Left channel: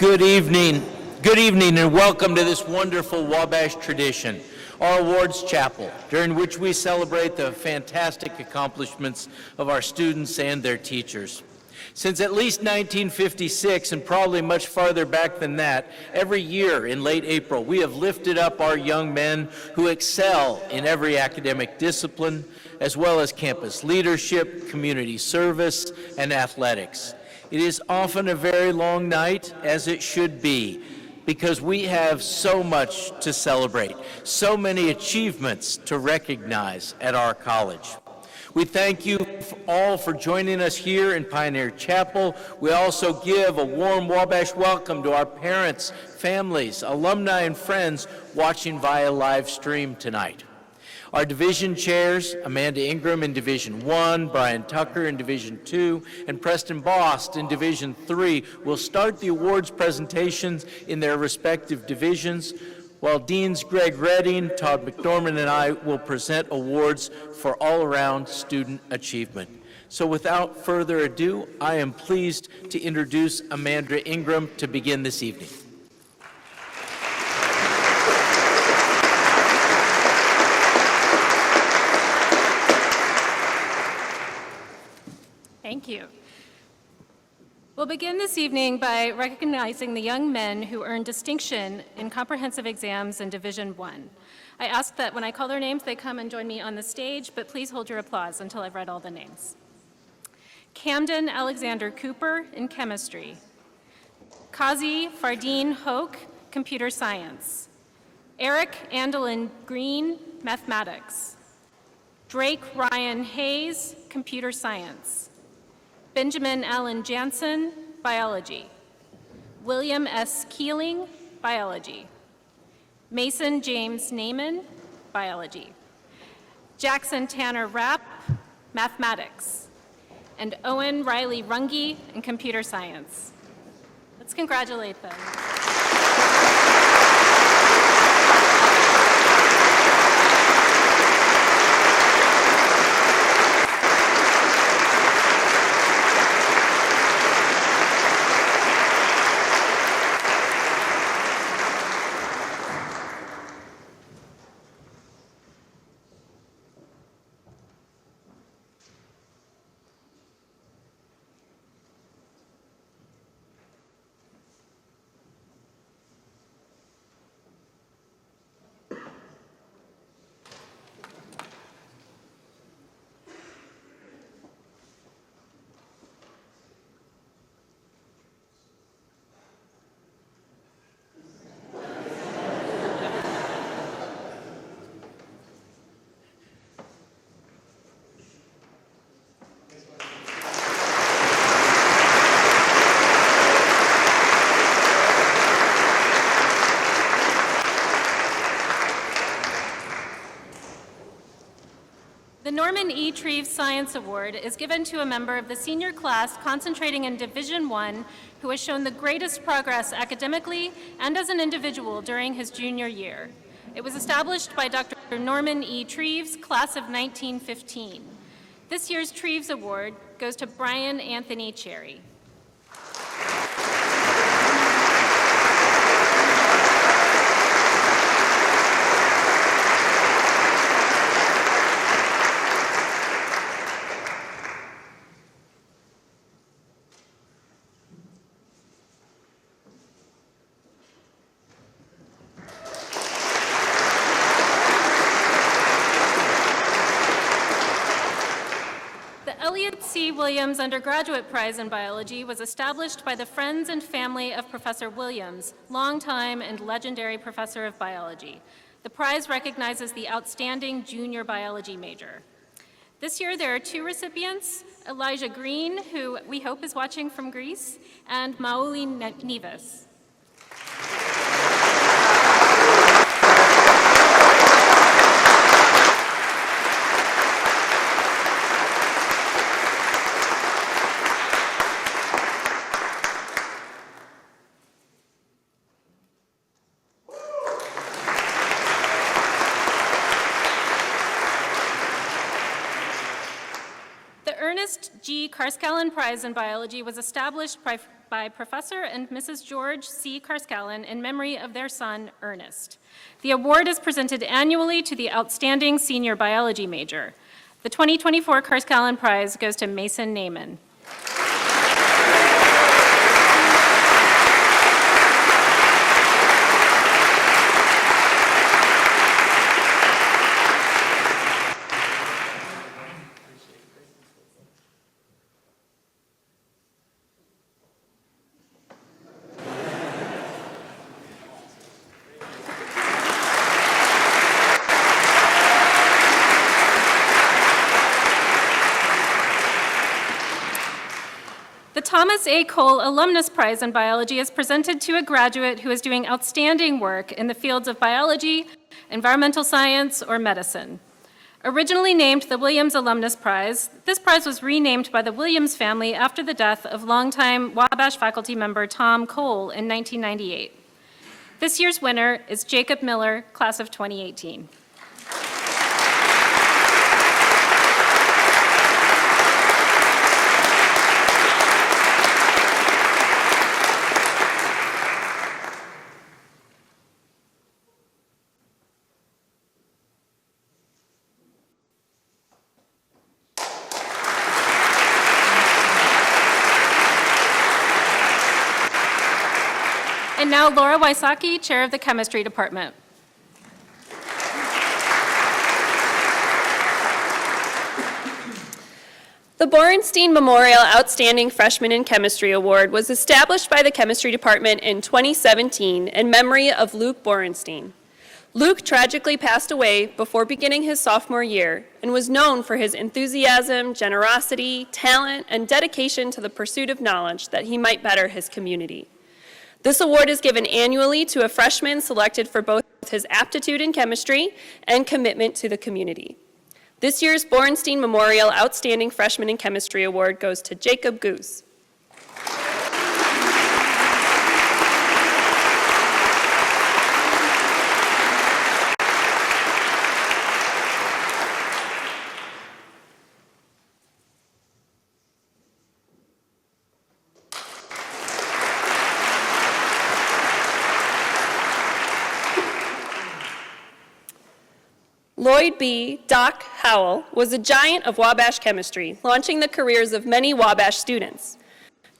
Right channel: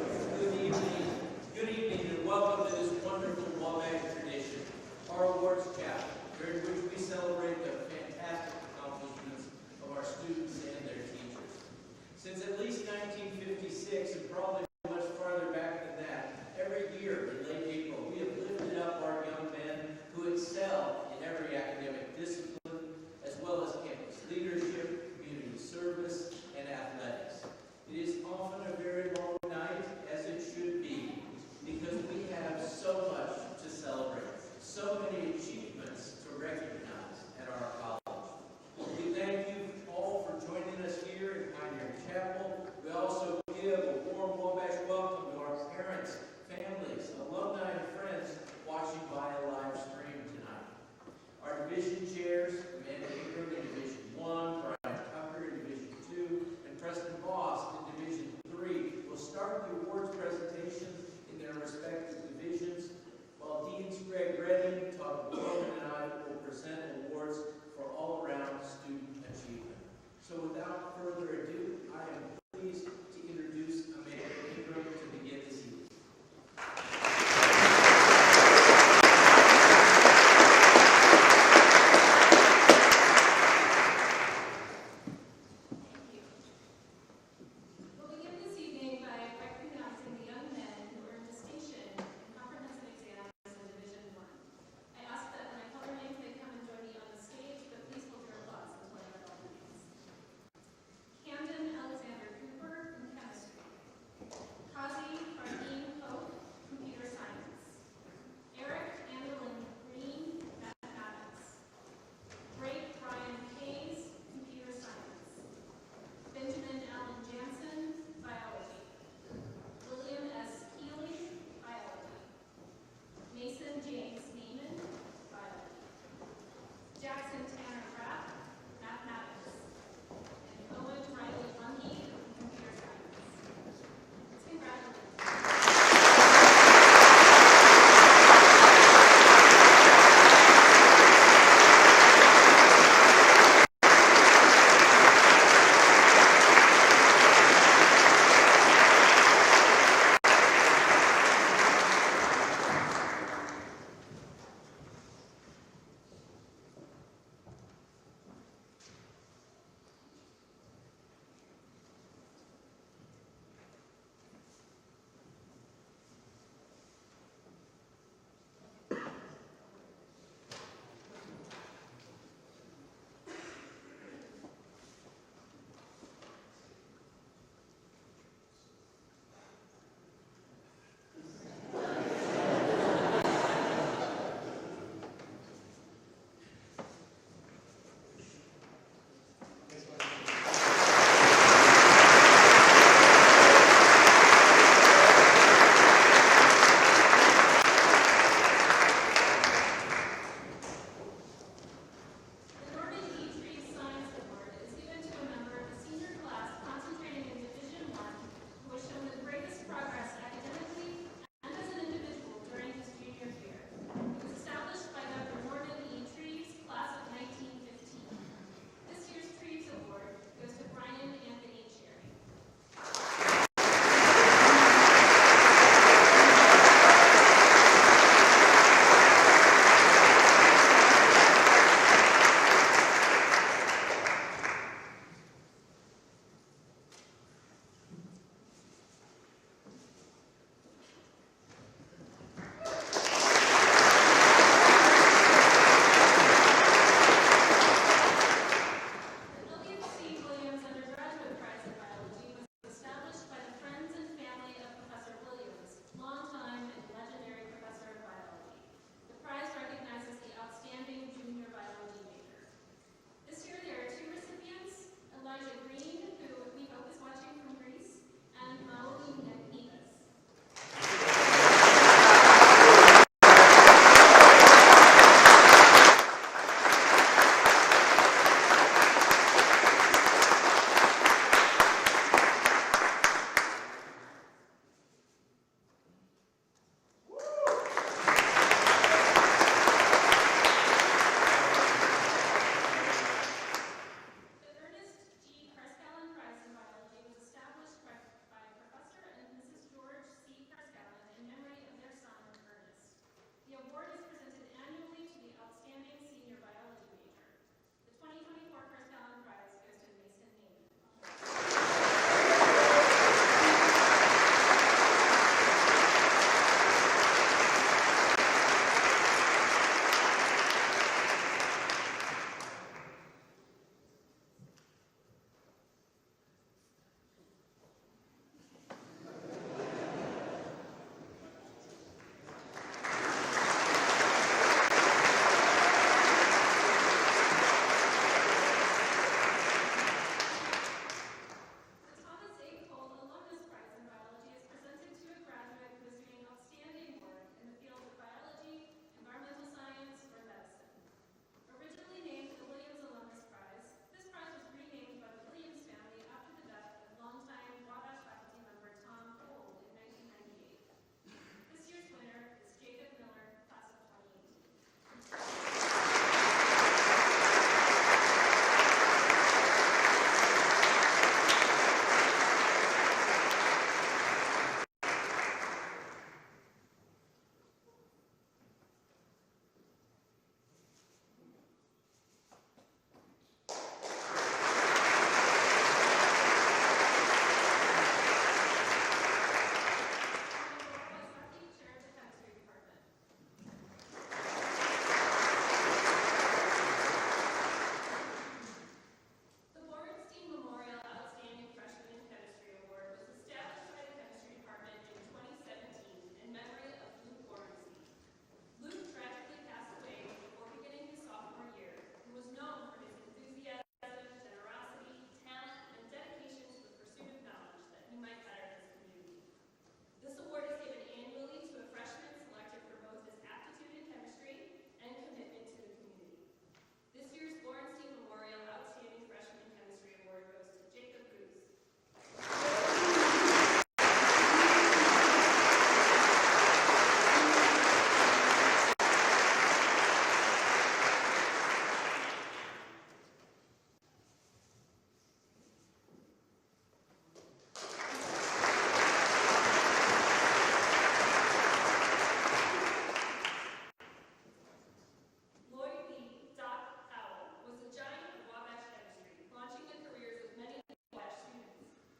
Good evening, and welcome to this wonderful Wabash tradition, our awards chapel, during which we celebrate the fantastic accomplishments of our students and their teachers. Since at least 1956, and probably much farther back than that, every year in late April, we have lifted up our young men who excel in every academic discipline, as well as campus leadership, community service, and athletics. It is often a very long night, as it should be, because we have so much to celebrate, so many achievements to recognize at our college. We thank you all for joining us here in Pioneer Chapel. We also give a warm Wabash welcome to our parents, families, alumni, and friends watching via live stream tonight. Our division chairs, Amanda Ingram in Division 1, Brian Tucker in Division 2, and Preston Bost in Division 3 will start the awards presentations in their respective divisions, while Deans Greg Redding, Todd McDormand, and I will present awards for all-around student achievement. So without further ado, I am pleased to introduce Amanda Ingram to begin this evening. Thank you. We'll begin this evening by recognizing the young men who earned distinction in comprehensive exams in Division 1. I ask that when I call their names, they come and join me on the stage, but please hold your applause until I've read all the names. Camden Alexander Cooper in chemistry. Kazi Fardeen Hoke, computer science. Eric Andelin Green, mathematics. Drake Ryan Hayes, computer science. Benjamin Allen Jansen, biology. William S. Keeling, biology. Mason James Naiman, biology. Jackson Tanner Rapp, mathematics. And Owen Riley Runge in computer science. Let's congratulate them. The Norman E. Treves Science Award is given to a member of the senior class concentrating in Division 1 who has shown the greatest progress academically and as an individual during his junior year. It was established by Dr. Norman E. Treves, class of 1915. This year's Treves Award goes to Brian Anthony Cherry. Williams Undergraduate Prize in Biology was established by the friends and family of Professor Williams, longtime and legendary professor of biology. The prize recognizes the outstanding junior biology major. This year there are two recipients, Elijah Green, who we hope is watching from Greece, and Mauli Neves. G. Karskellen Prize in Biology was established by by Professor and Mrs. George C. Karskalen in memory of their son, Ernest. The award is presented annually to the outstanding senior biology major. The 2024 Karskalen Prize goes to Mason Naiman. The Thomas A. Cole Alumnus Prize in Biology is presented to a graduate who is doing outstanding work in the fields of biology, environmental science, or medicine. Originally named the Williams Alumnus Prize, this prize was renamed by the Williams family after the death of longtime Wabash faculty member Tom Cole in 1998. This year's winner is Jacob Miller, class of 2018. And now Laura Wysocki, Chair of the Chemistry Department. The Borenstein Memorial Outstanding Freshman in Chemistry Award was established by the Chemistry Department in 2017 in memory of Luke Borenstein. Luke tragically passed away before beginning his sophomore year and was known for his enthusiasm, generosity, talent, and dedication to the pursuit of knowledge that he might better his community. This award is given annually to a freshman selected for both his aptitude in chemistry and commitment to the community. This year's Borenstein Memorial Outstanding Freshman in Chemistry Award goes to Jacob Goose. Lloyd B. Doc Howell was a giant of Wabash chemistry, launching the careers of many Wabash students.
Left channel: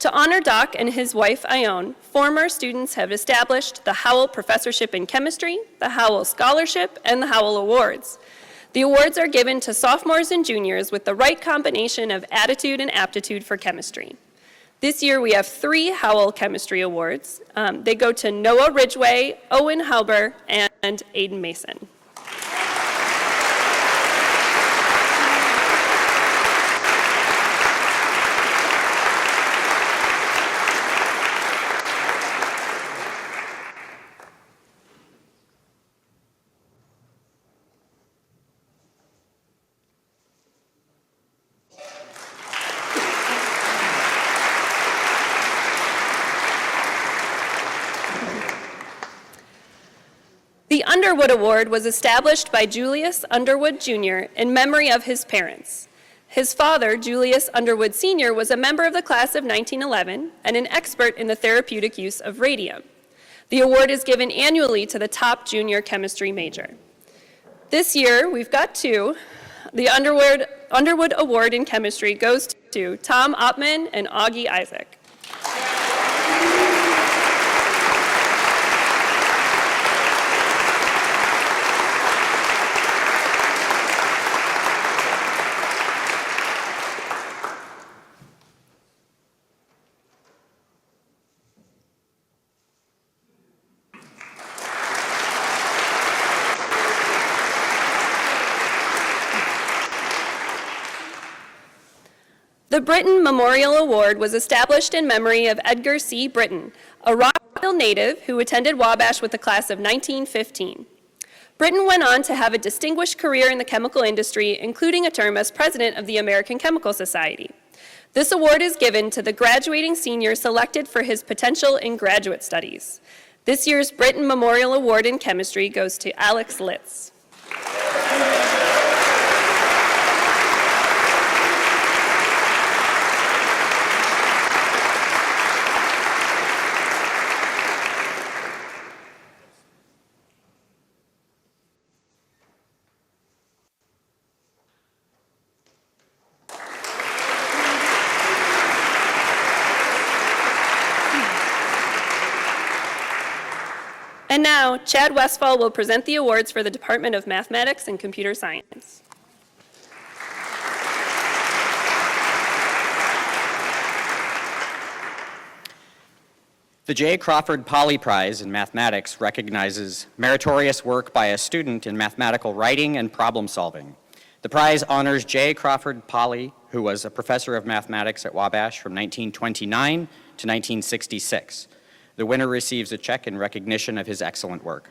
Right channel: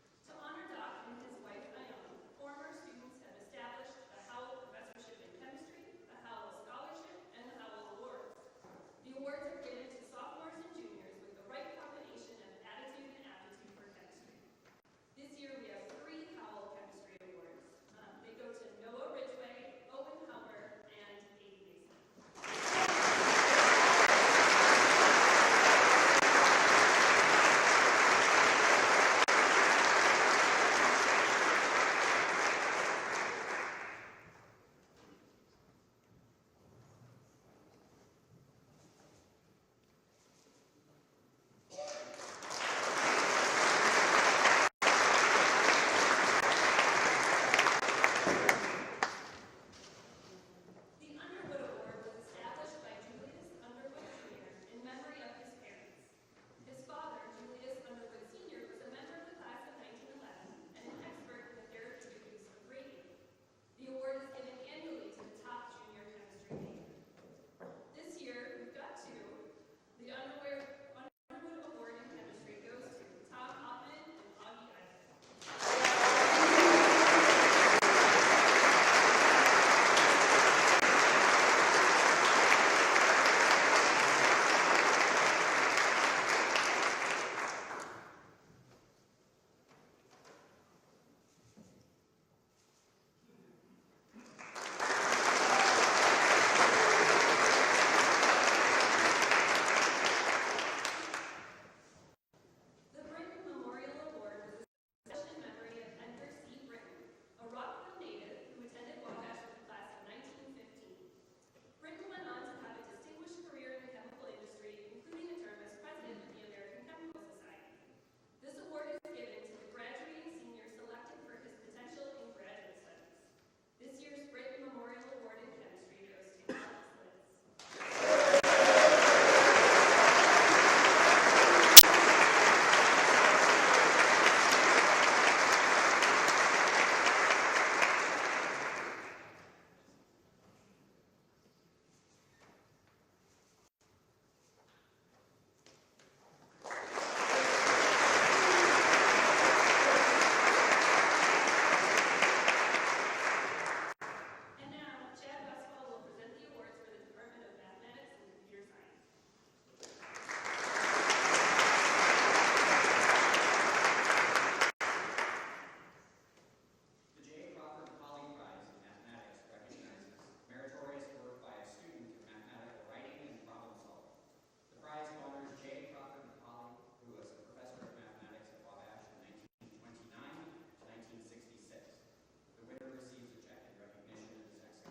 To honor Doc and his wife, Ione, former students have established the Howell Professorship in Chemistry, the Howell Scholarship, and the Howell Awards. The awards are given to sophomores and juniors with the right combination of attitude and aptitude for chemistry. This year we have 3 Howell Chemistry Awards. They go to Noah Ridgway, Owen Halber, and Aiden Mason. The Underwood Award was established by Julius Underwood Jr. in memory of his parents. His father, Julius Underwood Sr., was a member of the class of 1911 and an expert in the therapeutic use of radium. The award is given annually to the top junior chemistry major. This year, we've got 2. The Underwood Award in Chemistry goes to Tom Oppman and Augie Isaac. The Britton Memorial Award was established in memory of Edgar C. Britton, a Rockville native who attended Wabash with the class of 1915. Britton went on to have a distinguished career in the chemical industry, including a term as president of the American Chemical Society. This award is given to the graduating senior selected for his potential in graduate studies. This year's Britton Memorial Award in Chemistry goes to Alex Litz. And now, Chad Westfall will present the awards for the Department of Mathematics and Computer Science. The J. Crawford Poly Prize in Mathematics recognizes meritorious work by a student in mathematical writing and problem solving. The prize honors J. Crawford Poly, who was a professor of mathematics at Wabash from 1929 to 1966. The winner receives a check in recognition of his excellent work.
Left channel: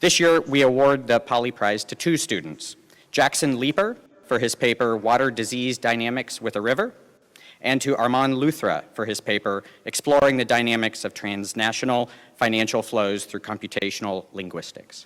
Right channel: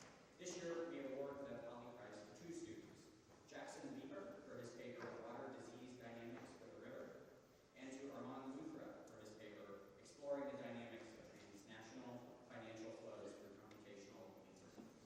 This year, we award the Poly Prize to 2 students, Jackson Leeper for his paper, Water Disease Dynamics with a River, and to Armand Luthra for his paper, Exploring the Dynamics of Transnational Financial Flows Through Computational Linguistics.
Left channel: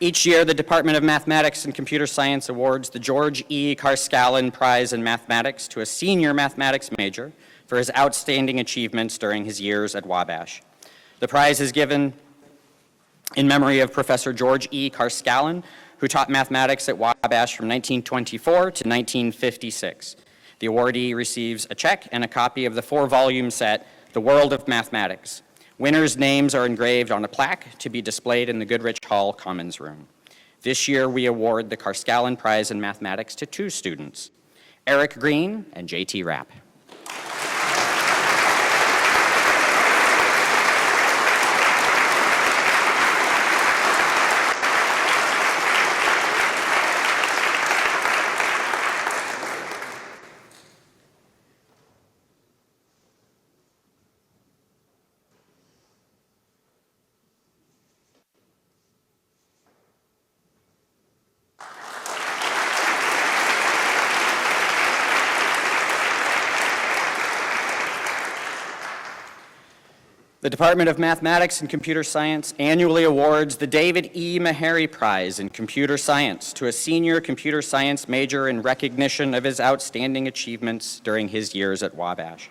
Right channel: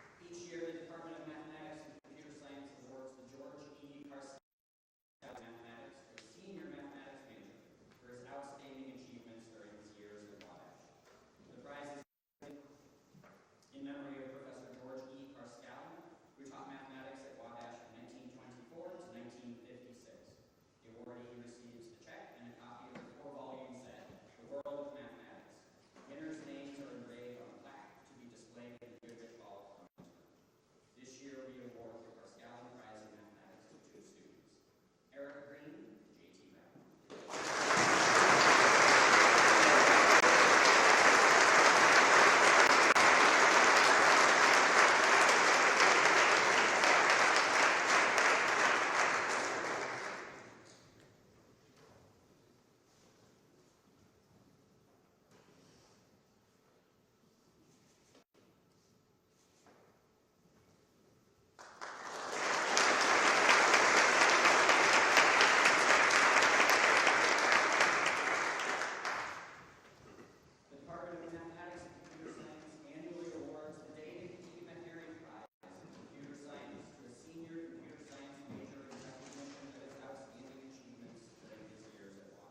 Each year, the Department of Mathematics and Computer Science awards the George E. Carscallen Prize in Mathematics to a senior mathematics major for his outstanding achievements during his years at Wabash. The prize is given in memory of Professor George E. Carscallen, who taught mathematics at Wabash from 1924 to 1956. The awardee receives a check and a copy of the 4-volume set, The World of Mathematics. Winners' names are engraved on a plaque to be displayed in the Goodrich Hall Commons Room. This year, we award the Carscallen Prize in Mathematics to 2 students, Eric Green and J.T. Rapp. The Department of Mathematics and Computer Science annually awards the David E. Meharry Prize in Computer Science to a senior computer science major in recognition of his outstanding achievements during his years at Wabash.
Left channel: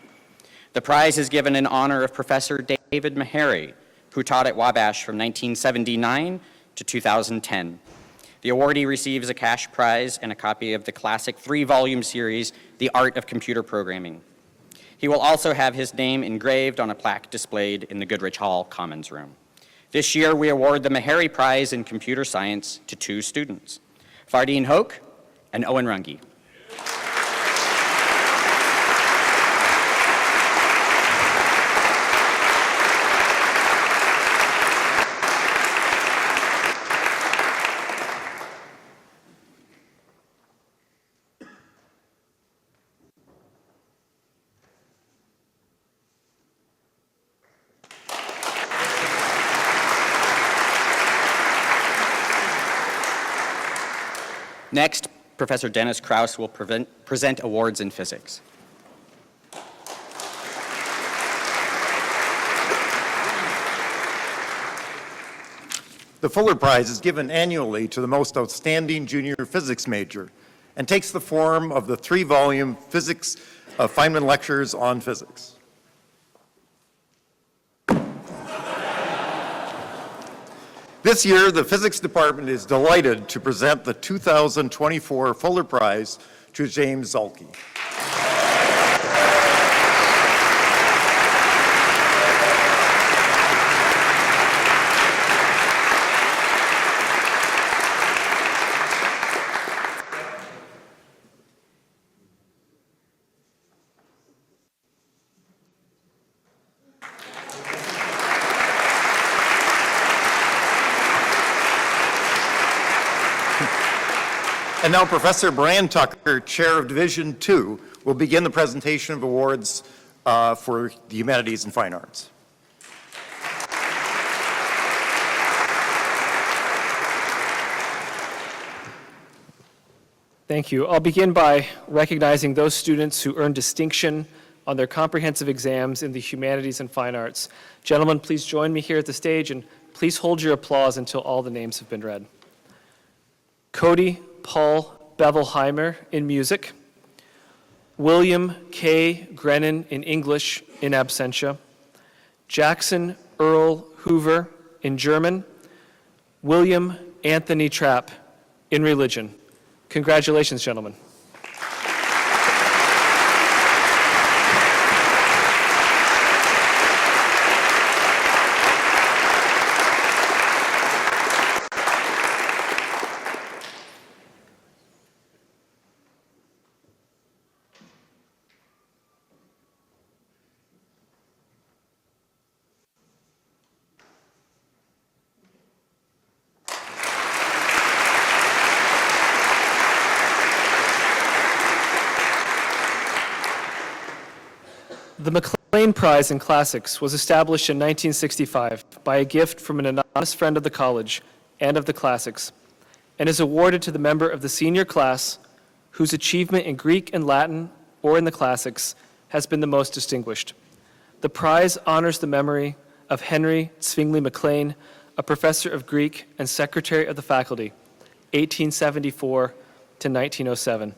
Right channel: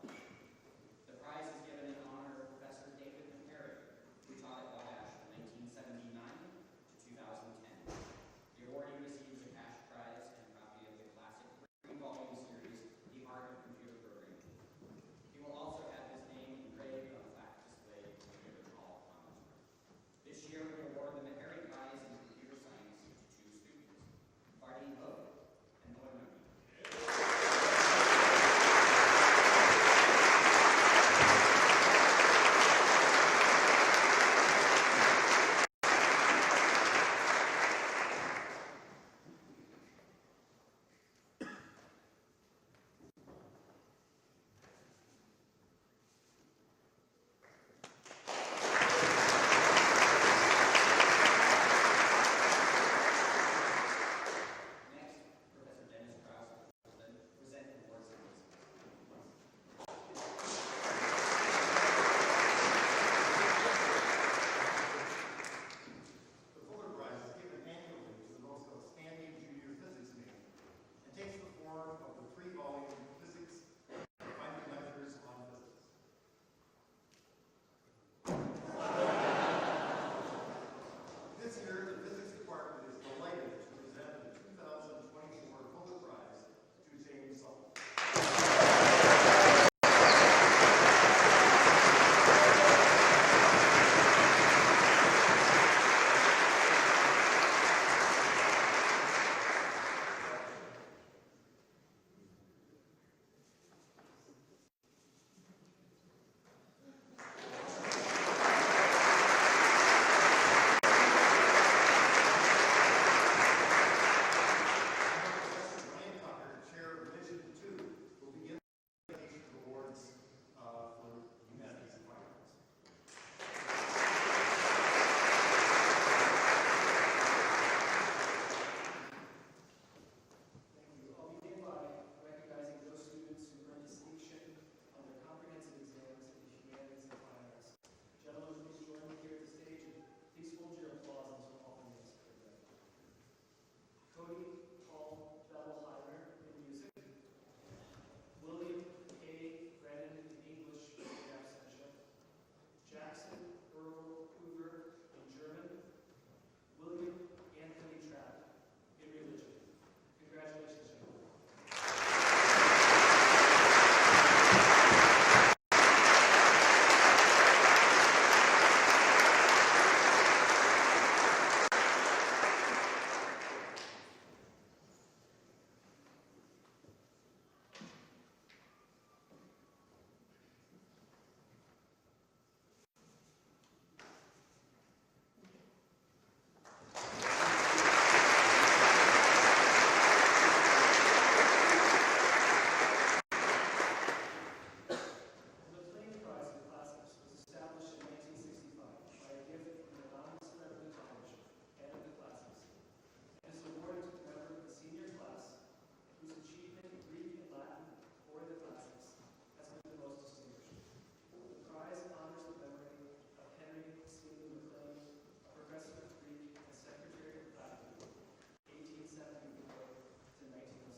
The prize is given in honor of Professor David Meharry, who taught at Wabash from 1979 to 2010. The awardee receives a cash prize and a copy of the classic 3-volume series, The Art of Computer Programming. He will also have his name engraved on a plaque displayed in the Goodrich Hall Commons Room. This year, we award the Meharry Prize in Computer Science to 2 students, Fardeen Hoke and Owen Runge. Next, Professor Dennis Krause will present awards in physics. The Fuller Prize is given annually to the most outstanding junior physics major and takes the form of the 3-volume Physics Feynman Lectures on Physics. This year, the Physics Department is delighted to present the 2024 Fuller Prize to James Zalke. And now Professor Brian Tucker, Chair of Division 2, will begin the presentation of awards for the Humanities and Fine Arts. Thank you. I'll begin by recognizing those students who earned distinction on their comprehensive exams in the Humanities and Fine Arts. Gentlemen, please join me here at the stage, and please hold your applause until all the names have been read. Cody Paul Bevelheimer in music, William K. Grennan in English in absentia, Jackson Earl Hoover in German, William Anthony Trapp in religion. Congratulations, gentlemen. The McLean Prize in Classics was established in 1965 by a gift from an anonymous friend of the college and of the classics, and is awarded to the member of the senior class whose achievement in Greek and Latin or in the classics has been the most distinguished. The prize honors the memory of Henry Zwingli McLean, a professor of Greek and secretary of the faculty, 1874 to 1907.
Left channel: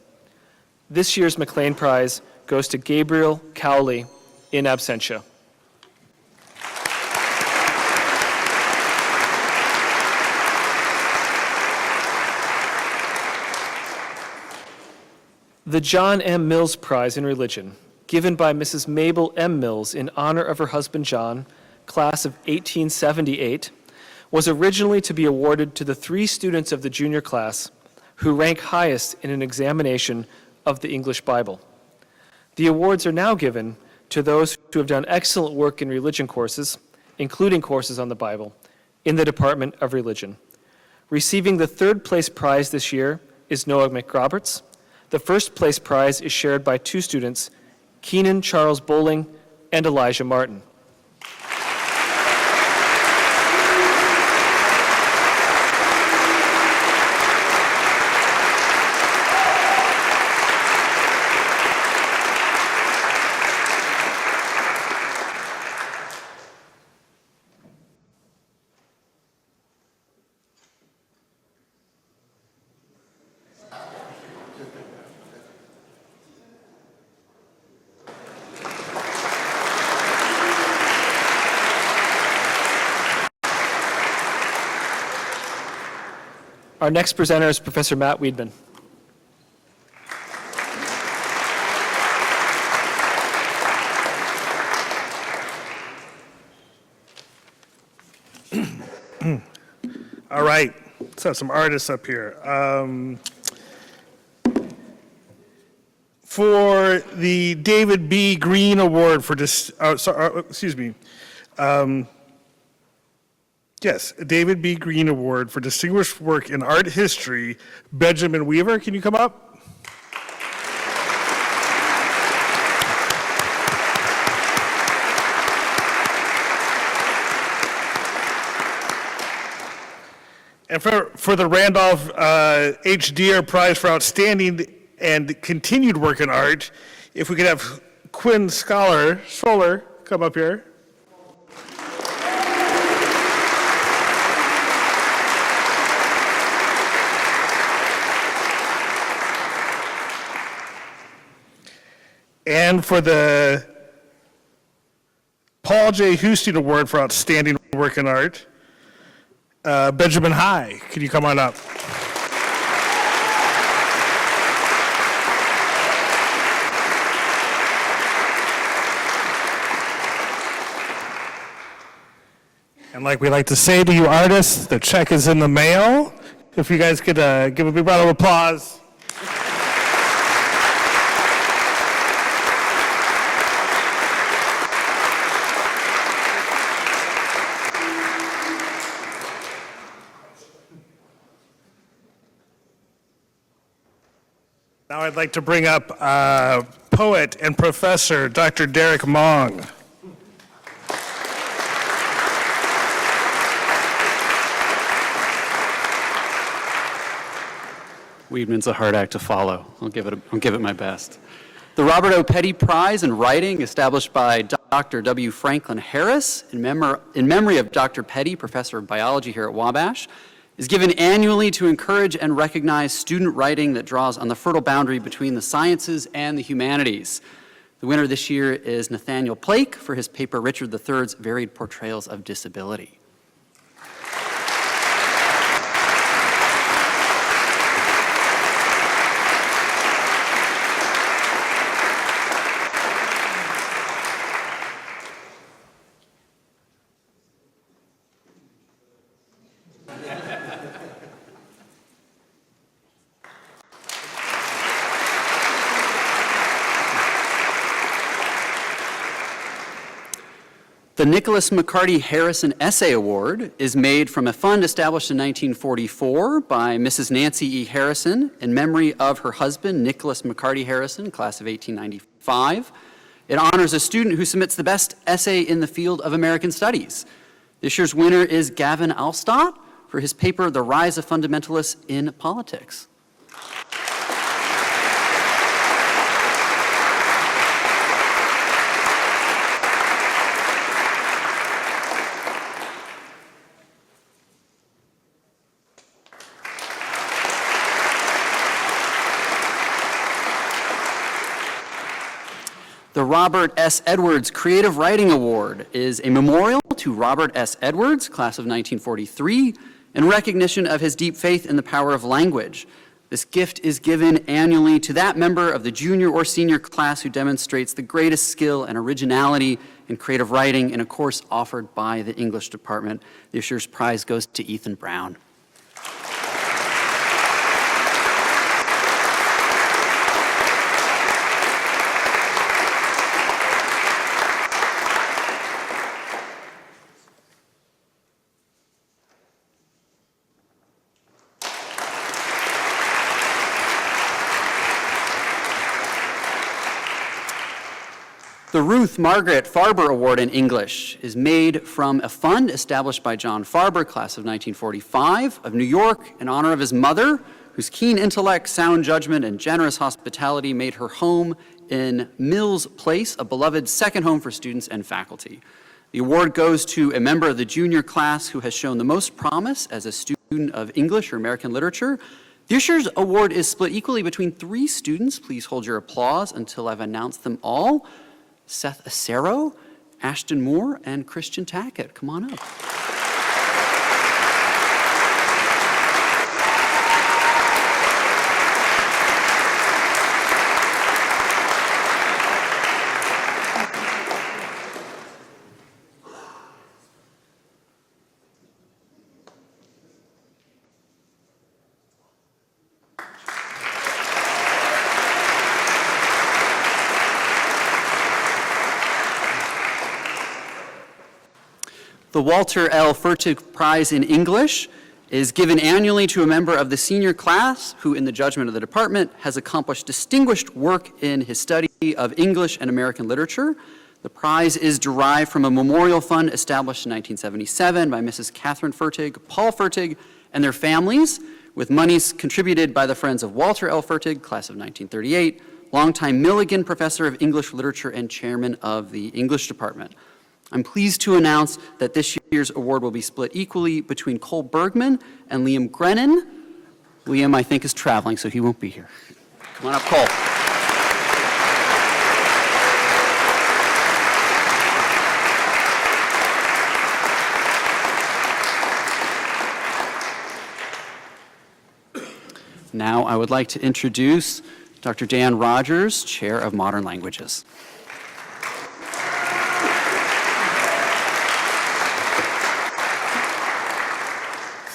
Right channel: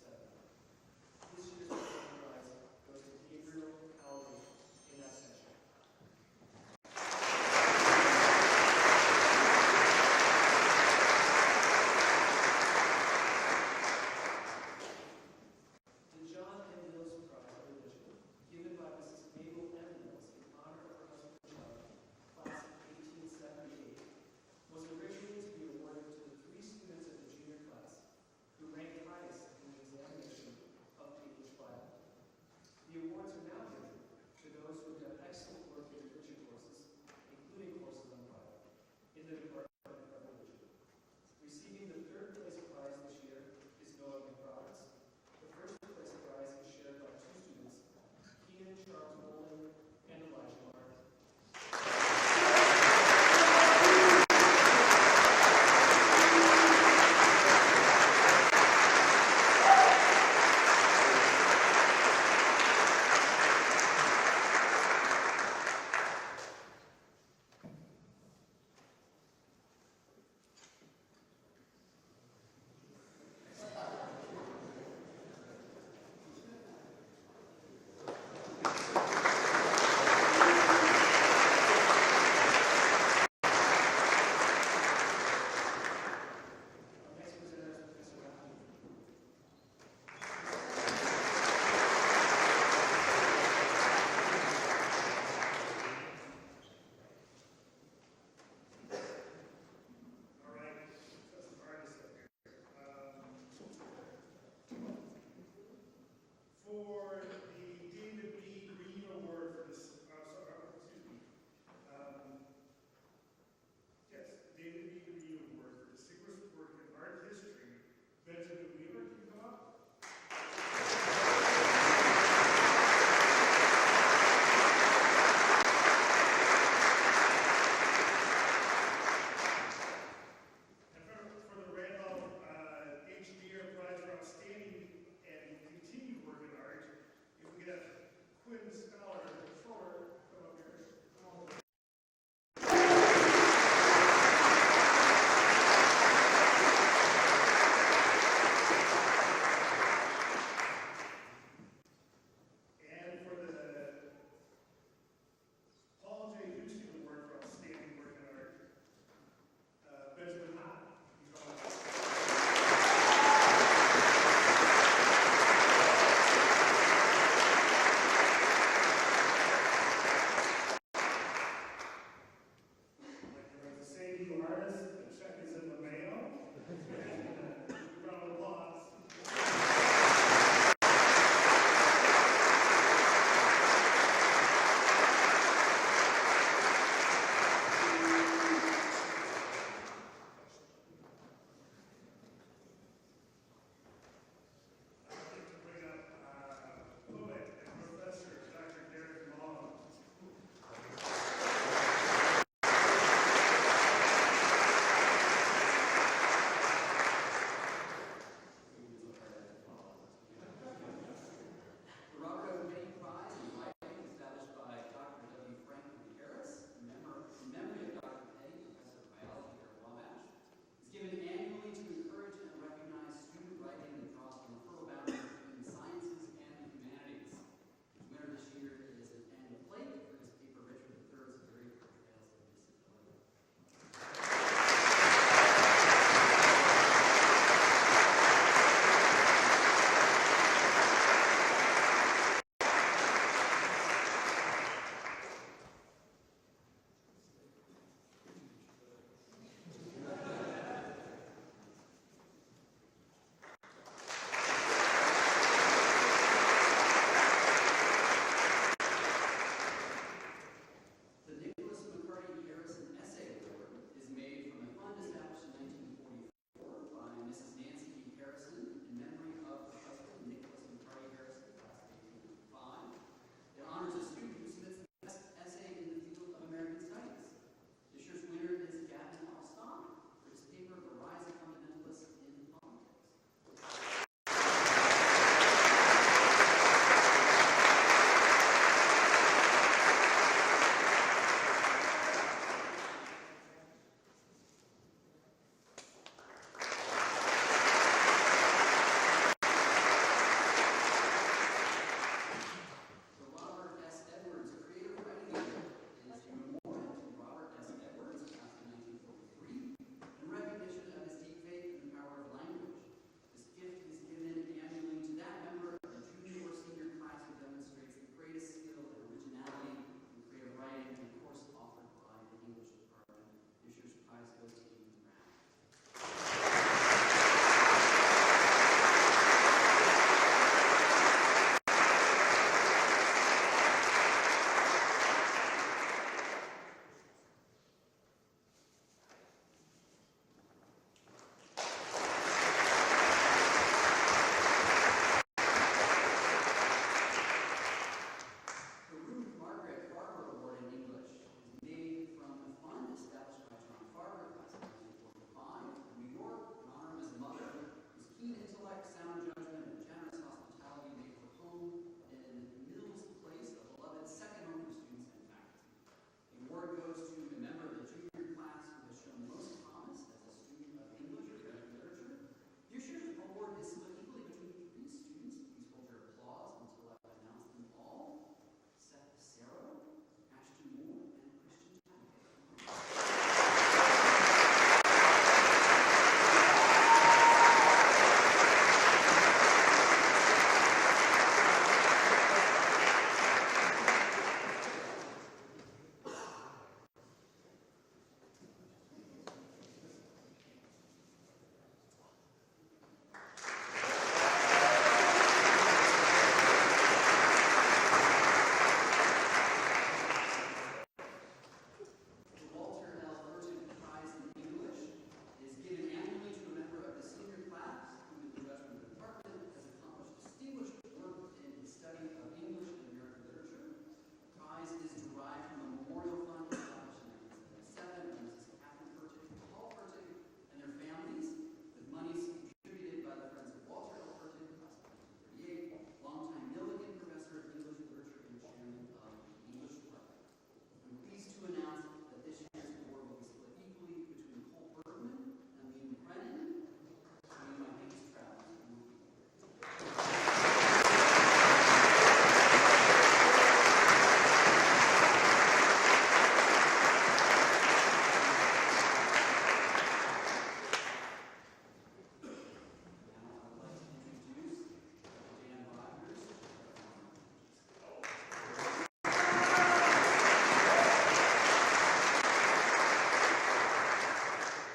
This year's McLean Prize goes to Gabriel Cowley in absentia. The John M. Mills Prize in Religion, given by Mrs. Mabel M. Mills in honor of her husband John, class of 1878, was originally to be awarded to the 3 students of the junior class who rank highest in an examination of the English Bible. The awards are now given to those who have done excellent work in religion courses, including courses on the Bible, in the Department of Religion. Receiving the 3rd place prize this year is Noah McRoberts. The 1st place prize is shared by 2 students, Keenan Charles Bowling and Elijah Martin. Our next presenter is Professor Matt Weedman. All right, let's have some artists up here. For the David B. Green Award for David B. Green Award for distinguished work in art history, Benjamin Weaver, can you come up? And for the Randolph H. Deere Prize for Outstanding and Continued Work in Art, if we could have Quinn Solar come up here. And for the Paul J. Houston Award for Outstanding Work in Art, Benjamin High, can you come on up? And like we like to say to you artists, the check is in the mail. If you guys could give a big round of applause. Now I'd like to bring up poet and professor Dr. Derek Mong. Weedman's a hard act to follow. I'll give it my best. The Robert O. Petty Prize in Writing, established by Dr. W. Franklin Harris in memory of Dr. Petty, professor of biology here at Wabash, is given annually to encourage and recognize student writing that draws on the fertile boundary between the sciences and the humanities. The winner this year is Nathaniel Plake for his paper Richard III's Varied Portrayals of Disability. The Nicholas McCarty Harrison Essay Award is made from a fund established in 1944 by Mrs. Nancy E. Harrison in memory of her husband, Nicholas McCarty Harrison, class of 1895. It honors a student who submits the best essay in the field of American Studies. This year's winner is Gavin Alstott for his paper, The Rise of Fundamentalists in Politics. The Robert S. Edwards Creative Writing Award is a memorial to Robert S. Edwards, class of 1943, in recognition of his deep faith in the power of language. This gift is given annually to that member of the junior or senior class who demonstrates the greatest skill and originality in creative writing in a course offered by the English department. This year's prize goes to Ethan Brown. The Ruth Margaret Farber Award in English is made from a fund established by John Farber, class of 1945, of New York, in honor of his mother, whose keen intellect, sound judgment, and generous hospitality made her home in Mills Place, a beloved second home for students and faculty. The award goes to a member of the junior class who has shown the most promise as a student of English or American literature. This year's award is split equally between 3 students. Please hold your applause until I've announced them all. Seth Acero, Ashton Moore, and Christian Tackett. Come on up. The Walter L. Fertig Prize in English is given annually to a member of the senior class who, in the judgment of the department, has accomplished distinguished work in his study of English and American literature. The prize is derived from a memorial fund established in 1977 by Mrs. Catherine Fertig, Paul Fertig, and their families, with monies contributed by the Friends of Walter L. Fertig, class of 1938, longtime Milligan Professor of English Literature and Chairman of the English Department. I'm pleased to announce that this year's award will be split equally between Cole Bergman and Liam Grennan. Liam, I think, is traveling, so he won't be here. Come on up, Cole. Now I would like to introduce Dr. Dan Rogers, Chair of Modern Languages.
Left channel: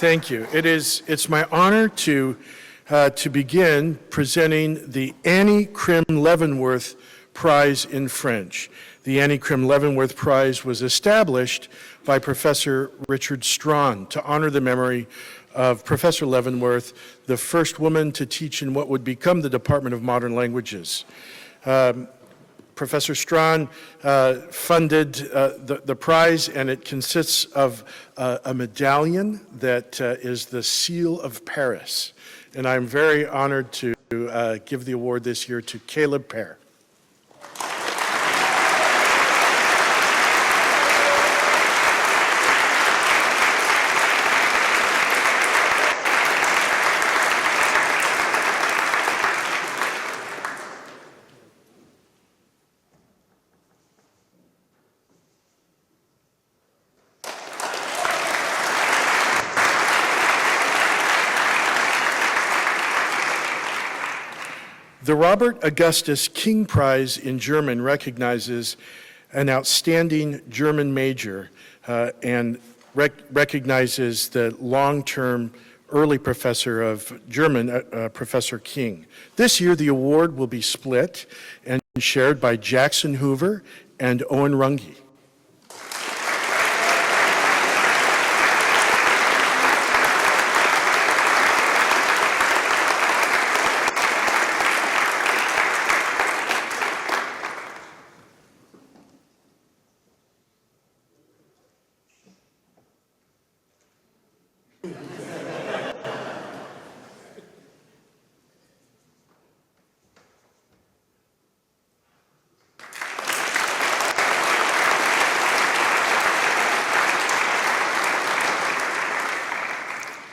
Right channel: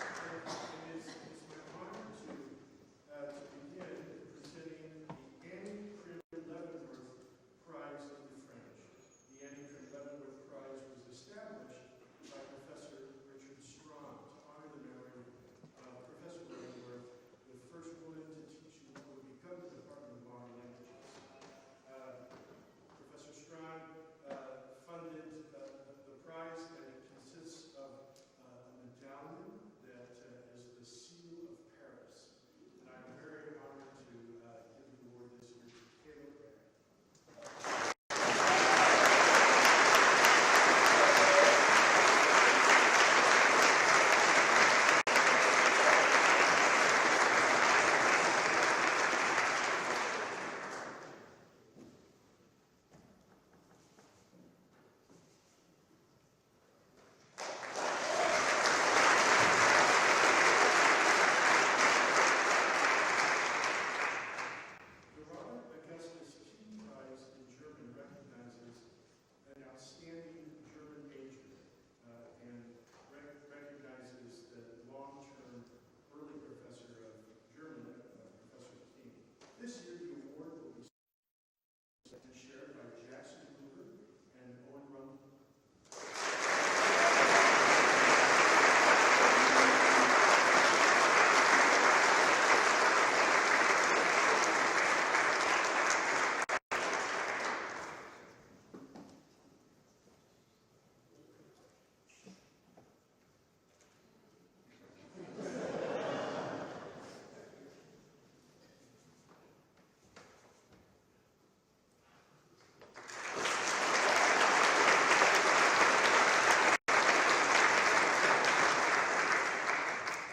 Thank you. It's my honor to begin presenting the Annie Krim Leavenworth Prize in French. The Annie Krim Leavenworth Prize was established by Professor Richard Strawn to honor the memory of Professor Leavenworth, the first woman to teach in what would become the Department of Modern Languages. Professor Strawn funded the prize, and it consists of a medallion that is the Seal of Paris. And I'm very honored to give the award this year to Caleb Pear. The Robert Augustus King Prize in German recognizes an outstanding German major and recognizes the long-term early professor of German, Professor King. This year, the award will be split and shared by Jackson Hoover and Owen Runge.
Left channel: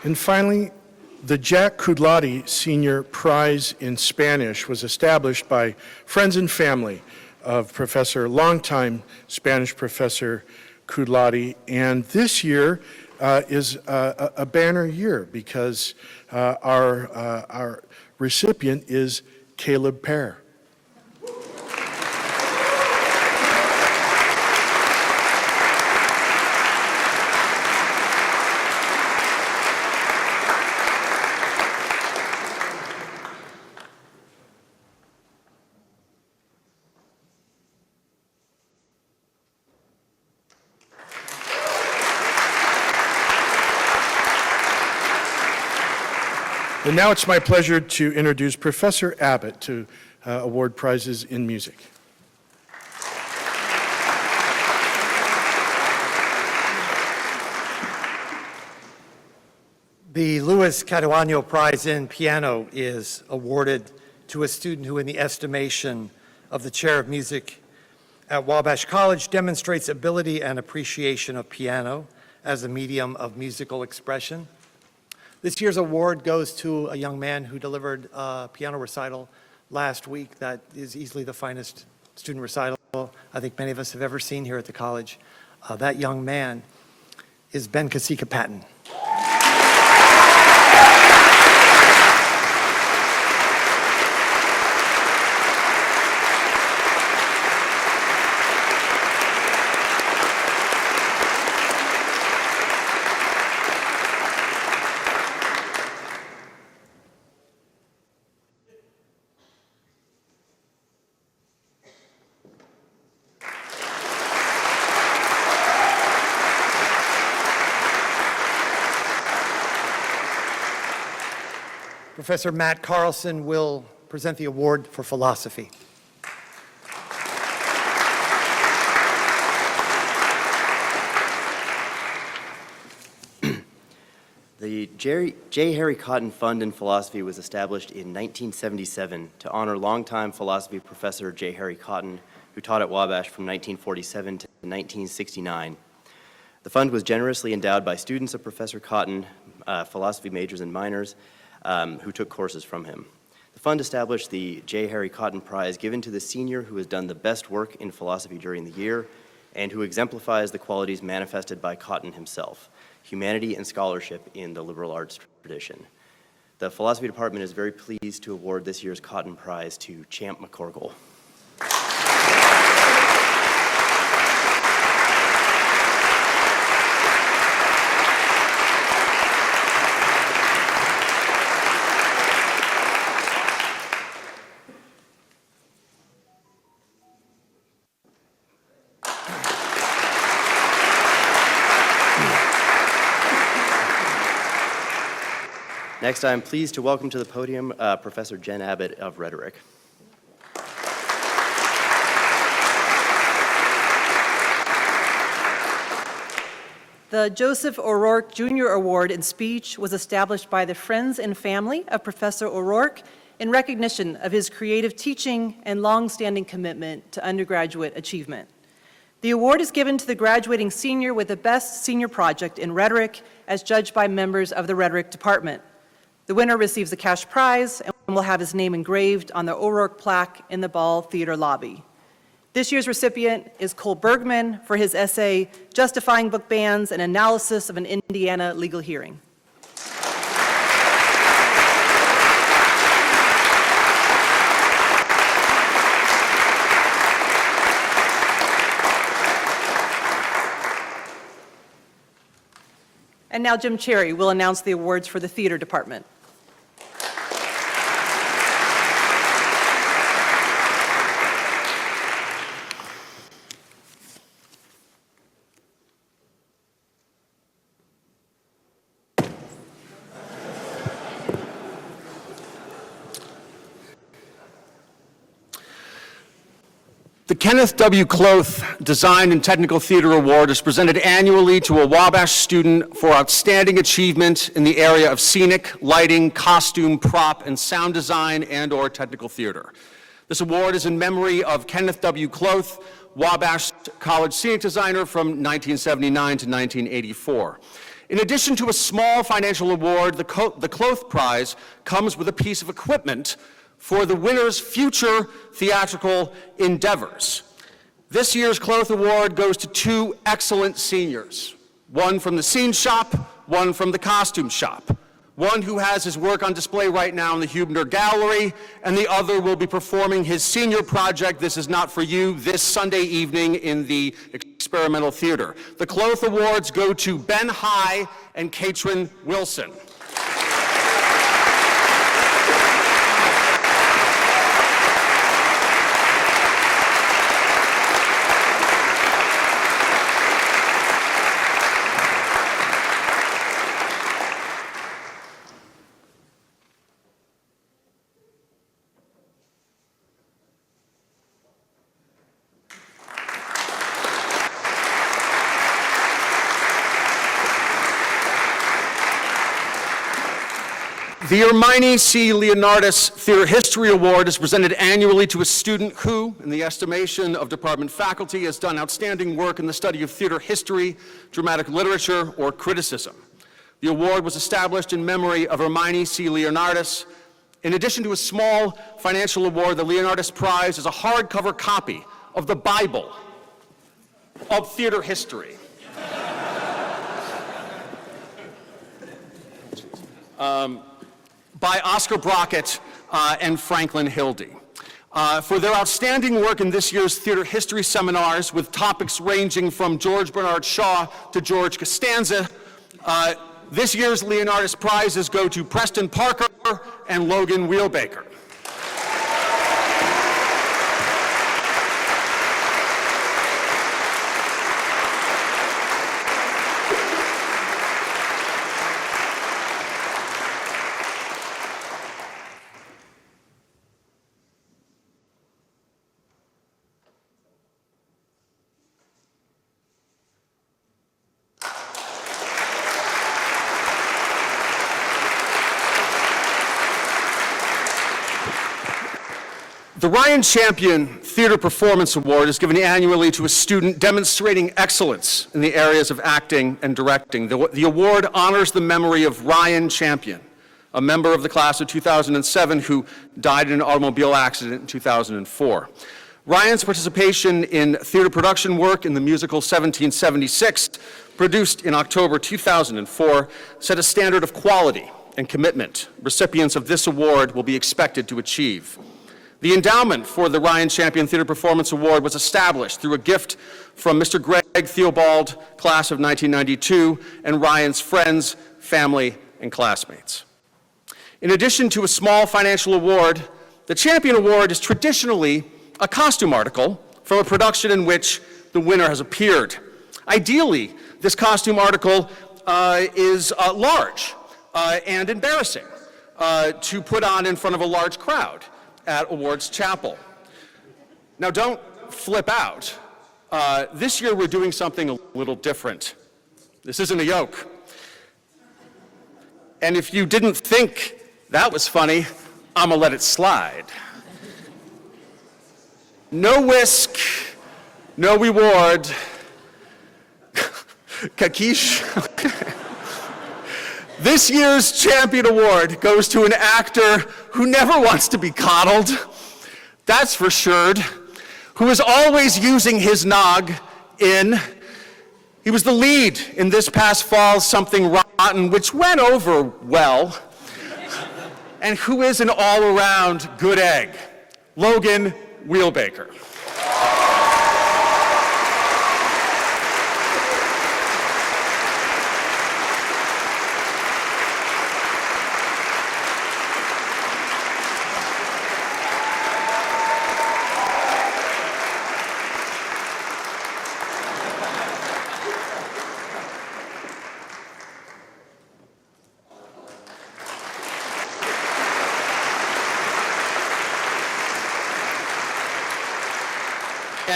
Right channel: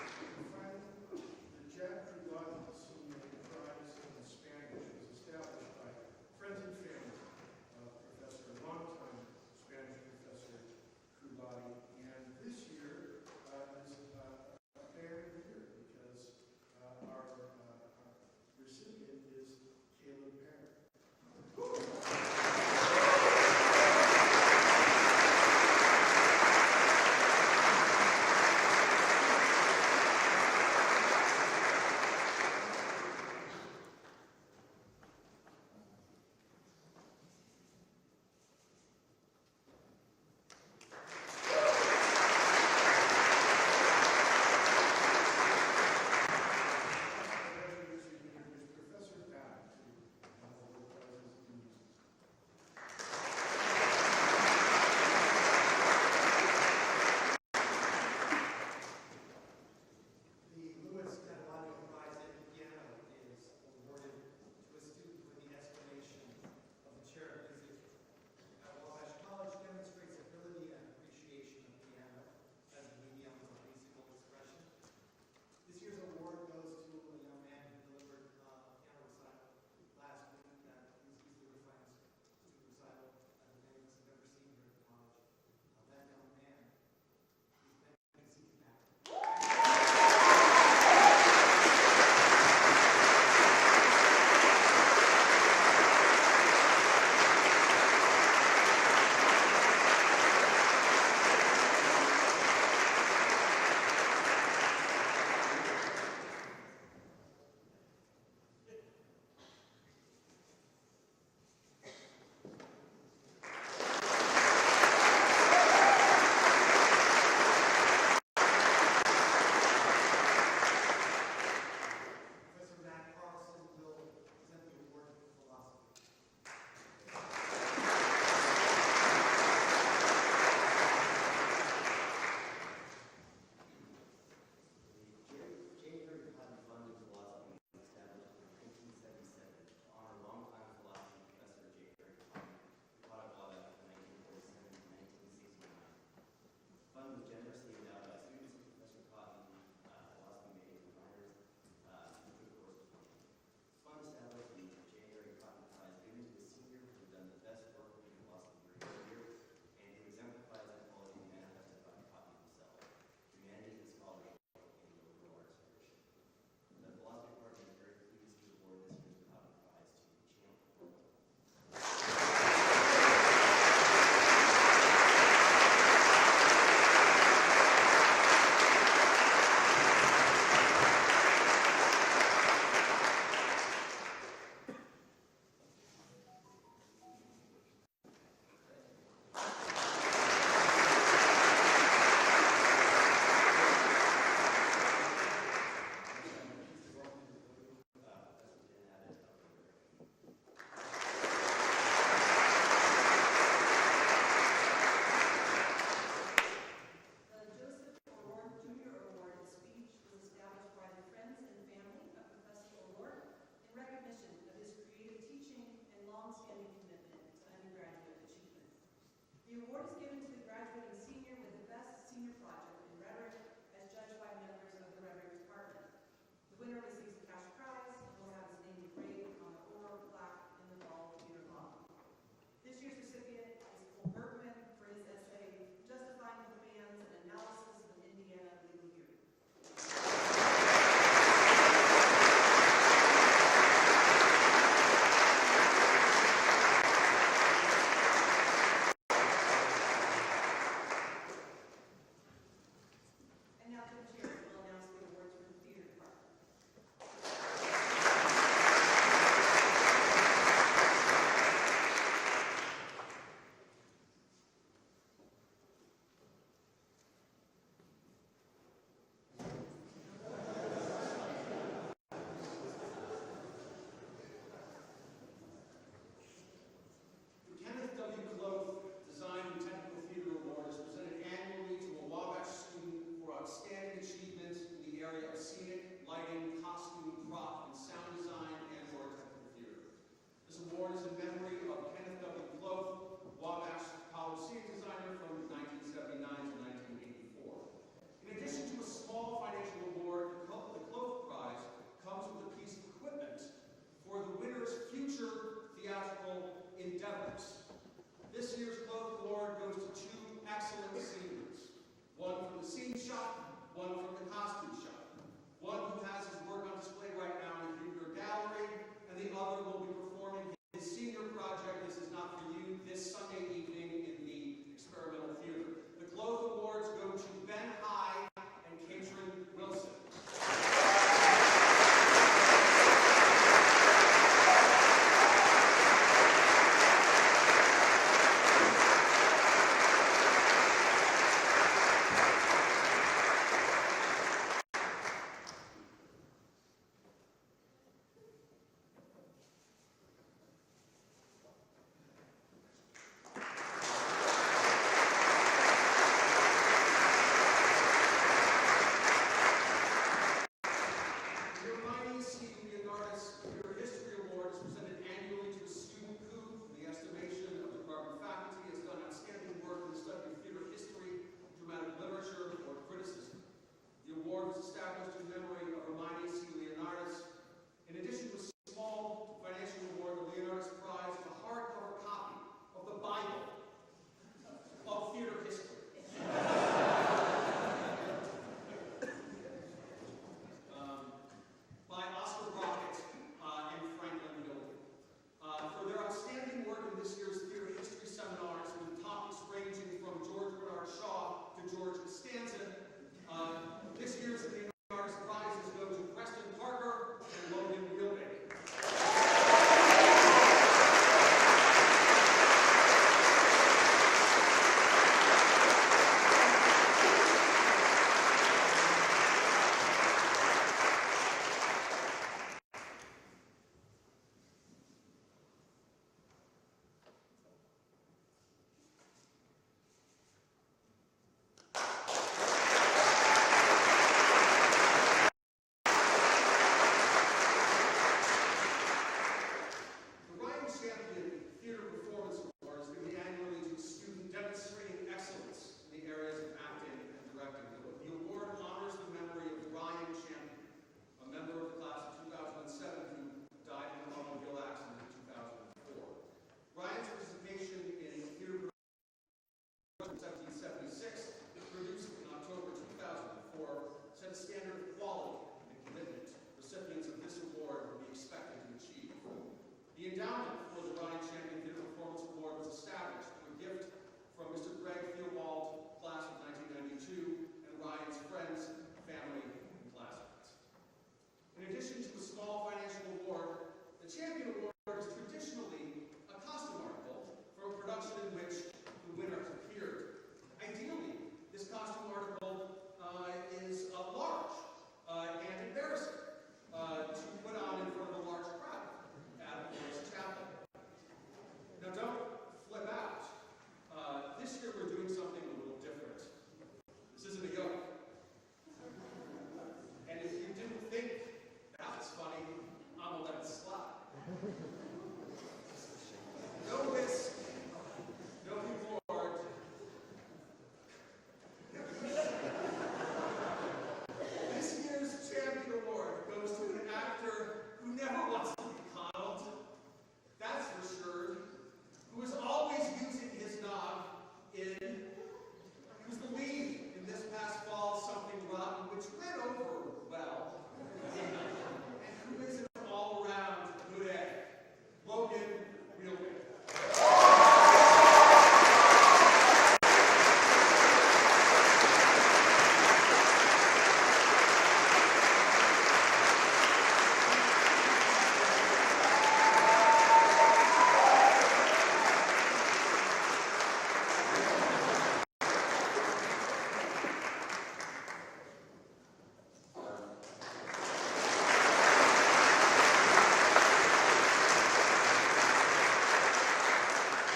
And finally, the Jack Kudlati Senior Prize in Spanish was established by friends and family of longtime Spanish Professor Kudlati. And this year is a banner year because our recipient is Caleb Pear. And now it's my pleasure to introduce Professor Abbott to award prizes in music. The Luis Caduano Prize in Piano is awarded to a student who, in the estimation of the Chair of Music at Wabash College, demonstrates ability and appreciation of piano as a medium of musical expression. This year's award goes to a young man who delivered a piano recital last week that is easily the finest student recital I think many of us have ever seen here at the college. That young man is Ben Kasika Patton. Professor Matt Carlson will present the award for philosophy. The J. Harry Cotton Fund in Philosophy was established in 1977 to honor longtime philosophy professor J. Harry Cotton, who taught at Wabash from 1947 to 1969. The fund was generously endowed by students of Professor Cotton, philosophy majors and minors, who took courses from him. The fund established the J. Harry Cotton Prize, given to the senior who has done the best work in philosophy during the year and who exemplifies the qualities manifested by Cotton himself: humanity and scholarship in the liberal arts tradition. The philosophy department is very pleased to award this year's Cotton Prize to Champ McCorkle. Next, I'm pleased to welcome to the podium Professor Jen Abbott of Rhetoric. The Joseph O'Rourke Jr. Award in Speech was established by the friends and family of Professor O'Rourke in recognition of his creative teaching and long-standing commitment to undergraduate achievement. The award is given to the graduating senior with the best senior project in rhetoric, as judged by members of the Rhetoric Department. The winner receives a cash prize and will have his name engraved on the O'Rourke plaque in the Ball Theater lobby. This year's recipient is Cole Bergman for his essay, Justifying Book Bans, an Analysis of an Indiana Legal Hearing. And now Jim Cherry will announce the awards for the theater department. The Kenneth W. Kloth Design and Technical Theater Award is presented annually to a Wabash student for outstanding achievement in the area of scenic, lighting, costume, prop, and sound design and/or technical theater. This award is in memory of Kenneth W. Kloth, Wabash College scenic designer from 1979 to 1984. In addition to a small financial award, the Kloth Prize comes with a piece of equipment for the winner's future theatrical endeavors. This year's Kloth Award goes to two excellent seniors, one from the scene shop, one from the costume shop, one who has his work on display right now in the Hubner Gallery, and the other will be performing his senior project, This Is Not For You, this Sunday evening in the Experimental Theater. The Kloth Awards go to Ben High and Katrin Wilson. The Hermione C. Leonardis Theater History Award is presented annually to a student who, in the estimation of department faculty, has done outstanding work in the study of theater history, dramatic literature, or criticism. The award was established in memory of Hermione C. Leonardis. In addition to a small financial award, the Leonardis Prize is a hardcover copy of the Bible of theater history. By Oscar Brockett and Franklin Hildy. For their outstanding work in this year's theater history seminars with topics ranging from George Bernard Shaw to George Costanza, this year's Leonardis Prizes go to Preston Parker and Logan Wheelbaker. The Ryan Champion Theater Performance Award is given annually to a student demonstrating excellence in the areas of acting and directing. The award honors the memory of Ryan Champion, a member of the class of 2007 who died in an automobile accident in 2004. Ryan's participation in theater production work in the musical 1776, produced in October 2004, set a standard of quality and commitment recipients of this award will be expected to achieve. The endowment for the Ryan Champion Theater Performance Award was established through a gift from Mr. Greg Theobald, class of 1992, and Ryan's friends, family, and classmates. In addition to a small financial award, the Champion Award is traditionally a costume article from a production in which the winner has appeared. Ideally, this costume article is large and embarrassing to put on in front of a large crowd at Awards Chapel. Now don't flip out. This year we're doing something a little different. This isn't a yoke. And if you didn't think that was funny, I'm gonna let it slide. No whisk, no reward. Kakish. This year's Champion Award goes to an actor who never wants to be coddled, that's for sure, who is always using his nog in. He was the lead in this past fall's Something Rotten, which went over well, and who is an all-around good egg, Logan Wheelbaker.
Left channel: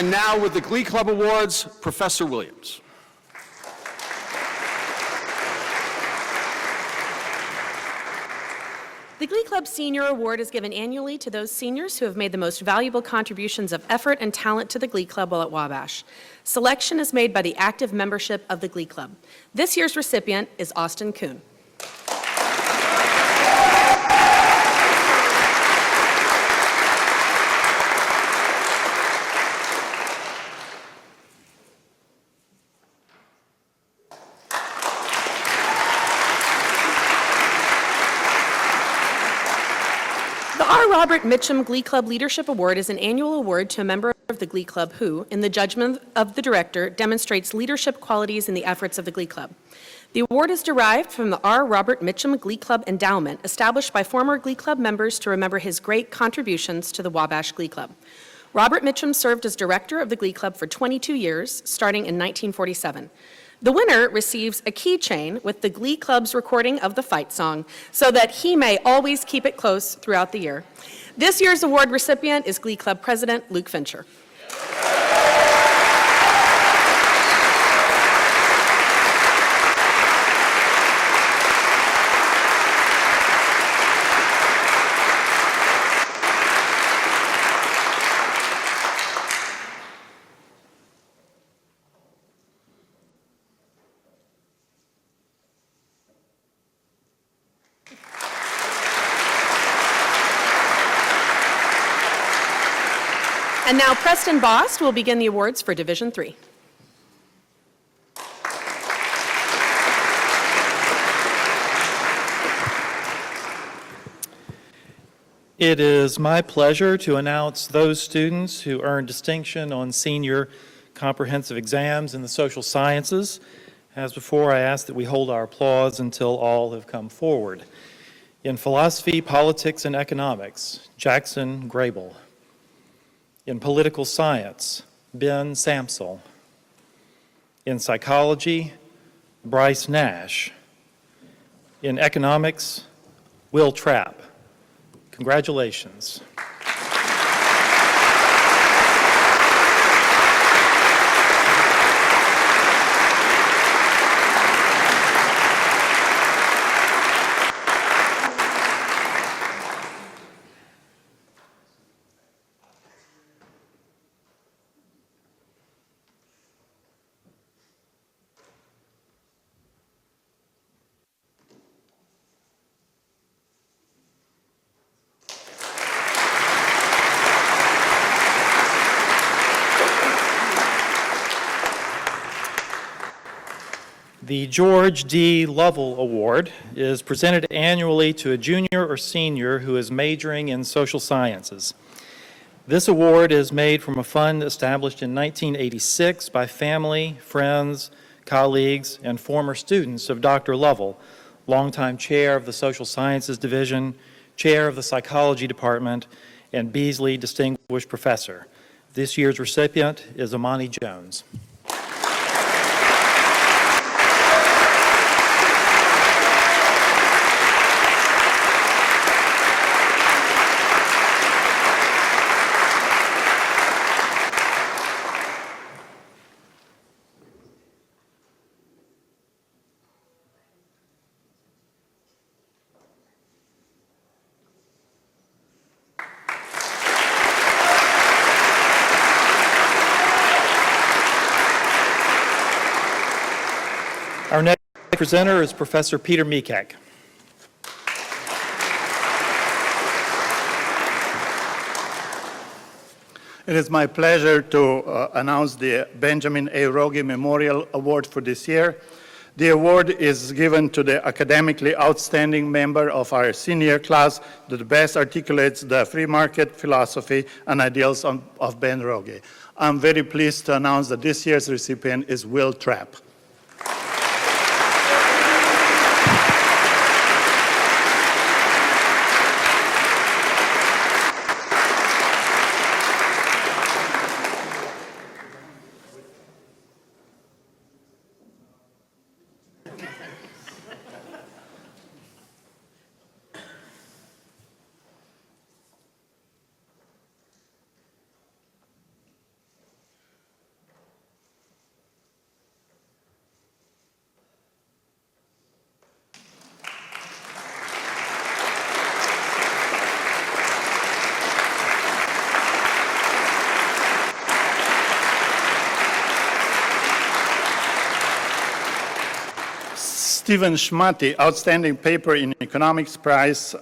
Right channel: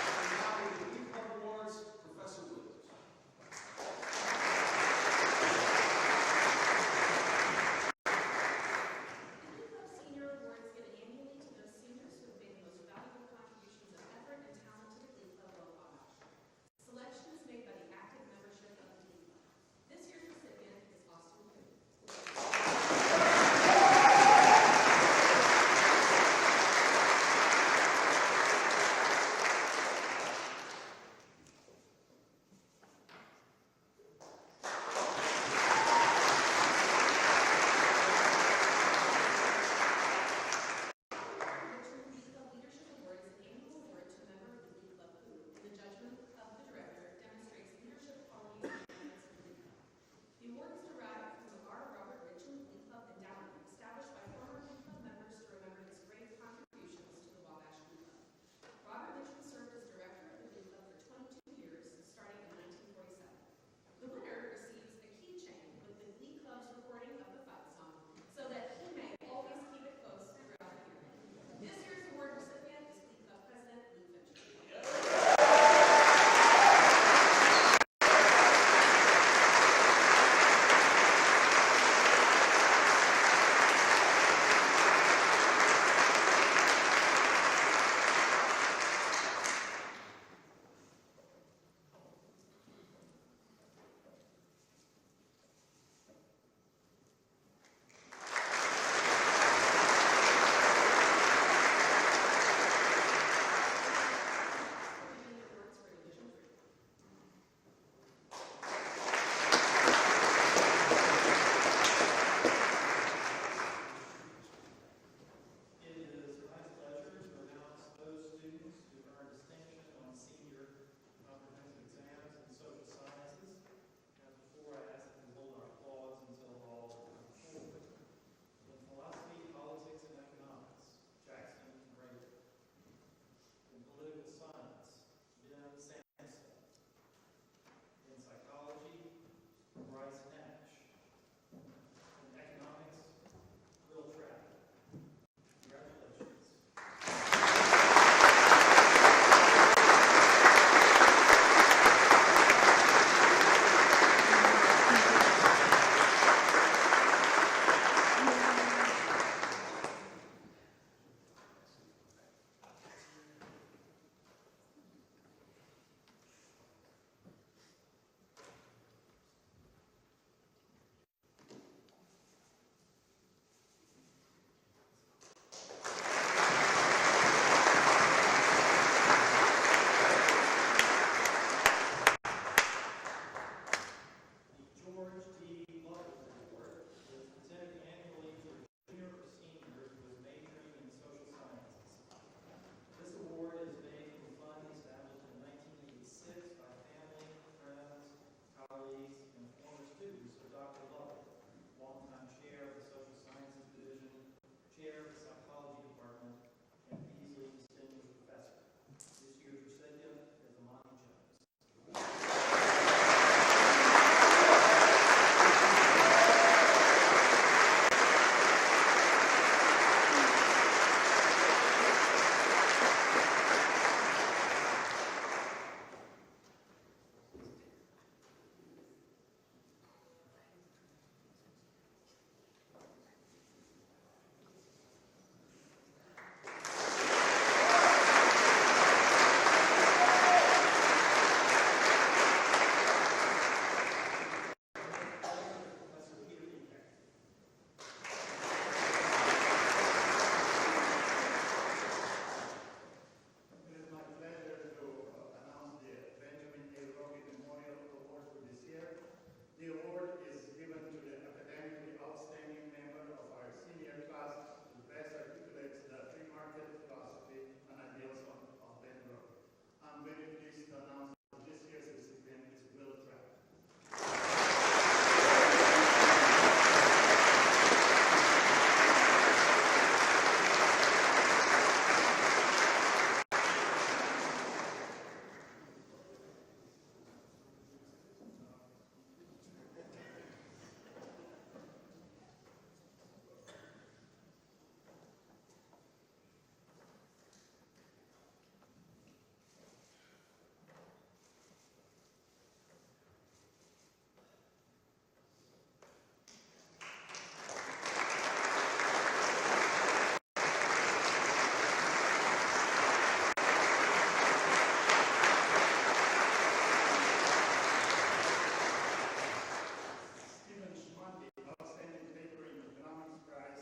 And now with the Glee Club Awards, Professor Williams. The Glee Club Senior Award is given annually to those seniors who have made the most valuable contributions of effort and talent to the Glee Club while at Wabash. Selection is made by the active membership of the Glee Club. This year's recipient is Austin Kuhn. Robert Mitchum Glee Club Leadership Award is an annual award to a member of the Glee Club who, in the judgment of the director, demonstrates leadership qualities in the efforts of the Glee Club. The award is derived from the R. Robert Mitchum Glee Club Endowment, established by former Glee Club members to remember his great contributions to the Wabash Glee Club. Robert Mitchum served as director of the Glee Club for 22 years, starting in 1947. The winner receives a keychain with the Glee Club's recording of the fight song so that he may always keep it close throughout the year. This year's award recipient is Glee Club President Luke Fincher. And now Preston Bost will begin the awards for Division III. It is my pleasure to announce those students who earned distinction on senior comprehensive exams in the social sciences. As before, I ask that we hold our applause until all have come forward. In philosophy, politics, and economics, Jackson Grable. In political science, Ben Samsel. In psychology, Bryce Nash. In economics, Will Trapp. Congratulations. The George D. Lovell Award is presented annually to a junior or senior who is majoring in social sciences. This award is made from a fund established in 1986 by family, friends, colleagues, and former students of Dr. Lovell, longtime chair of the Social Sciences Division, chair of the Psychology Department, and Beasley Distinguished Professor. This year's recipient is Amani Jones. Our next presenter is Professor Peter Mikak. It is my pleasure to announce the Benjamin A. Rogie Memorial Award for this year. The award is given to the academically outstanding member of our senior class that best articulates the free market philosophy and ideals of Ben Rogie. I'm very pleased to announce that this year's recipient is Will Trapp. Stephen Schmatty, Outstanding Paper in Economics Prize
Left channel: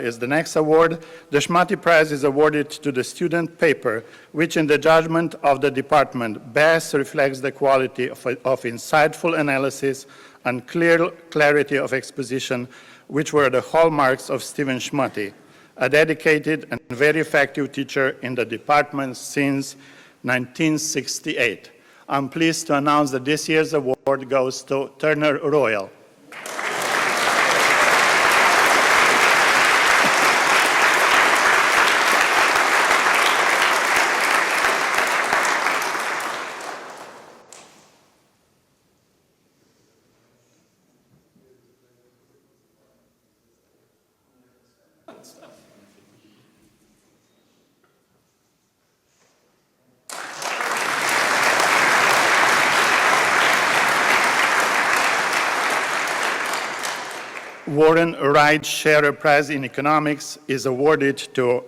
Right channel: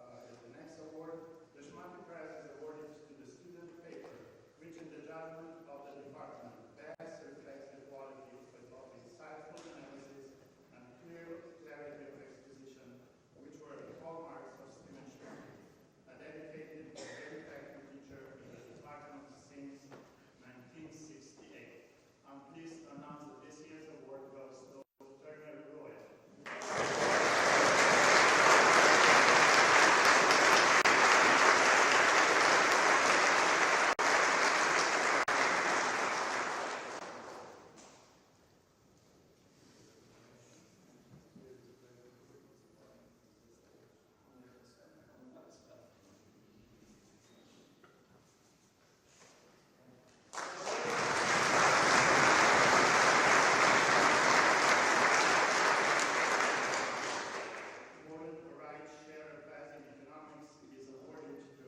is the next award. The Schmatty Prize is awarded to the student paper, which in the judgment of the department best reflects the quality of insightful analysis and clarity of exposition, which were the hallmarks of Stephen Schmatty, a dedicated and very effective teacher in the department since 1968. I'm pleased to announce that this year's award goes to Turner Royal. Warren Wright Scherer Prize in Economics is awarded to,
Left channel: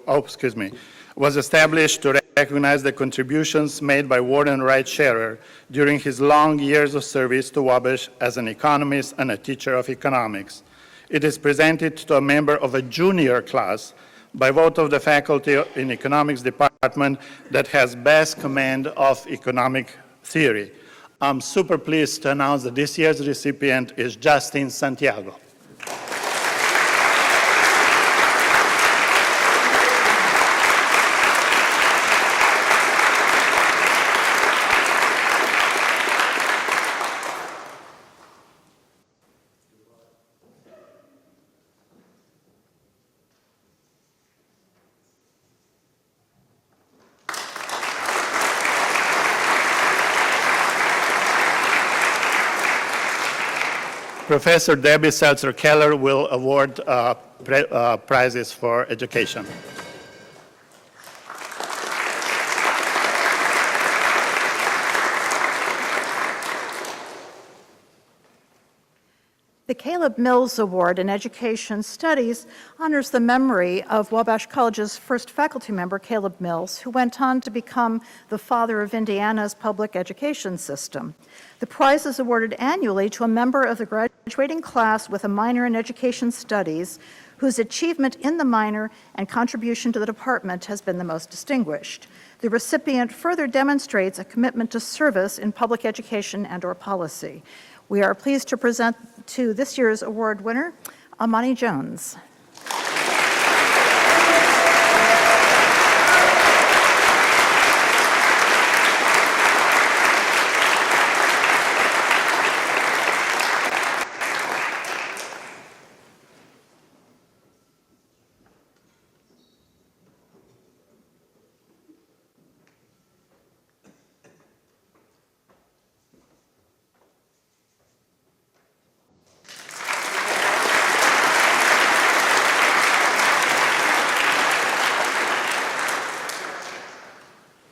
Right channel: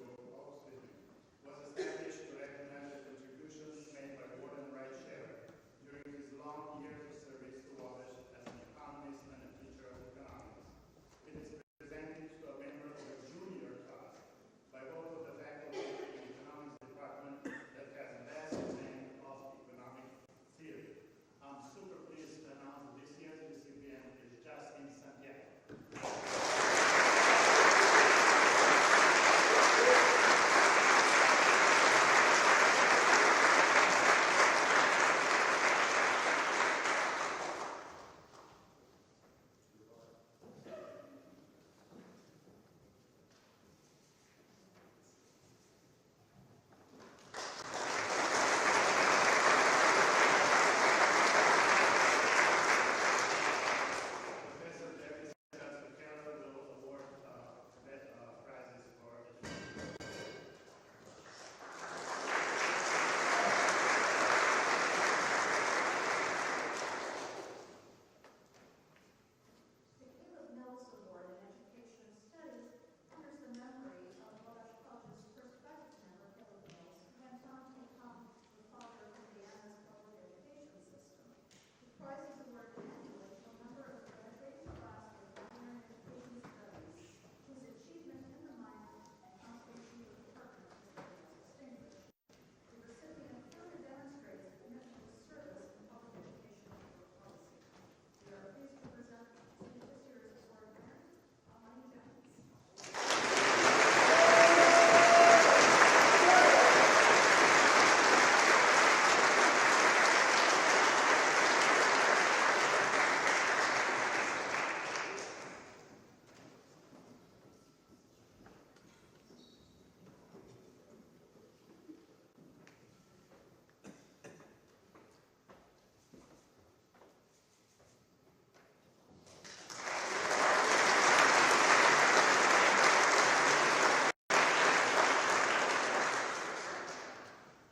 was established to recognize the contributions made by Warren Wright Scherer during his long years of service to Wabash as an economist and a teacher of economics. It is presented to a member of a junior class by vote of the faculty in economics department that has best command of economic theory. I'm super pleased to announce that this year's recipient is Justin Santiago. Professor Debbie Seltzer-Keller will award prizes for education. The Caleb Mills Award in Education Studies honors the memory of Wabash College's first faculty member, Caleb Mills, who went on to become the father of Indiana's public education system. The prize is awarded annually to a member of the graduating class with a minor in education studies whose achievement in the minor and contribution to the department has been the most distinguished. The recipient further demonstrates a commitment to service in public education and/or policy. We are pleased to present to this year's award winner, Amani Jones.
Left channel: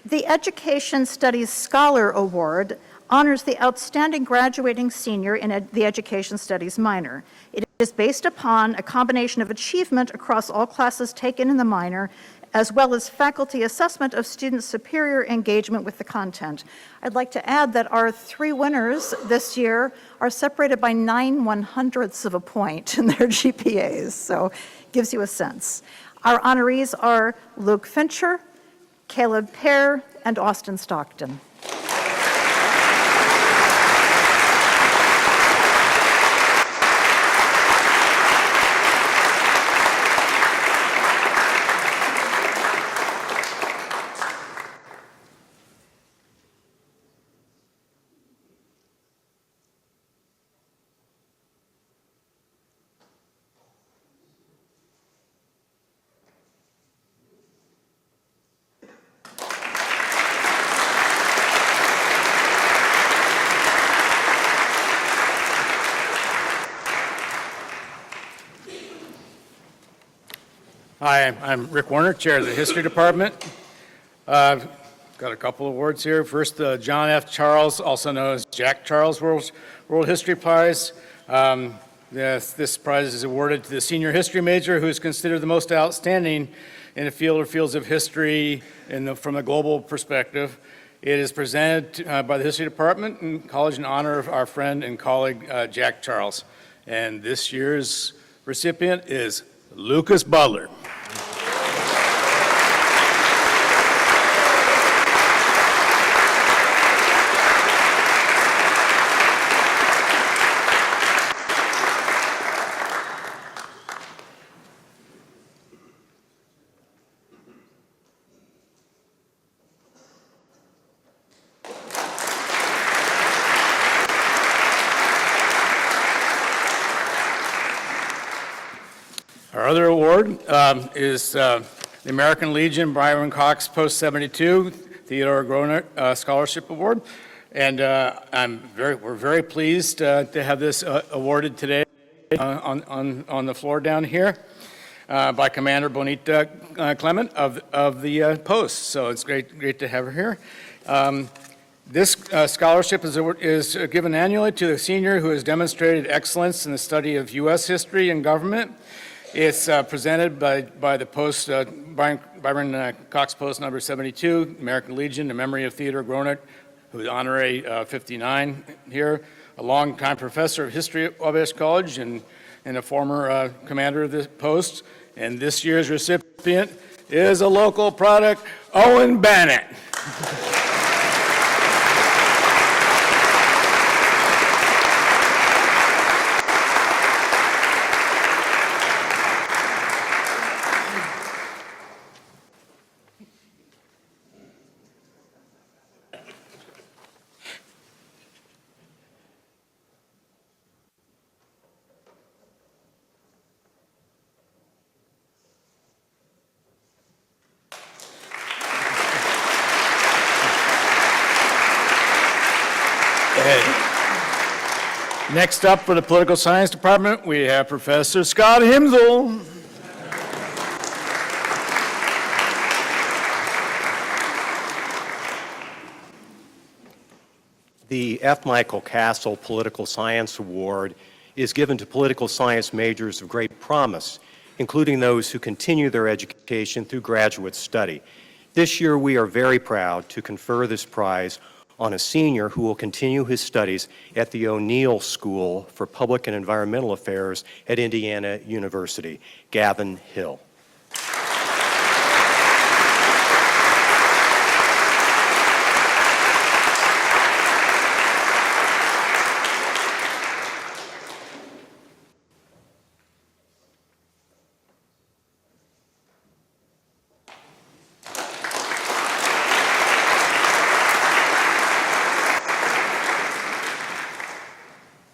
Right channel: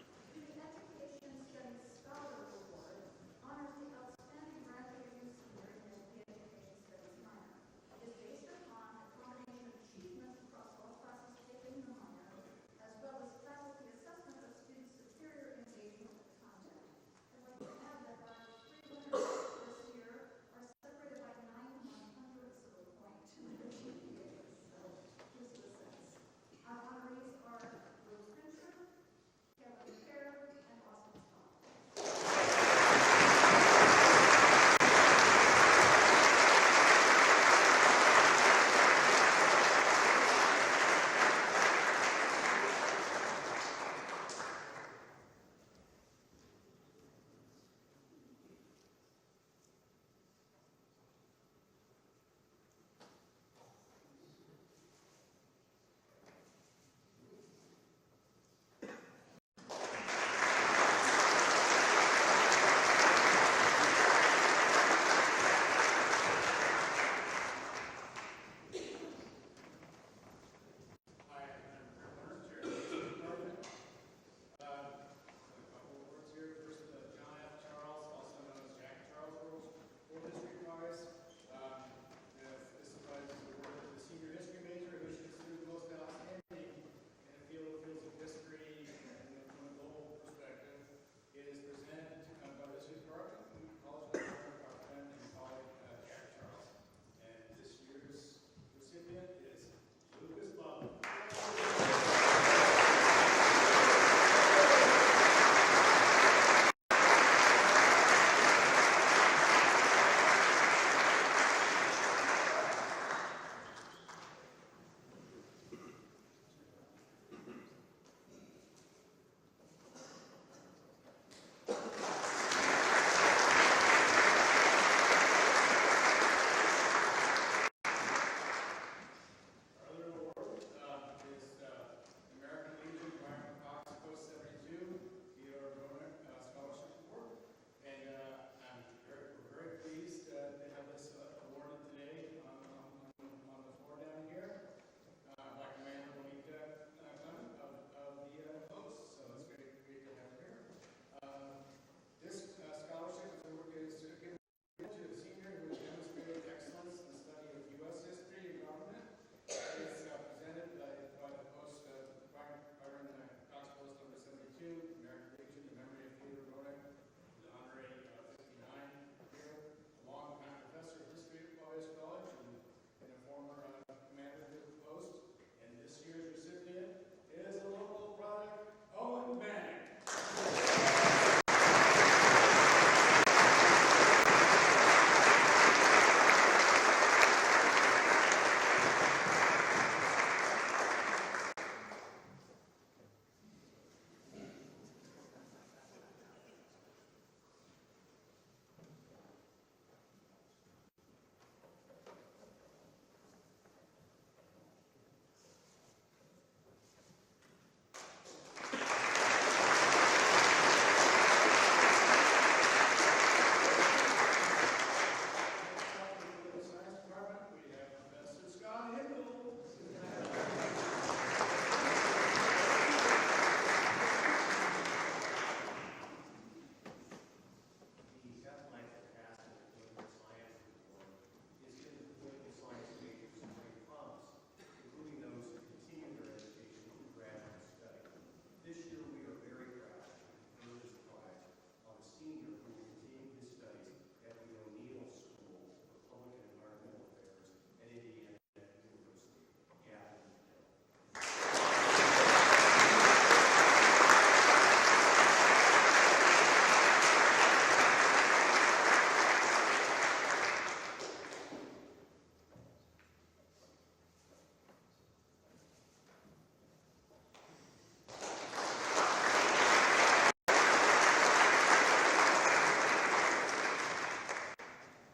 The Education Studies Scholar Award honors the outstanding graduating senior in the Education Studies minor. It is based upon a combination of achievement across all classes taken in the minor, as well as faculty assessment of students' superior engagement with the content. I'd like to add that our three winners this year are separated by 9/100ths of a point in their GPAs, so it gives you a sense. Our honorees are Luke Fincher, Caleb Pear, and Austin Stockton. Hi, I'm Rick Warner, Chair of the History Department. Got a couple of awards here. First, the John F. Charles, also known as Jack Charles World History Prize. This prize is awarded to the senior history major who is considered the most outstanding in the field or fields of history from a global perspective. It is presented by the History Department and College in honor of our friend and colleague, Jack Charles. And this year's recipient is Lucas Butler. Our other award is the American Legion Byron Cox Post 72 Theodore Groner Scholarship Award. And we're very pleased to have this awarded today on the floor down here by Commander Bonita Clement of the Post. So it's great to have her here. This scholarship is given annually to the senior who has demonstrated excellence in the study of U.S. history and government. It's presented by the Post, Byron Cox Post number 72, American Legion, in memory of Theodore Groner, who is honorary 59 here, a longtime professor of history at Wabash College and a former commander of the Post. And this year's recipient is a local product, Owen Bennett. Next up for the Political Science Department, we have Professor Scott Himsel. The F. Michael Castle Political Science Award is given to political science majors of great promise, including those who continue their education through graduate study. This year, we are very proud to confer this prize on a senior who will continue his studies at the O'Neill School for Public and Environmental Affairs at Indiana University, Gavin Hill.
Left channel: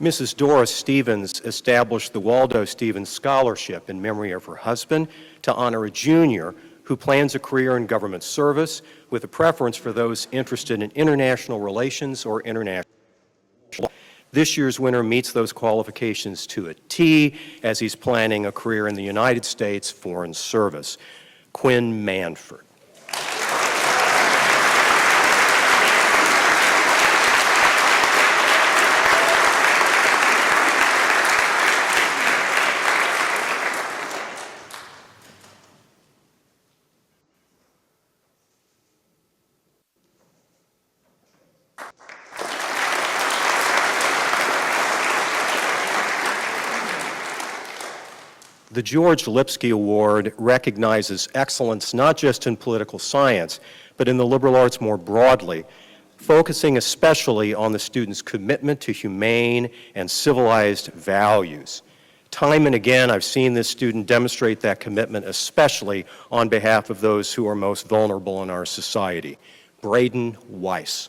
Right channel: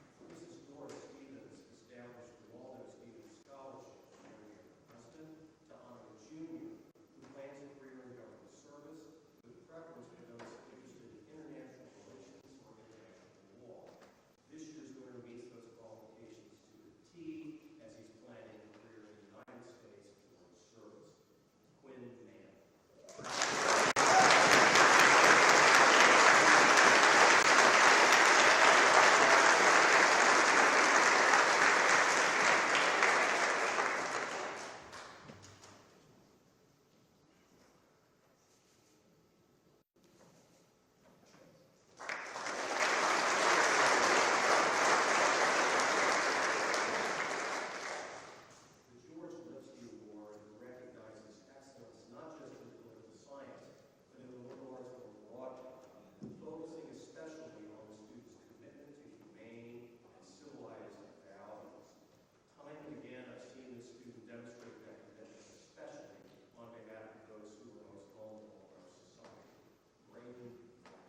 Mrs. Doris Stevens established the Waldo Stevens Scholarship in memory of her husband to honor a junior who plans a career in government service with a preference for those interested in international relations or international law. This year's winner meets those qualifications to a T as he's planning a career in the United States Foreign Service. Quinn Manford. The George Lipsky Award recognizes excellence not just in political science, but in the liberal arts more broadly, focusing especially on the student's commitment to humane and civilized values. Time and again, I've seen this student demonstrate that commitment, especially on behalf of those who are most vulnerable in our society. Braden Weiss.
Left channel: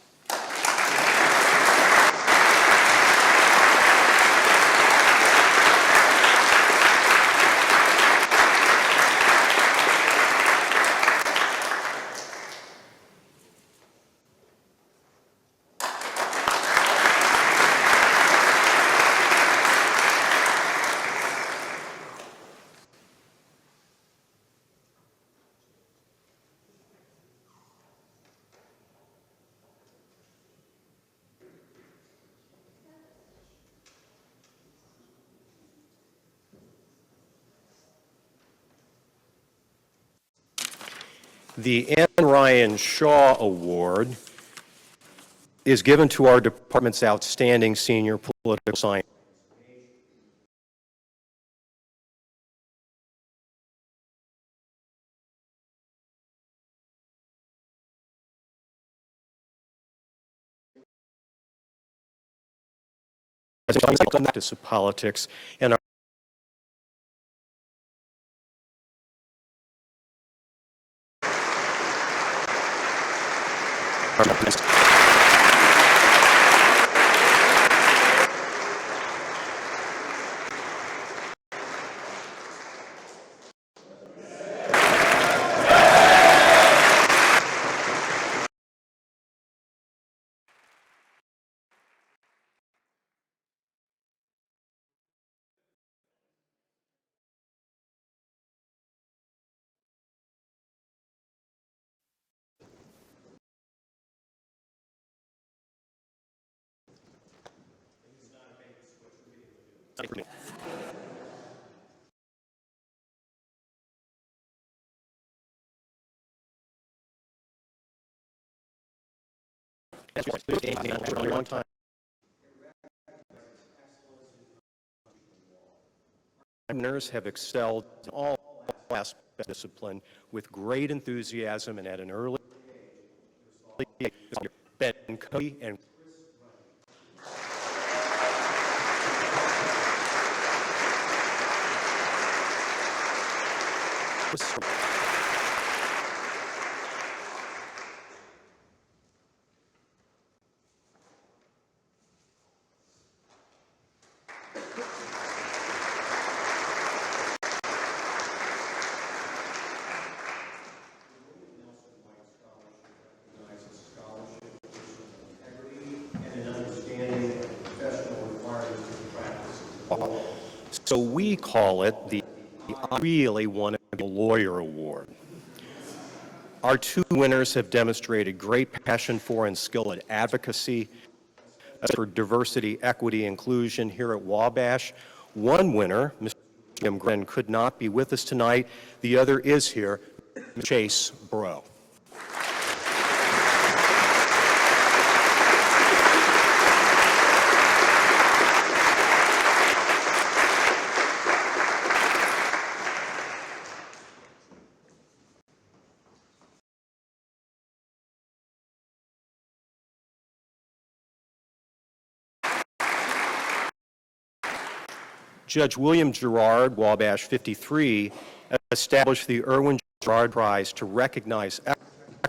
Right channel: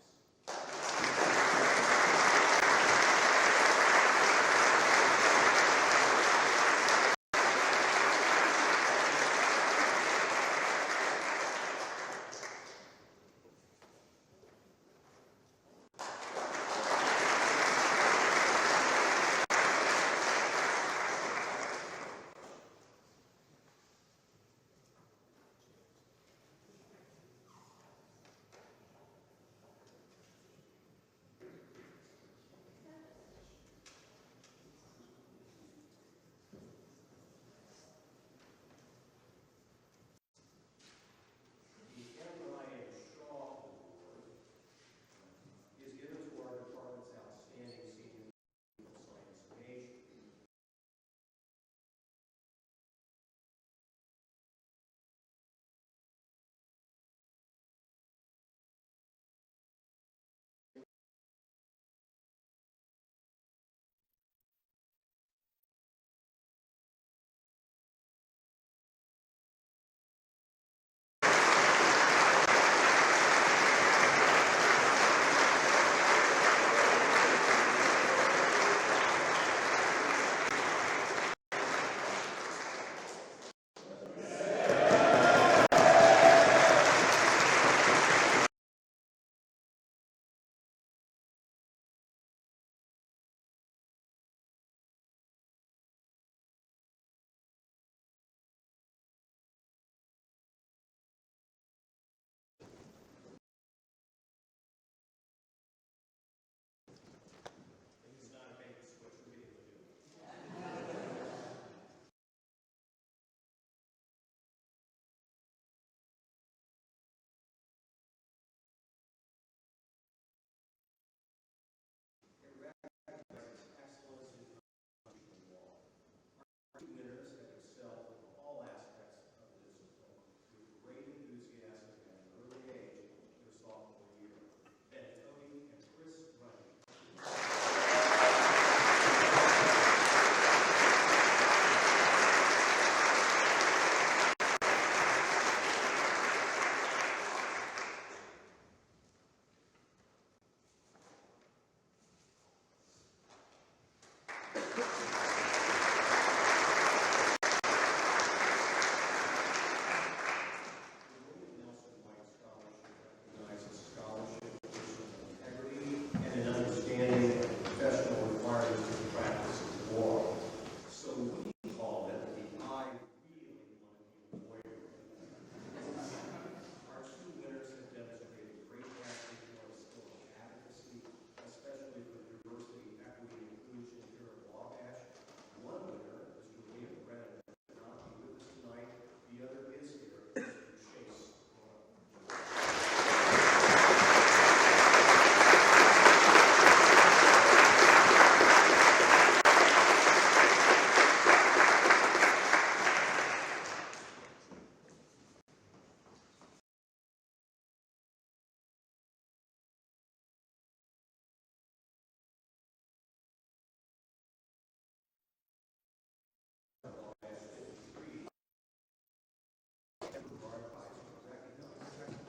The Ann Ryan Shaw Award is given to our department's outstanding senior political science. Practice of politics and winners have excelled in all aspects of discipline with great enthusiasm and at an early age. Ben Cody and so we call it the I Really Want to Be a Lawyer Award. Our two winners have demonstrated great passion for and skill at advocacy for diversity, equity, inclusion here at Wabash. One winner, Mr. Jim Glenn, could not be with us tonight. The other is here, Chase Bro. Judge William Gerard, Wabash 53, established the Irwin Gerard Prize to recognize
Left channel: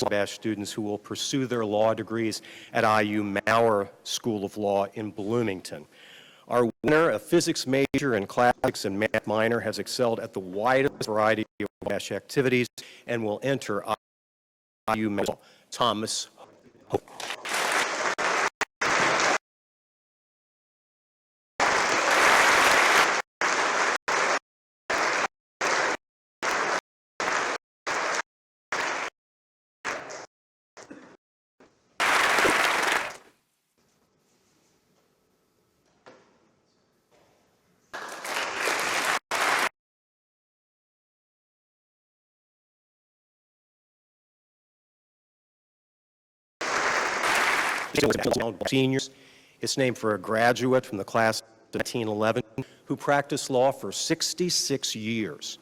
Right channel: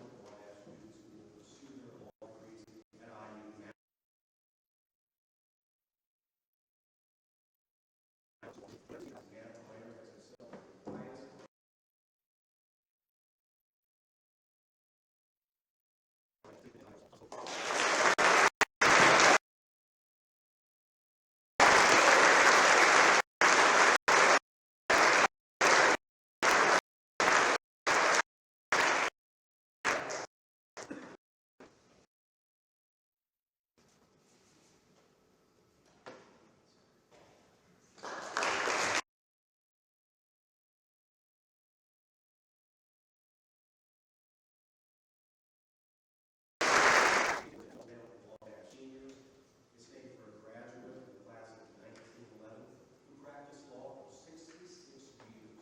Wabash students who will pursue their law degrees at IU Maurer School of Law in Bloomington. Our winner, a physics major and classics and math minor, has excelled at the widest variety of Wabash activities and will enter IU Maurer. Thomas Hope. Seniors. It's named for a graduate from the class of 1911 who practiced law for 66 years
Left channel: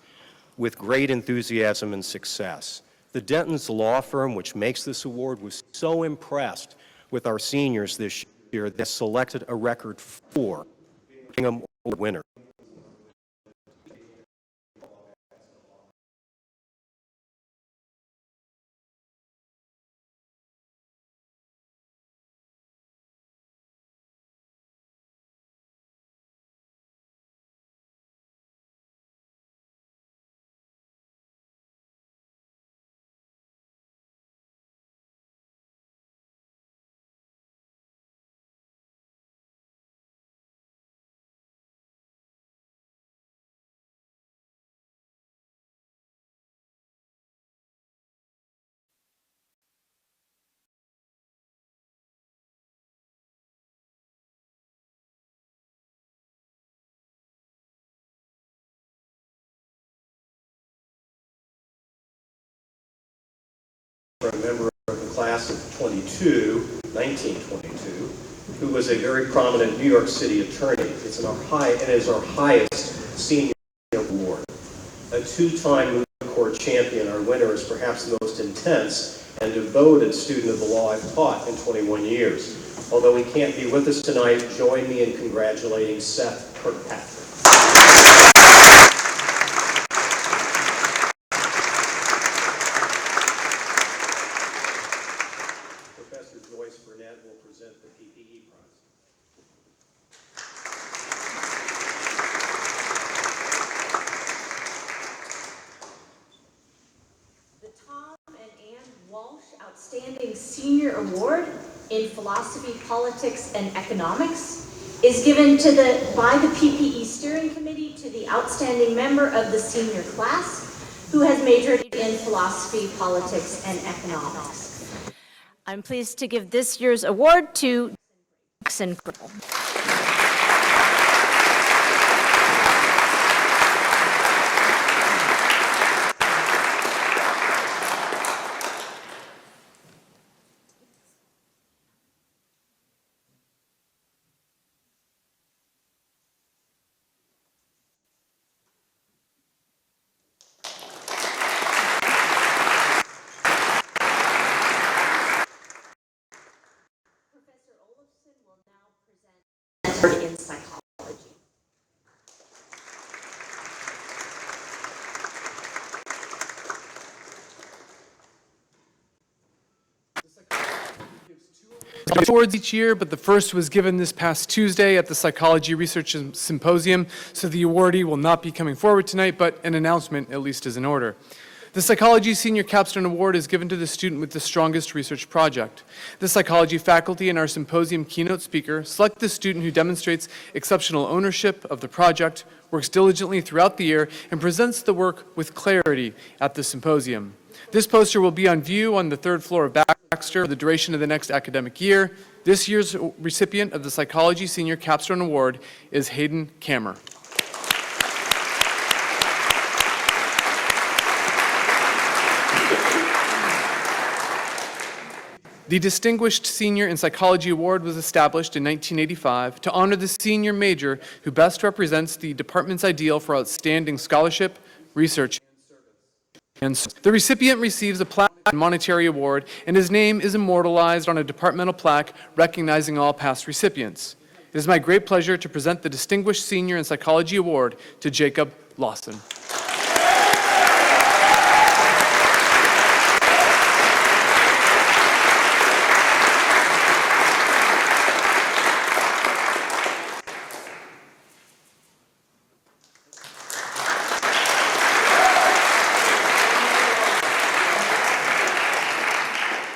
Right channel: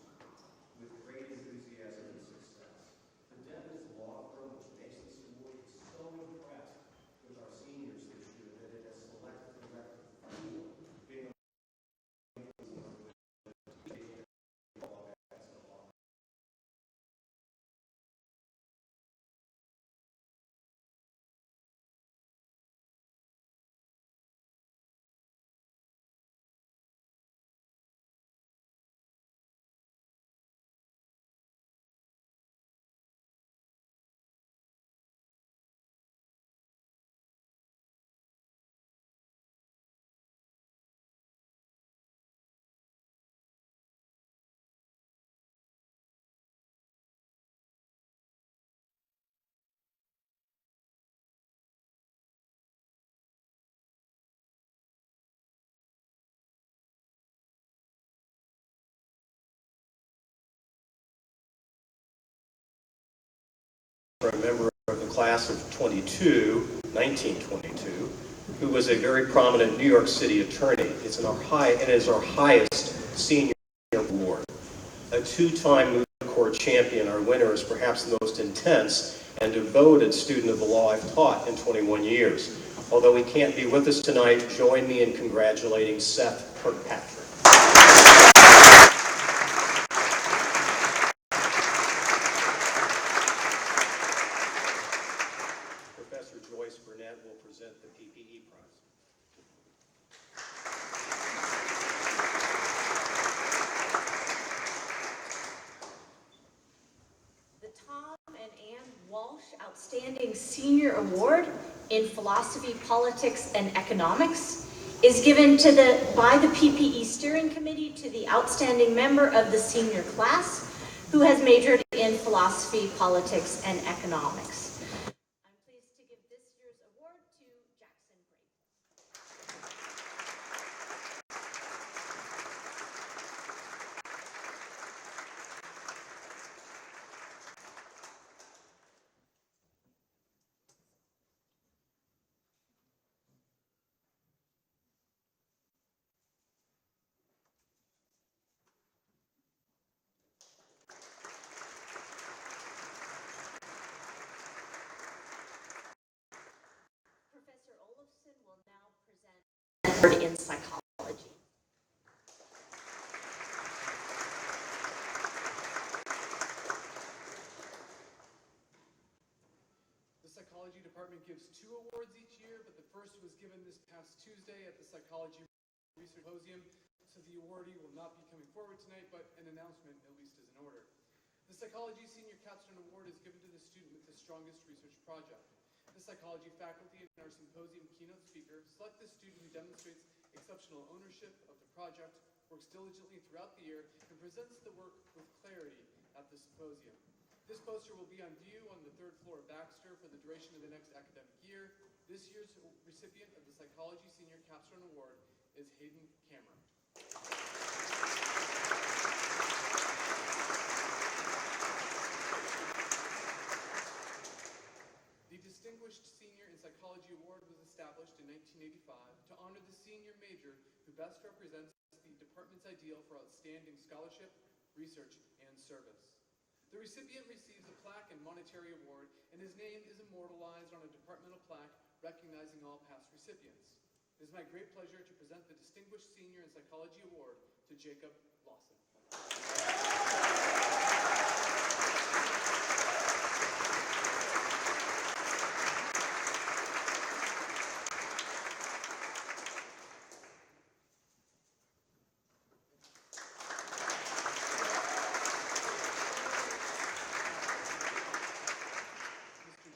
with great enthusiasm and success. The Denton's law firm, which makes this award, was so impressed with our seniors this year they selected a record 4 Bingham Award winners. For a member of the class of 1922, who was a very prominent New York City attorney. It is our highest senior award. A two-time moot court champion, our winner is perhaps the most intense and devoted student of the law I've taught in 21 years. Although he can't be with us tonight, join me in congratulating Seth Kirkpatrick. Professor Joyce Burnett will present the PPE prize. The Tom and Ann Walsh Outstanding Senior Award in Philosophy, Politics, and Economics is given by the PPE Steering Committee to the outstanding member of the senior class who has majored in Philosophy, Politics, and Economics. I'm pleased to give this year's award to Jackson Grill. In psychology. Awards each year, but the first was given this past Tuesday at the Psychology Research Symposium, so the awardee will not be coming forward tonight, but an announcement at least is in order. The Psychology Senior Capstone Award is given to the student with the strongest research project. The psychology faculty and our symposium keynote speaker select the student who demonstrates exceptional ownership of the project, works diligently throughout the year, and presents the work with clarity at the symposium. This poster will be on view on the third floor of Baxter for the duration of the next academic year. This year's recipient of the Psychology Senior Capstone Award is Hayden Kammer. The Distinguished Senior in Psychology Award was established in 1985 to honor the senior major who best represents the department's ideal for outstanding scholarship, research, and service. The recipient receives a plaque and monetary award, and his name is immortalized on a departmental plaque recognizing all past recipients. It is my great pleasure to present the Distinguished Senior in Psychology Award to Jacob Lawson.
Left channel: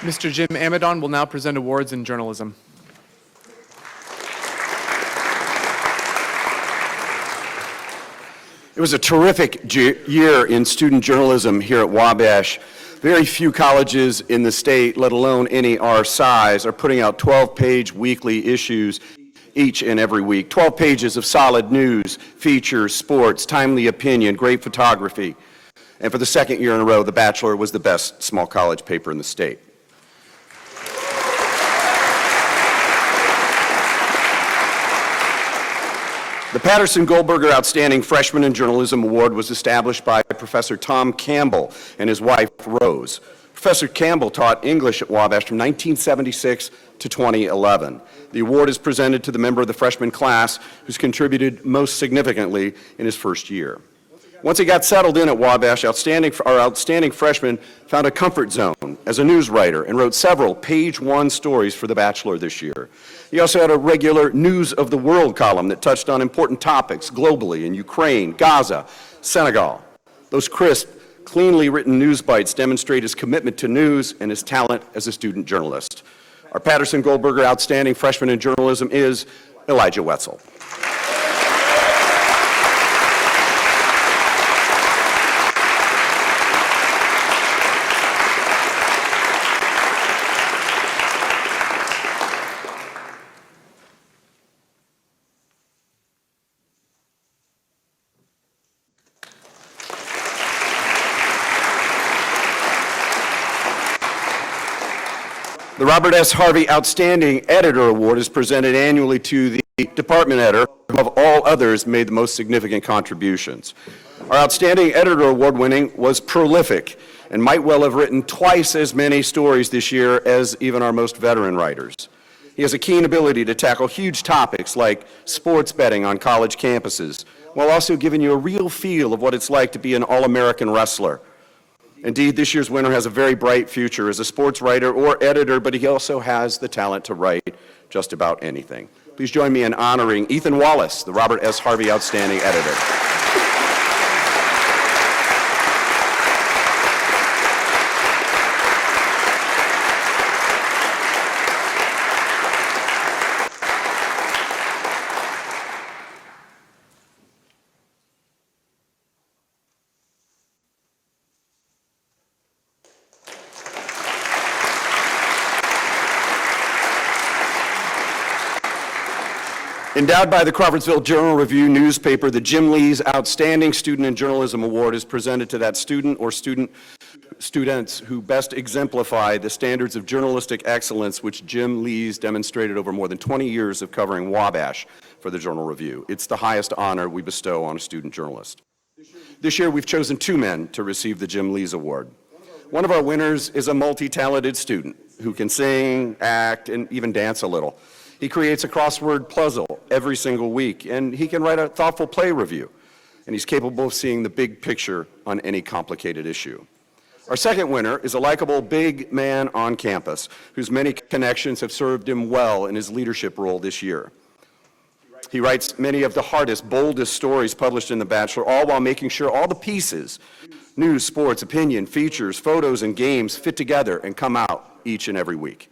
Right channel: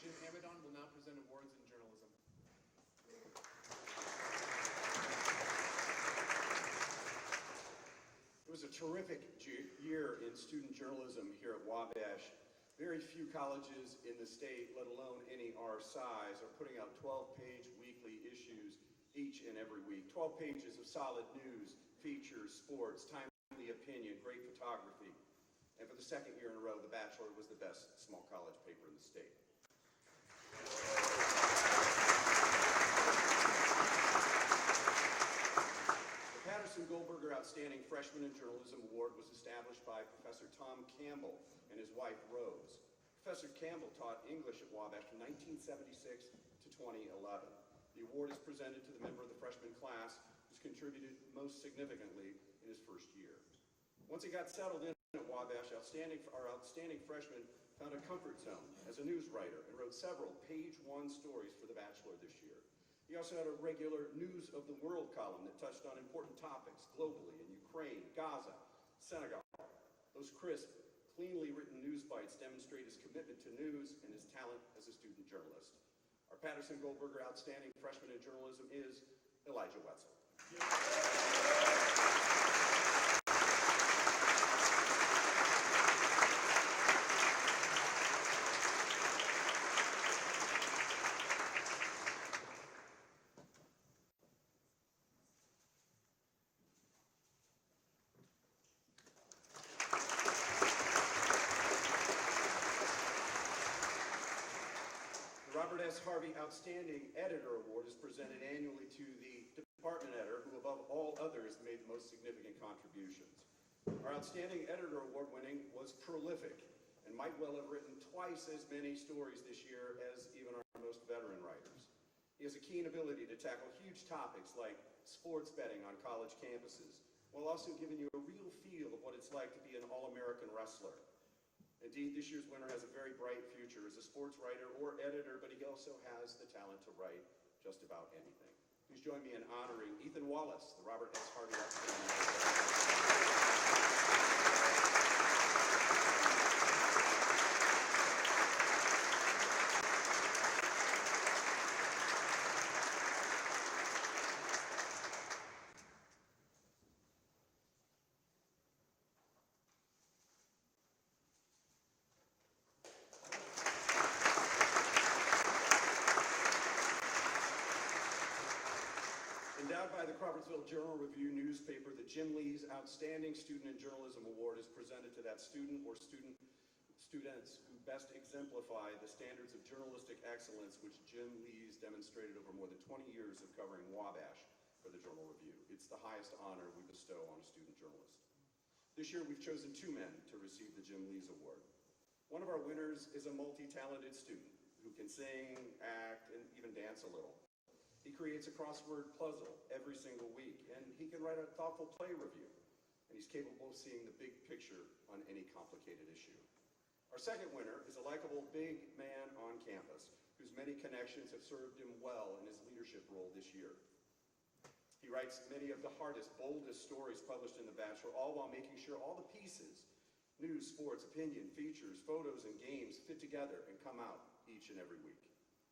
Mr. Jim Amidon will now present awards in journalism. It was a terrific year in student journalism here at Wabash. Very few colleges in the state, let alone any our size, are putting out 12-page weekly issues each and every week. 12 pages of solid news, features, sports, timely opinion, great photography. And for the second year in a row, The Bachelor was the best small college paper in the state. The Patterson-Goldberger Outstanding Freshman in Journalism Award was established by Professor Tom Campbell and his wife, Rose. Professor Campbell taught English at Wabash from 1976 to 2011. The award is presented to the member of the freshman class who's contributed most significantly in his first year. Once he got settled in at Wabash, our outstanding freshman found a comfort zone as a news writer and wrote several page-one stories for The Bachelor this year. He also had a regular News of the World column that touched on important topics globally in Ukraine, Gaza, Senegal. Those crisp, cleanly written news bites demonstrate his commitment to news and his talent as a student journalist. Our Patterson-Goldberger Outstanding Freshman in Journalism is Elijah Wetzel. The Robert S. Harvey Outstanding Editor Award is presented annually to the department editor who, above all others, made the most significant contributions. Our Outstanding Editor Award winning was prolific and might well have written twice as many stories this year as even our most veteran writers. He has a keen ability to tackle huge topics like sports betting on college campuses, while also giving you a real feel of what it's like to be an All-American wrestler. Indeed, this year's winner has a very bright future as a sports writer or editor, but he also has the talent to write just about anything. Please join me in honoring Ethan Wallace, the Robert S. Harvey Outstanding Editor. Endowed by the Crawfordsville Journal-Review newspaper, the Jim Lee's Outstanding Student in Journalism Award is presented to that student or students who best exemplify the standards of journalistic excellence which Jim Lee's demonstrated over more than 20 years of covering Wabash for the Journal-Review. It's the highest honor we bestow on a student journalist. This year, we've chosen two men to receive the Jim Lee's Award. One of our winners is a multi-talented student who can sing, act, and even dance a little. He creates a crossword puzzle every single week, and he can write a thoughtful play review. And he's capable of seeing the big picture on any complicated issue. Our second winner is a likable big man on campus whose many connections have served him well in his leadership role this year. He writes many of the hardest, boldest stories published in The Bachelor, all while making sure all the pieces, news, sports, opinion, features, photos, and games fit together and come out each and every week.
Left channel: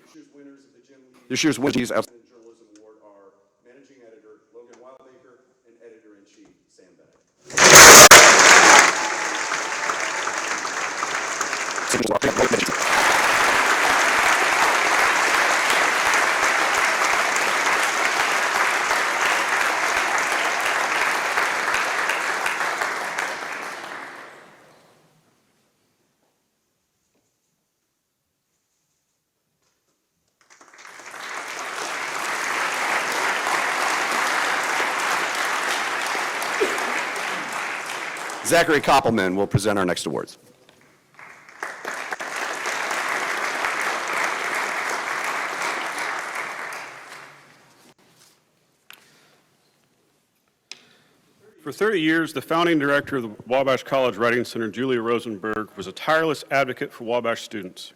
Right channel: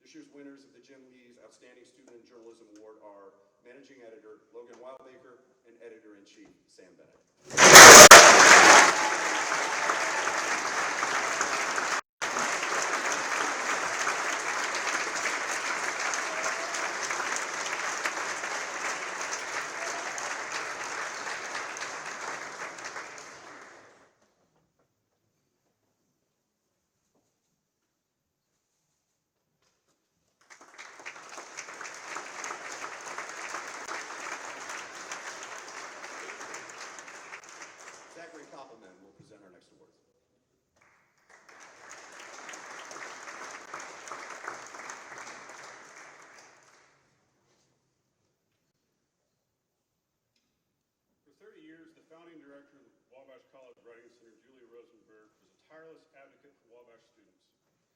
This year's winners of the Journalism Award are Managing Editor Logan Wildacre and Editor-in-Chief Sam Bennett. Zachary Koppelman will present our next awards. For 30 years, the founding director of the Wabash College Writing Center, Julia Rosenberg, was a tireless advocate for Wabash students.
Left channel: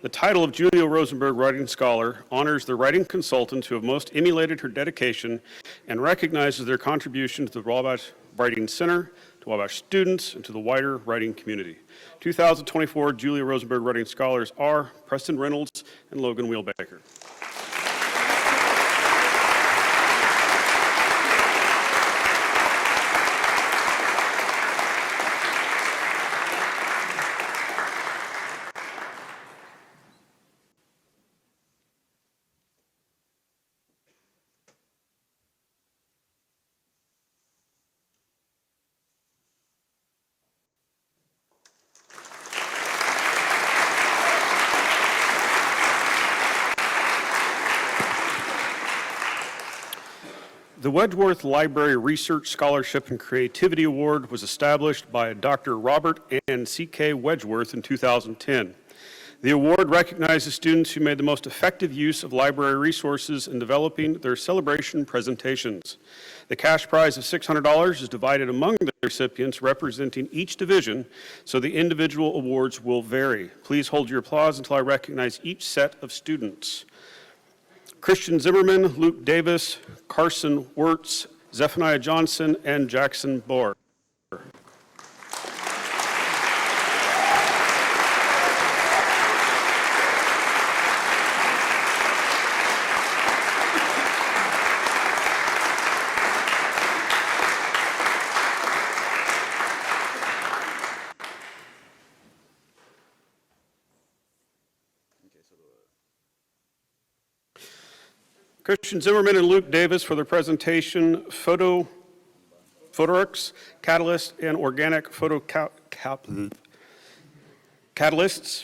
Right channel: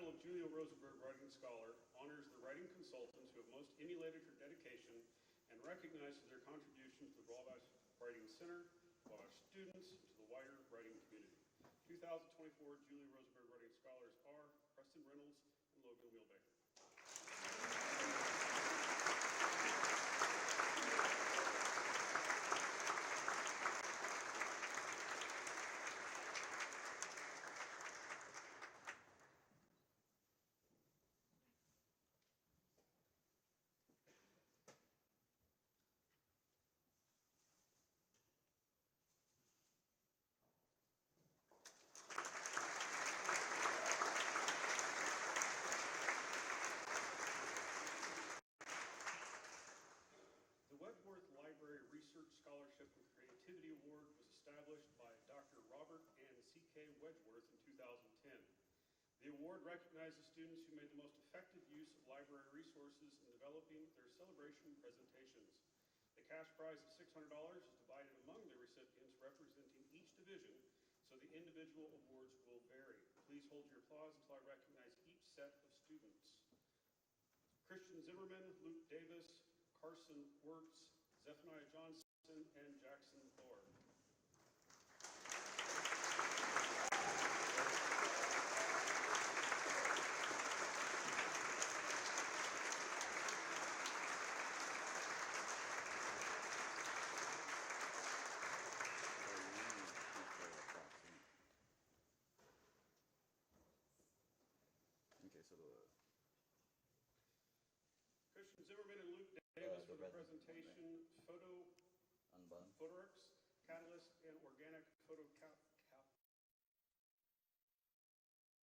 The title of Julia Rosenberg Writing Scholar honors the writing consultants who have most emulated her dedication and recognizes their contribution to the Wabash Writing Center, to Wabash students, and to the wider writing community. 2024 Julia Rosenberg Writing Scholars are Preston Reynolds and Logan Wheelbaker. The Wedgeworth Library Research Scholarship and Creativity Award was established by Dr. Robert and C.K. Wedgeworth in 2010. The award recognizes students who made the most effective use of library resources in developing their celebration presentations. The cash prize of $600 is divided among the recipients representing each division, so the individual awards will vary. Please hold your applause until I recognize each set of students. Christian Zimmerman, Luke Davis, Carson Wirtz, Zephaniah Johnson, and Jackson Bohr. Christian Zimmerman and Luke Davis for their presentation, Photorix, Catalyst, and Organic Catalysts.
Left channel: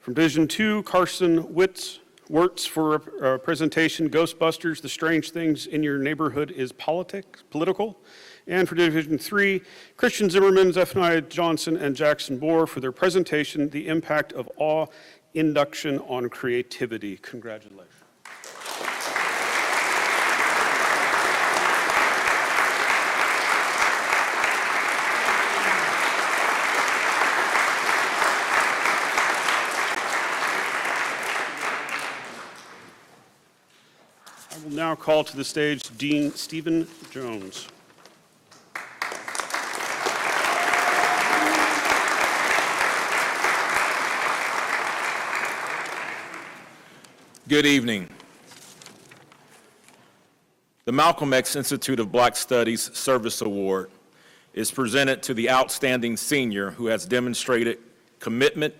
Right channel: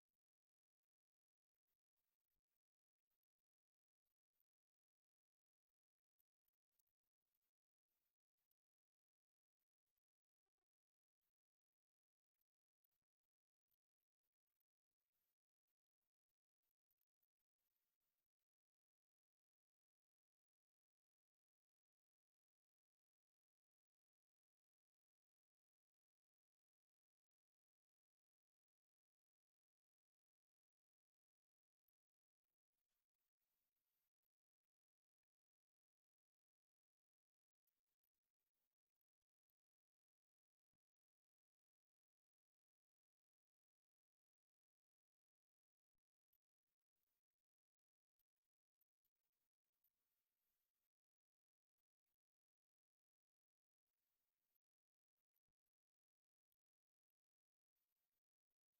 From Division 2, Carson Wirtz for a presentation, Ghostbusters, The Strange Things in Your Neighborhood is Political. And for Division 3, Christian Zimmerman, Zephaniah Johnson, and Jackson Bohr for their presentation, The Impact of Awe Induction on Creativity. Congratulations. I will now call to the stage Dean Stephen Jones. Good evening. The Malcolm X Institute of Black Studies Service Award is presented to the outstanding senior who has demonstrated commitment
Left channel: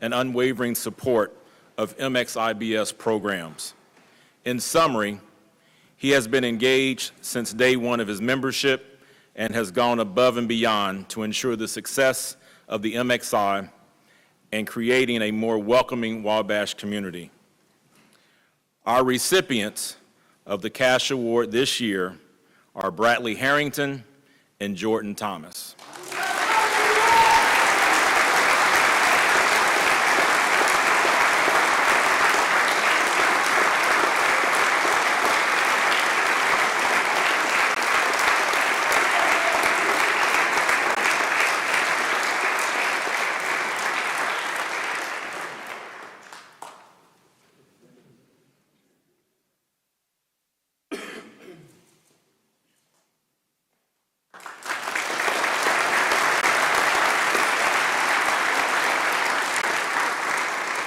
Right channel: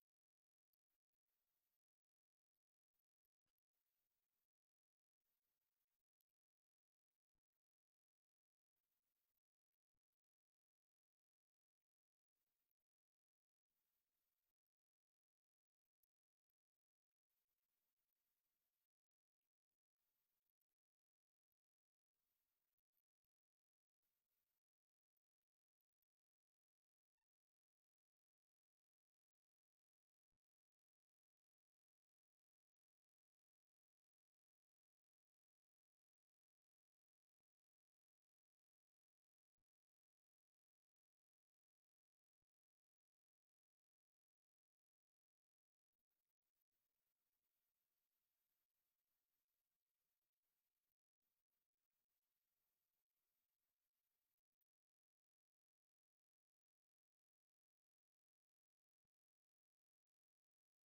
and unwavering support of MXIBS programs. In summary, he has been engaged since day one of his membership and has gone above and beyond to ensure the success of the MXI and creating a more welcoming Wabash community. Our recipients of the Cash Award this year are Bradley Harrington and Jordan Thomas.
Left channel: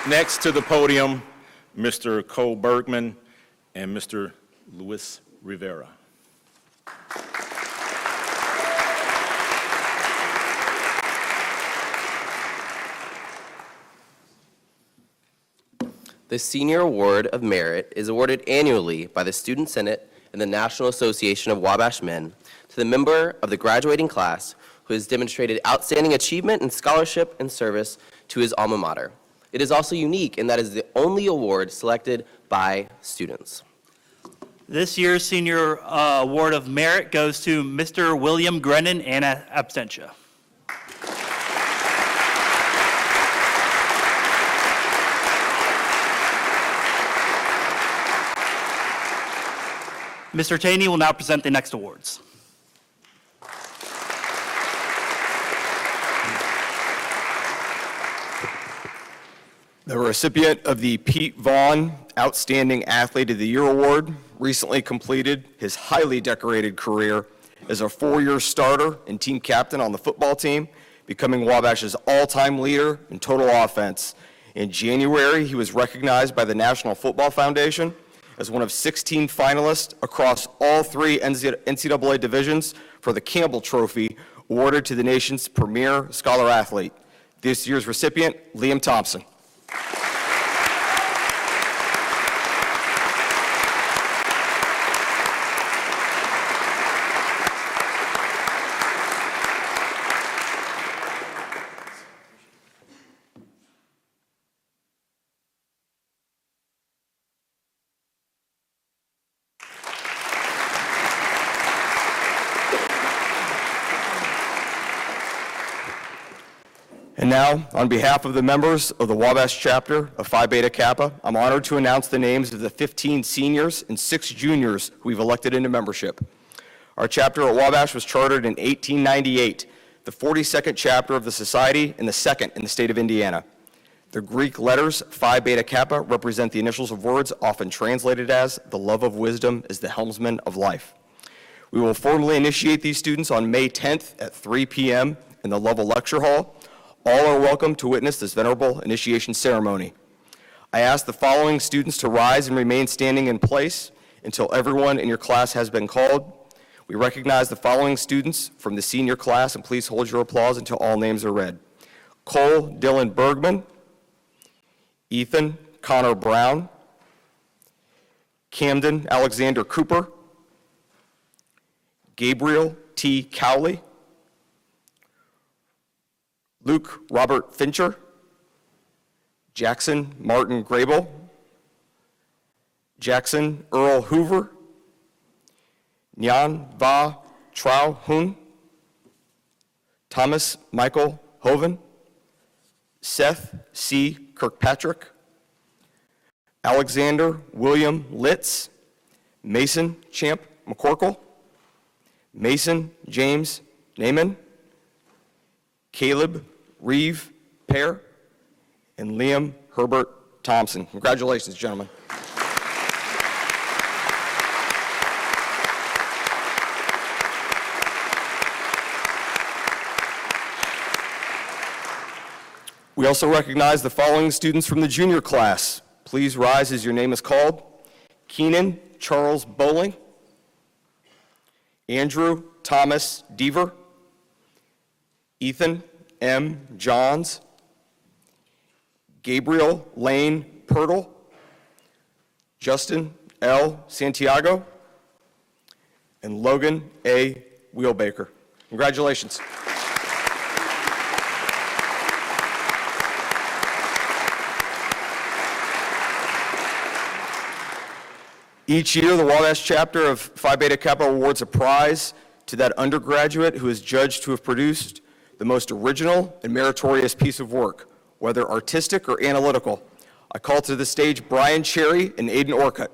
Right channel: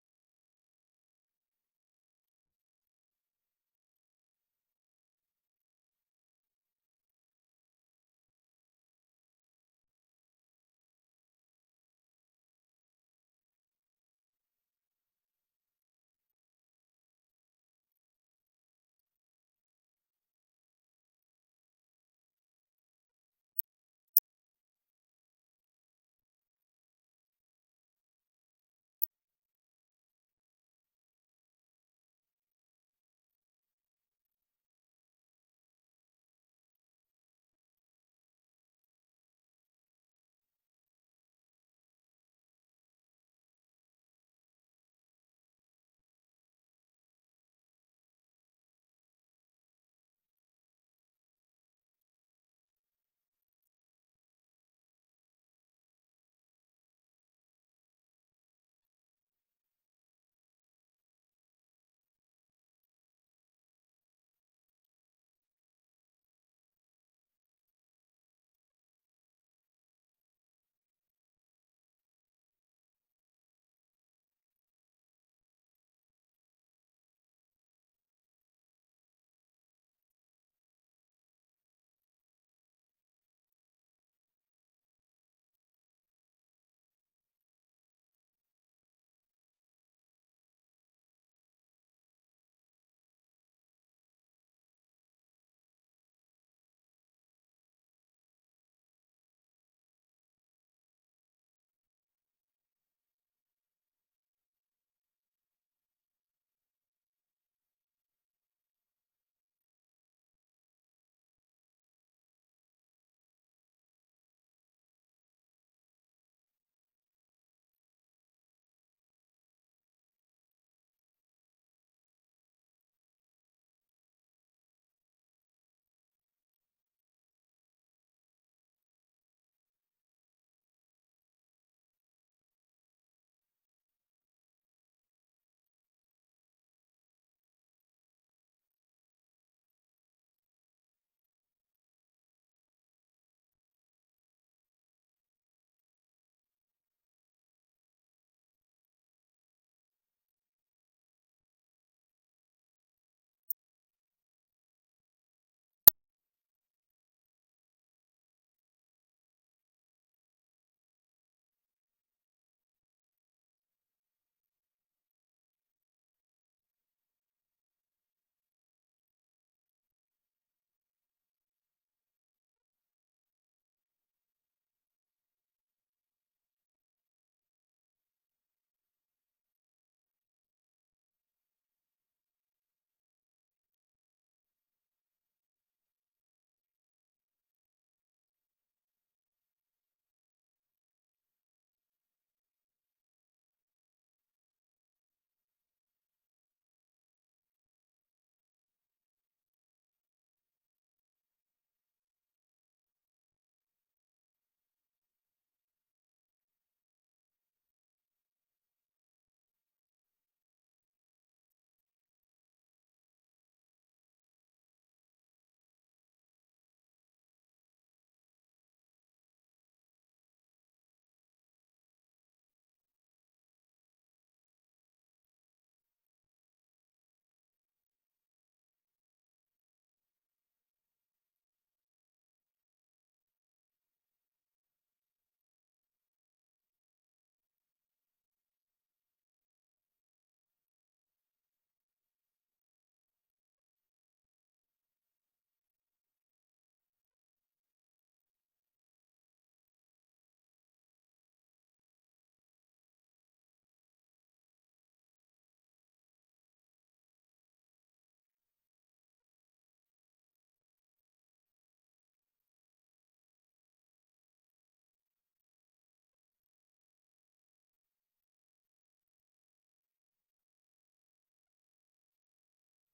Next to the podium, Mr. Cole Bergman and Mr. Luis Rivera. The Senior Award of Merit is awarded annually by the Student Senate and the National Association of Wabash Men to the member of the graduating class who has demonstrated outstanding achievement in scholarship and service to his alma mater. It is also unique in that it is the only award selected by students. This year's Senior Award of Merit goes to Mr. William Grennan and absentia. Mr. Taney will now present the next awards. The recipient of the Pete Vaughn Outstanding Athlete of the Year Award recently completed his highly decorated career as a 4-year starter and team captain on the football team, becoming Wabash's all-time leader in total offense. In January, he was recognized by the National Football Foundation as one of 16 finalists across all 3 NCAA divisions for the Campbell Trophy, awarded to the nation's premier scholar athlete. This year's recipient, Liam Thompson. And now, on behalf of the members of the Wabash chapter of Phi Beta Kappa, I'm honored to announce the names of the 15 seniors and 6 juniors who we've elected into membership. Our chapter at Wabash was chartered in 1898, the 42nd chapter of the society and the 2nd in the state of Indiana. The Greek letters Phi Beta Kappa represent the initials of words often translated as the love of wisdom is the helmsman of life. We will formally initiate these students on May 10th at 3 p.m. in the Lovell Lecture Hall. All are welcome to witness this venerable initiation ceremony. I ask the following students to rise and remain standing in place until everyone in your class has been called. We recognize the following students from the senior class, and please hold your applause until all names are read. Cole Dylan Bergman, Ethan Connor Brown, Camden Alexander Cooper, Gabriel T. Cowley, Luke Robert Fincher, Jackson Martin Grable, Jackson Earl Hoover, Nyan Va Trao Hun, Thomas Michael Hoven, Seth C. Kirkpatrick, Alexander William Litz, Mason Champ McCorkle, Mason James Naiman, Caleb Reeve Pear, and Liam Herbert Thompson. Congratulations, gentlemen. We also recognize the following students from the junior class. Please rise as your name is called. Keenan Charles Bowling, Andrew Thomas Deaver, Ethan M. Johns, Gabriel Lane Pirtle, Justin L. Santiago, and Logan A. Wheelbaker. Congratulations. Each year, the Wabash chapter of Phi Beta Kappa awards a prize to that undergraduate who is judged to have produced the most original and meritorious piece of work, whether artistic or analytical. I call to the stage Brian Cherry and Aiden Orcutt.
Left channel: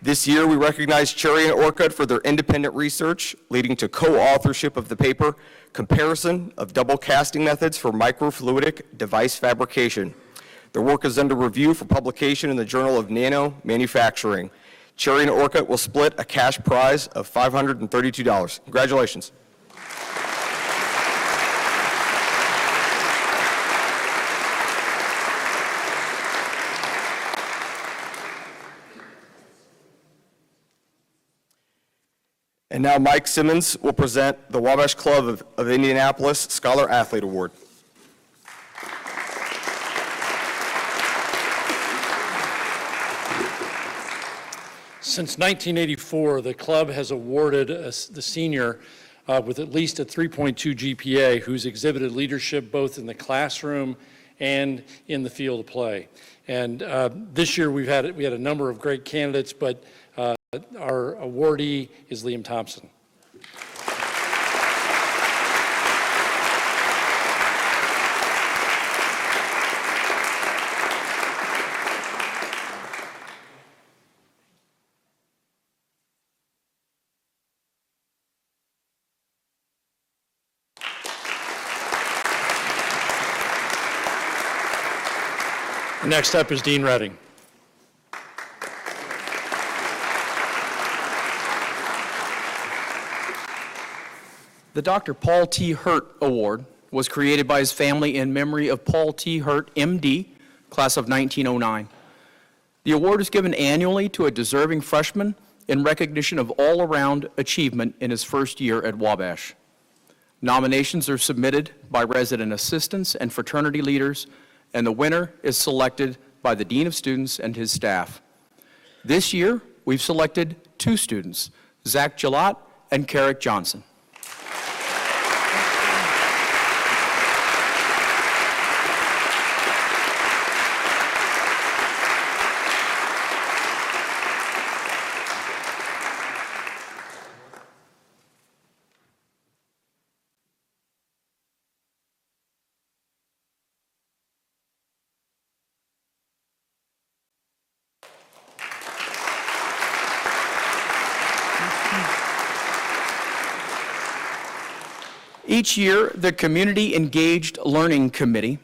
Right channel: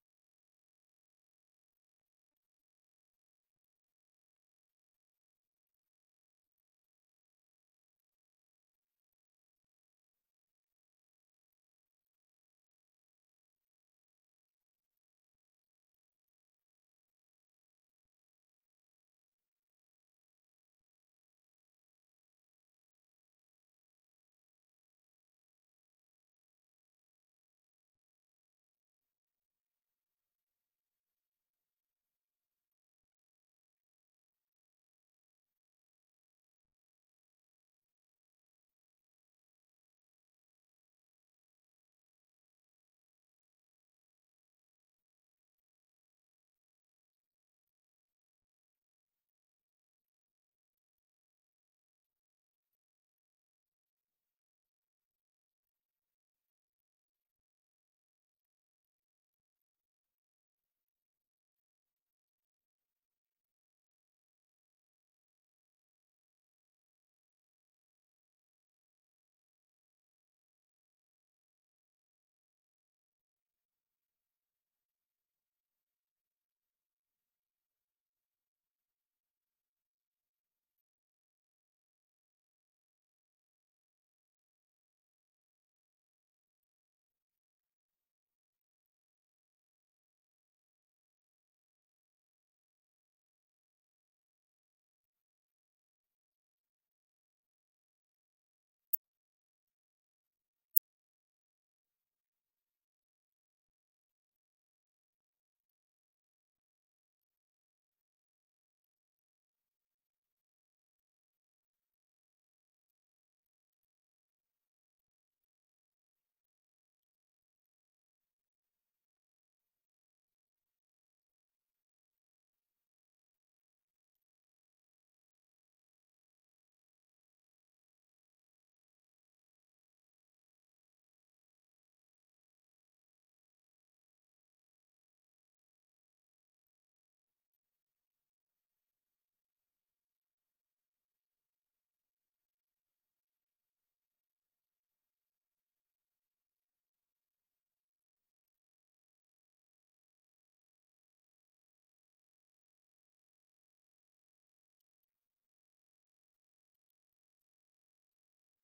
This year, we recognize Cherry and Orcutt for their independent research, leading to co-authorship of the paper, Comparison of Double Casting Methods for Microfluidic Device Fabrication. Their work is under review for publication in the Journal of Nano Manufacturing. Cherry and Orcutt will split a cash prize of $532. Congratulations. And now Mike Simmons will present the Wabash Club of Indianapolis Scholar Athlete Award. Since 1984, the club has awarded the senior with at least a 3.2 GPA who's exhibited leadership both in the classroom and in the field of play. And this year we had a number of great candidates, but our awardee is Liam Thompson. Next up is Dean Redding. The Dr. Paul T. Hurt Award was created by his family in memory of Paul T. Hurt, MD, class of 1909. The award is given annually to a deserving freshman in recognition of all-around achievement in his first year at Wabash. Nominations are submitted by resident assistants and fraternity leaders, and the winner is selected by the Dean of Students and his staff. This year, we've selected two students, Zach Gillott and Carrick Johnson. Each year, the Community Engaged Learning Committee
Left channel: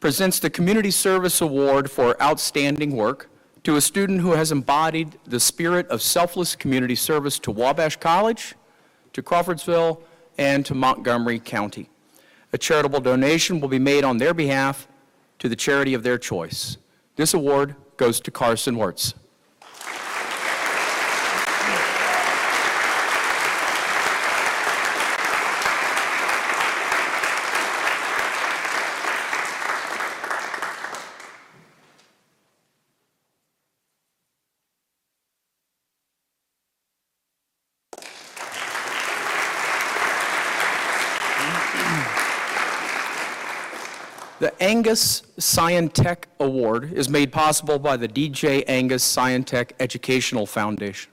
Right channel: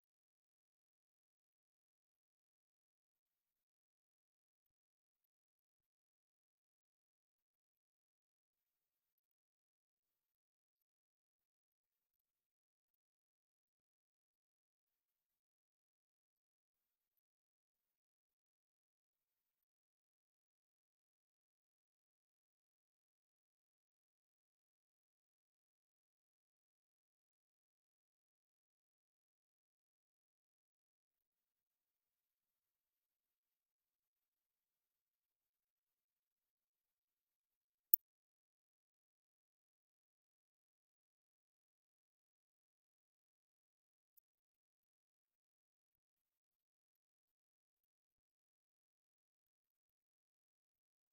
presents the Community Service Award for outstanding work to a student who has embodied the spirit of selfless community service to Wabash College, to Crawfordsville, and to Montgomery County. A charitable donation will be made on their behalf to the charity of their choice. This award goes to Carson Wirtz. The Angus Scientech Award is made possible by the DJ Angus Scientech Educational Foundation.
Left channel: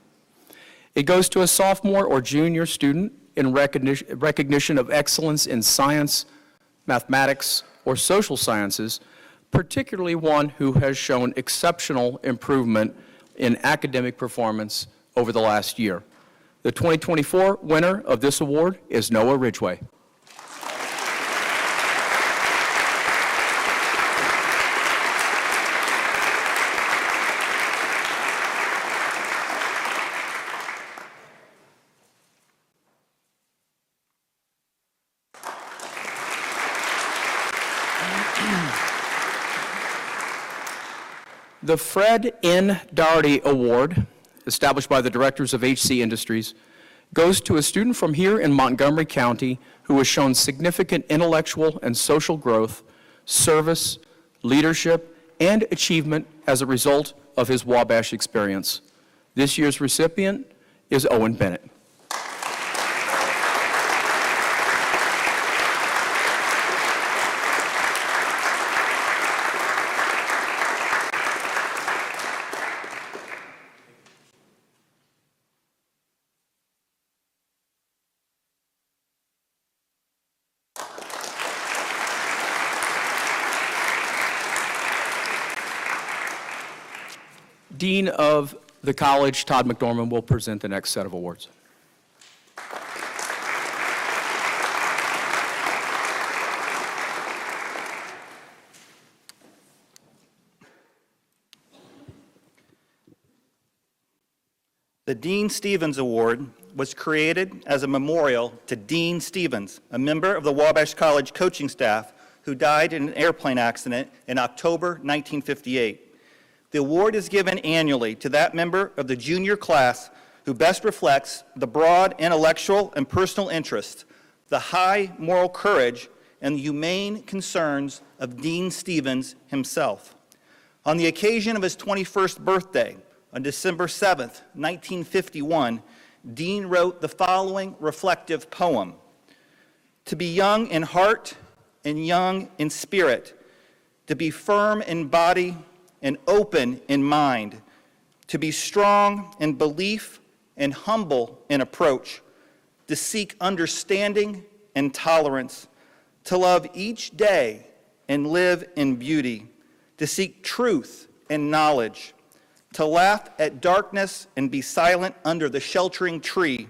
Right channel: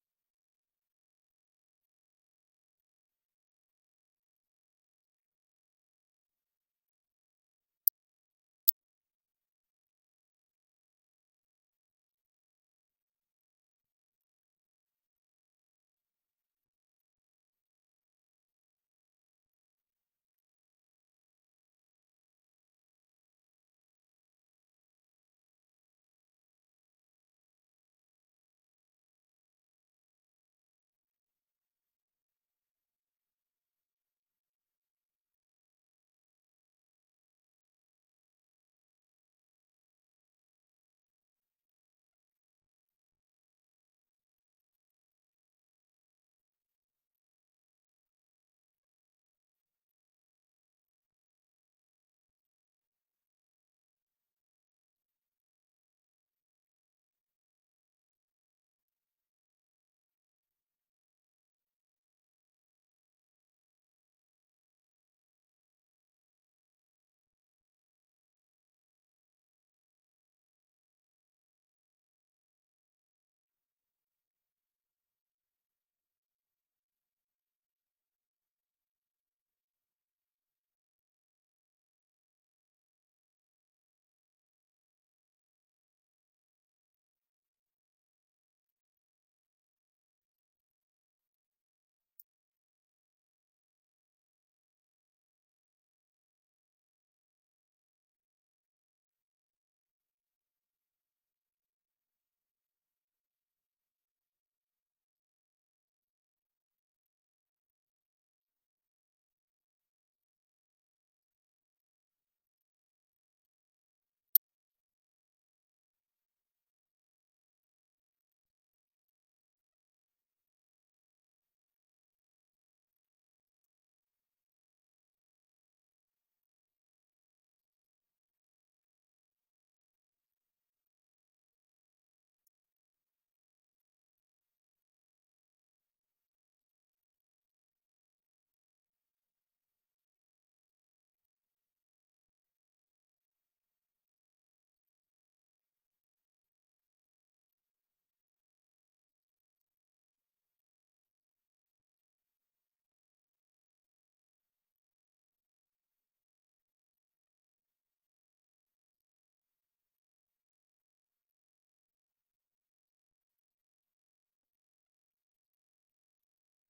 It goes to a sophomore or junior student in recognition of excellence in science, mathematics, or social sciences, particularly one who has shown exceptional improvement in academic performance over the last year. The 2024 winner of this award is Noah Ridgway. The Fred N. Doherty Award, established by the directors of HC Industries, goes to a student from here in Montgomery County who has shown significant intellectual and social growth, service, leadership, and achievement as a result of his Wabash experience. This year's recipient is Owen Bennett. Dean of the college, Todd McDormand, will present the next set of awards. The Dean Stevens Award was created as a memorial to Dean Stevens, a member of the Wabash College coaching staff who died in an airplane accident in October 1958. The award is given annually to that member of the junior class who best reflects the broad intellectual and personal interest, the high moral courage, and the humane concerns of Dean Stevens himself. On the occasion of his 21st birthday, on December 7th, 1951, Dean wrote the following reflective poem: "To be young in heart and young in spirit, to be firm in body and open in mind, to be strong in belief and humble in approach, to seek understanding and tolerance, to love each day and live in beauty, to seek truth and knowledge, to laugh at darkness and be silent under the sheltering tree,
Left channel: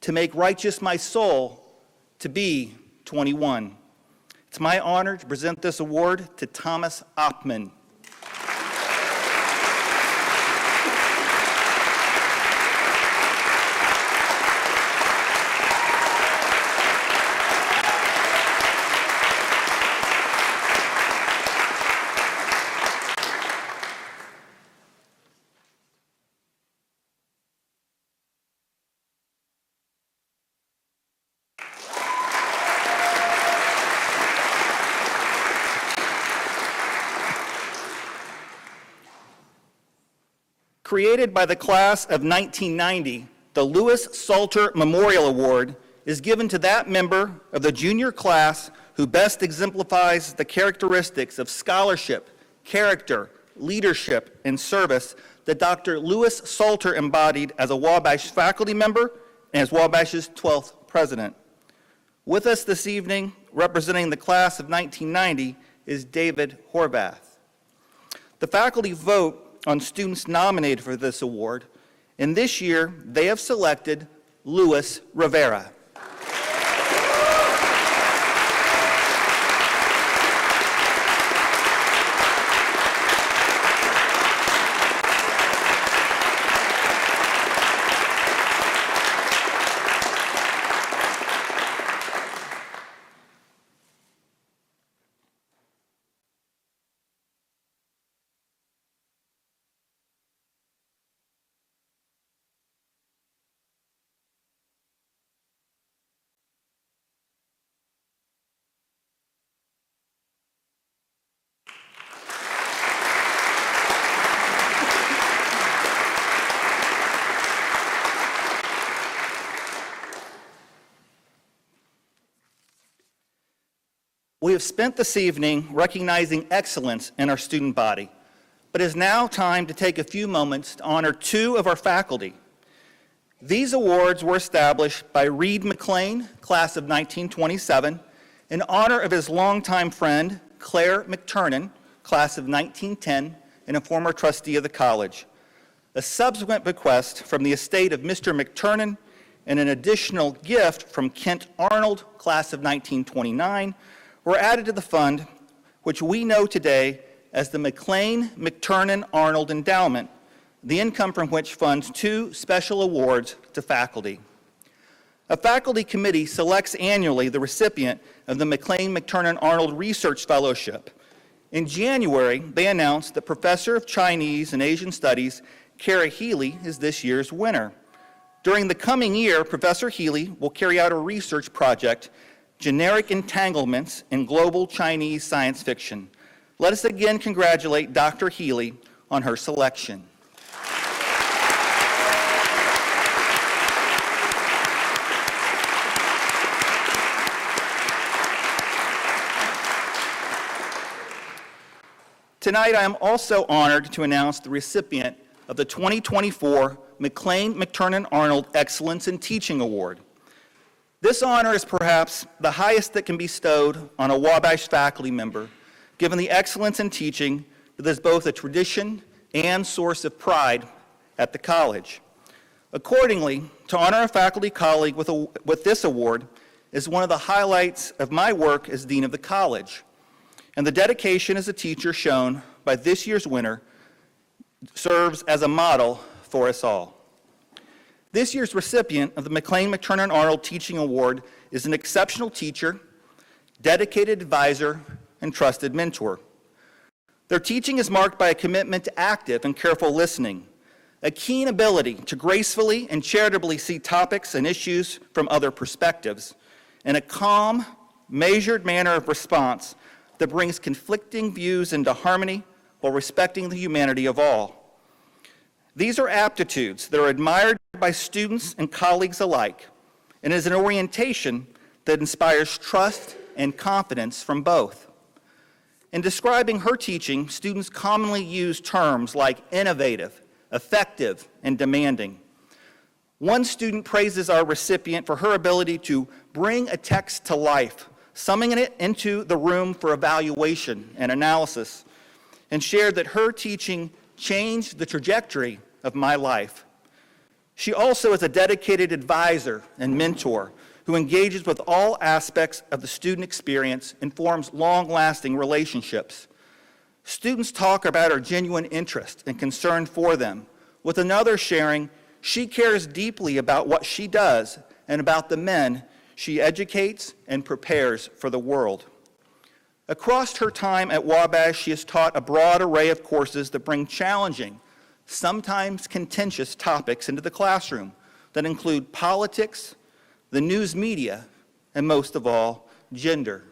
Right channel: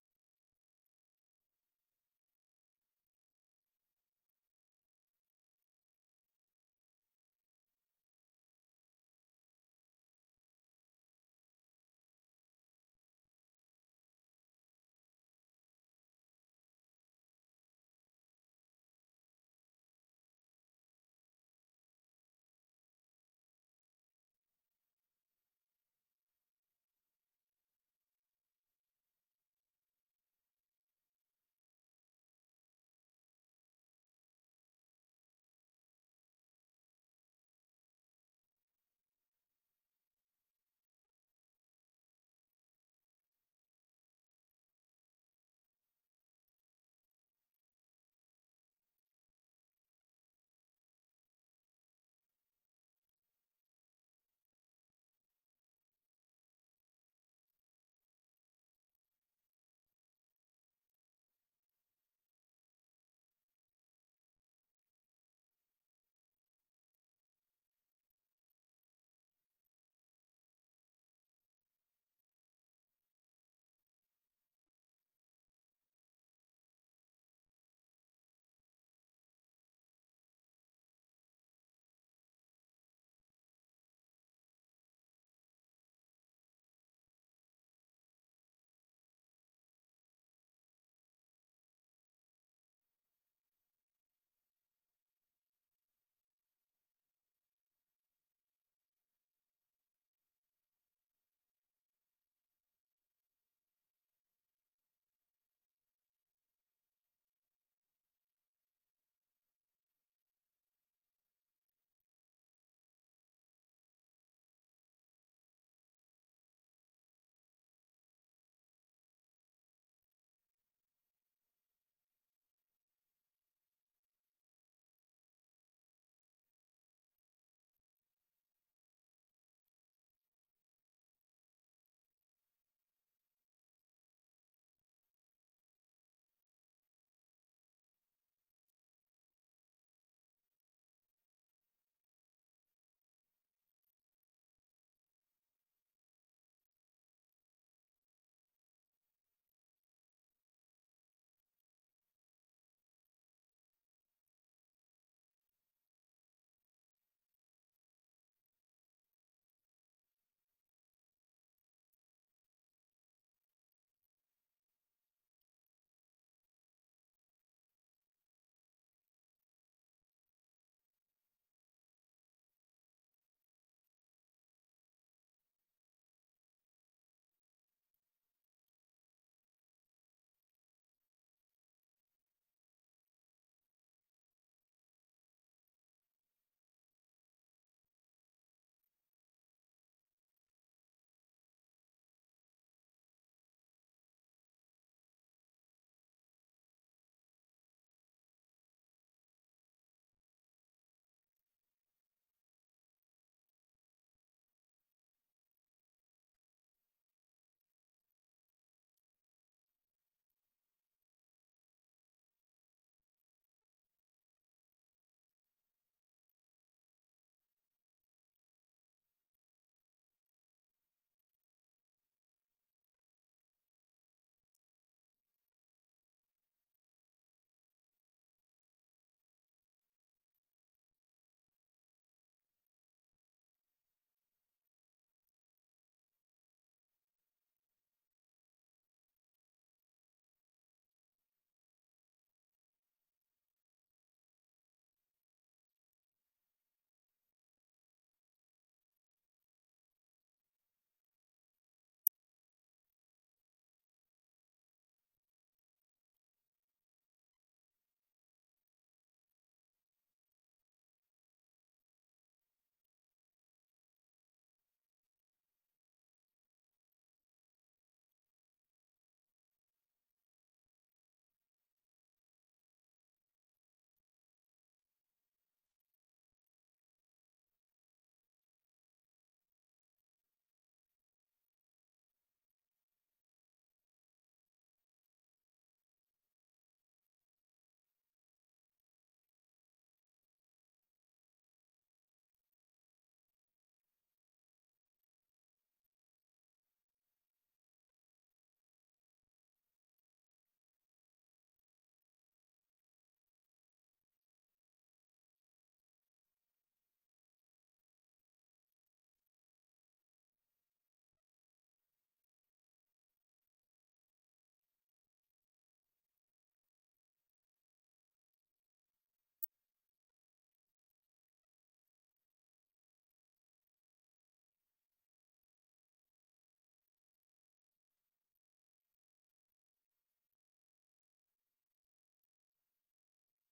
to make righteous my soul, to be 21. It's my honor to present this award to Thomas Oppmann. Created by the class of 1990, the Louis Salter Memorial Award is given to that member of the junior class who best exemplifies the characteristics of scholarship, character, leadership, and service that Dr. Louis Salter embodied as a Wabash faculty member and as Wabash's 12th president. With us this evening, representing the class of 1990, is David Horvath. The faculty vote on students nominated for this award, and this year they have selected Luis Rivera. We have spent this evening recognizing excellence in our student body, but it is now time to take a few moments to honor two of our faculty. These awards were established by Reed McLean, class of 1927, in honor of his longtime friend, Claire McTurnan, class of 1910, and a former trustee of the college. A subsequent bequest from the estate of Mr. McTurnan and an additional gift from Kent Arnold, class of 1929, were added to the fund, which we know today as the McLean-McTurnan-Arnold Endowment, the income from which funds two special awards to faculty. A faculty committee selects annually the recipient of the McLean-McTurnan-Arnold Research Fellowship. In January, they announced that Professor of Chinese and Asian Studies Kara Healy is this year's winner. During the coming year, Professor Healy will carry out a research project, Generic Entanglements in Global Chinese Science Fiction. Let us again congratulate Dr. Healy on her selection. Tonight, I am also honored to announce the recipient of the 2024 McLean-McTurnan-Arnold Excellence in Teaching Award. This honor is perhaps the highest that can be bestowed on a Wabash faculty member, given the excellence in teaching that is both a tradition and source of pride at the college. Accordingly, to honor a faculty colleague with this award is one of the highlights of my work as Dean of the College, and the dedication as a teacher shown by this year's winner serves as a model for us all. This year's recipient of the McLean-McTurnan-Arnold Teaching Award is an exceptional teacher, dedicated advisor, and trusted mentor. Their teaching is marked by a commitment to active and careful listening, a keen ability to gracefully and charitably see topics and issues from other perspectives, and a calm, measured manner of response that brings conflicting views into harmony while respecting the humanity of all. These are aptitudes that are admired by students and colleagues alike, and is an orientation that inspires trust and confidence from both. In describing her teaching, students commonly use terms like innovative, effective, and demanding. One student praises our recipient for her ability to bring a text to life, summoning it into the room for evaluation and analysis, and shared that her teaching changed the trajectory of my life. She also is a dedicated advisor and mentor who engages with all aspects of the student experience and forms long-lasting relationships. Students talk about her genuine interest and concern for them, with another sharing she cares deeply about what she does and about the men she educates and prepares for the world. Across her time at Wabash, she has taught a broad array of courses that bring challenging, sometimes contentious topics into the classroom that include politics, the news media, and most of all, gender.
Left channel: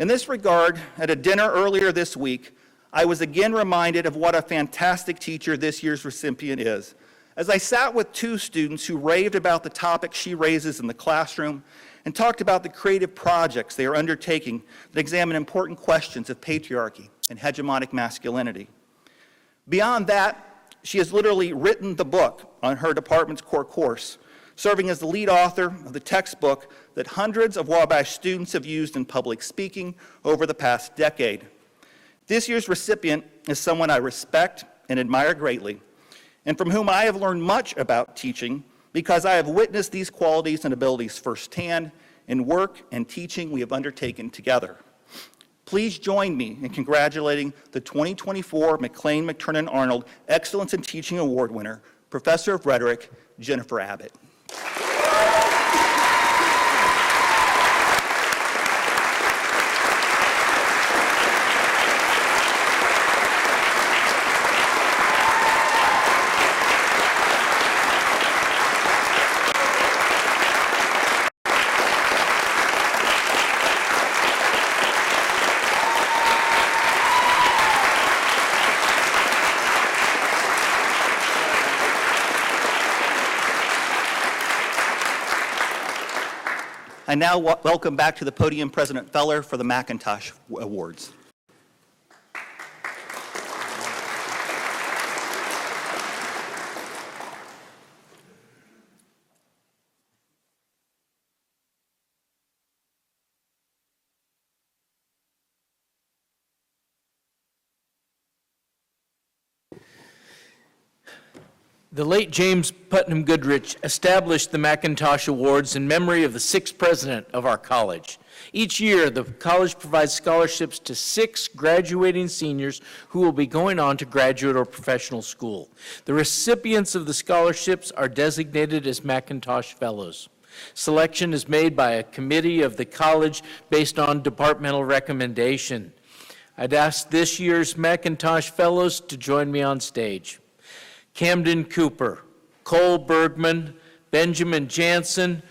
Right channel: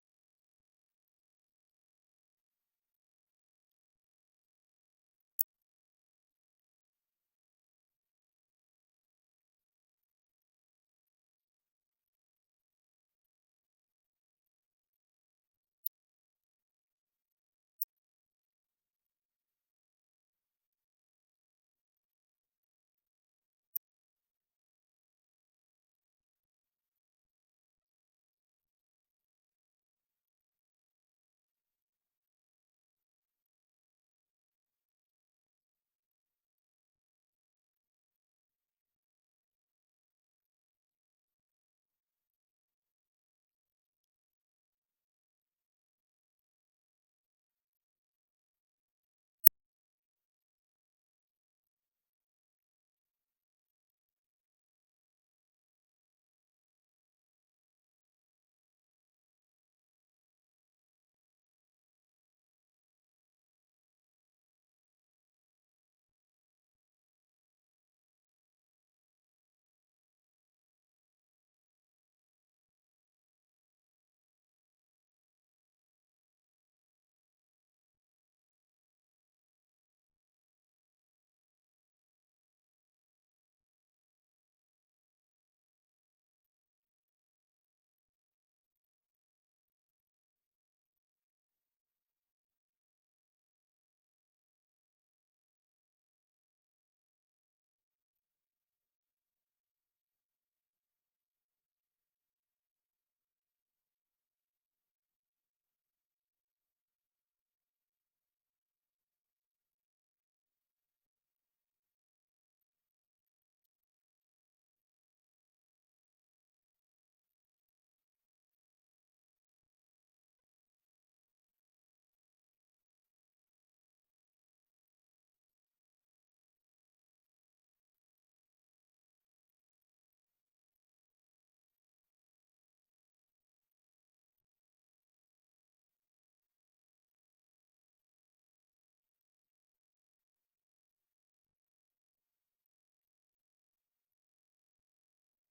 In this regard, at a dinner earlier this week, I was again reminded of what a fantastic teacher this year's recipient is, as I sat with two students who raved about the topics she raises in the classroom and talked about the creative projects they are undertaking that examine important questions of patriarchy and hegemonic masculinity. Beyond that, she has literally written the book on her department's core course, serving as the lead author of the textbook that hundreds of Wabash students have used in public speaking over the past decade. This year's recipient is someone I respect and admire greatly, and from whom I have learned much about teaching because I have witnessed these qualities and abilities firsthand in work and teaching we have undertaken together. Please join me in congratulating the 2024 McLean-McTurnan-Arnold Excellence in Teaching Award winner, Professor of Rhetoric, Jennifer Abbott. now welcome back to the podium President Feller for the McIntosh Awards. The late James Putnam Goodrich established the McIntosh Awards in memory of the 6th president of our college. Each year, the college provides scholarships to 6 graduating seniors who will be going on to graduate or professional school. The recipients of the scholarships are designated as McIntosh Fellows. Selection is made by a committee of the college based on departmental recommendation. I'd ask this year's McIntosh Fellows to join me on stage. Camden Cooper, Cole Bergman, Benjamin Jansen,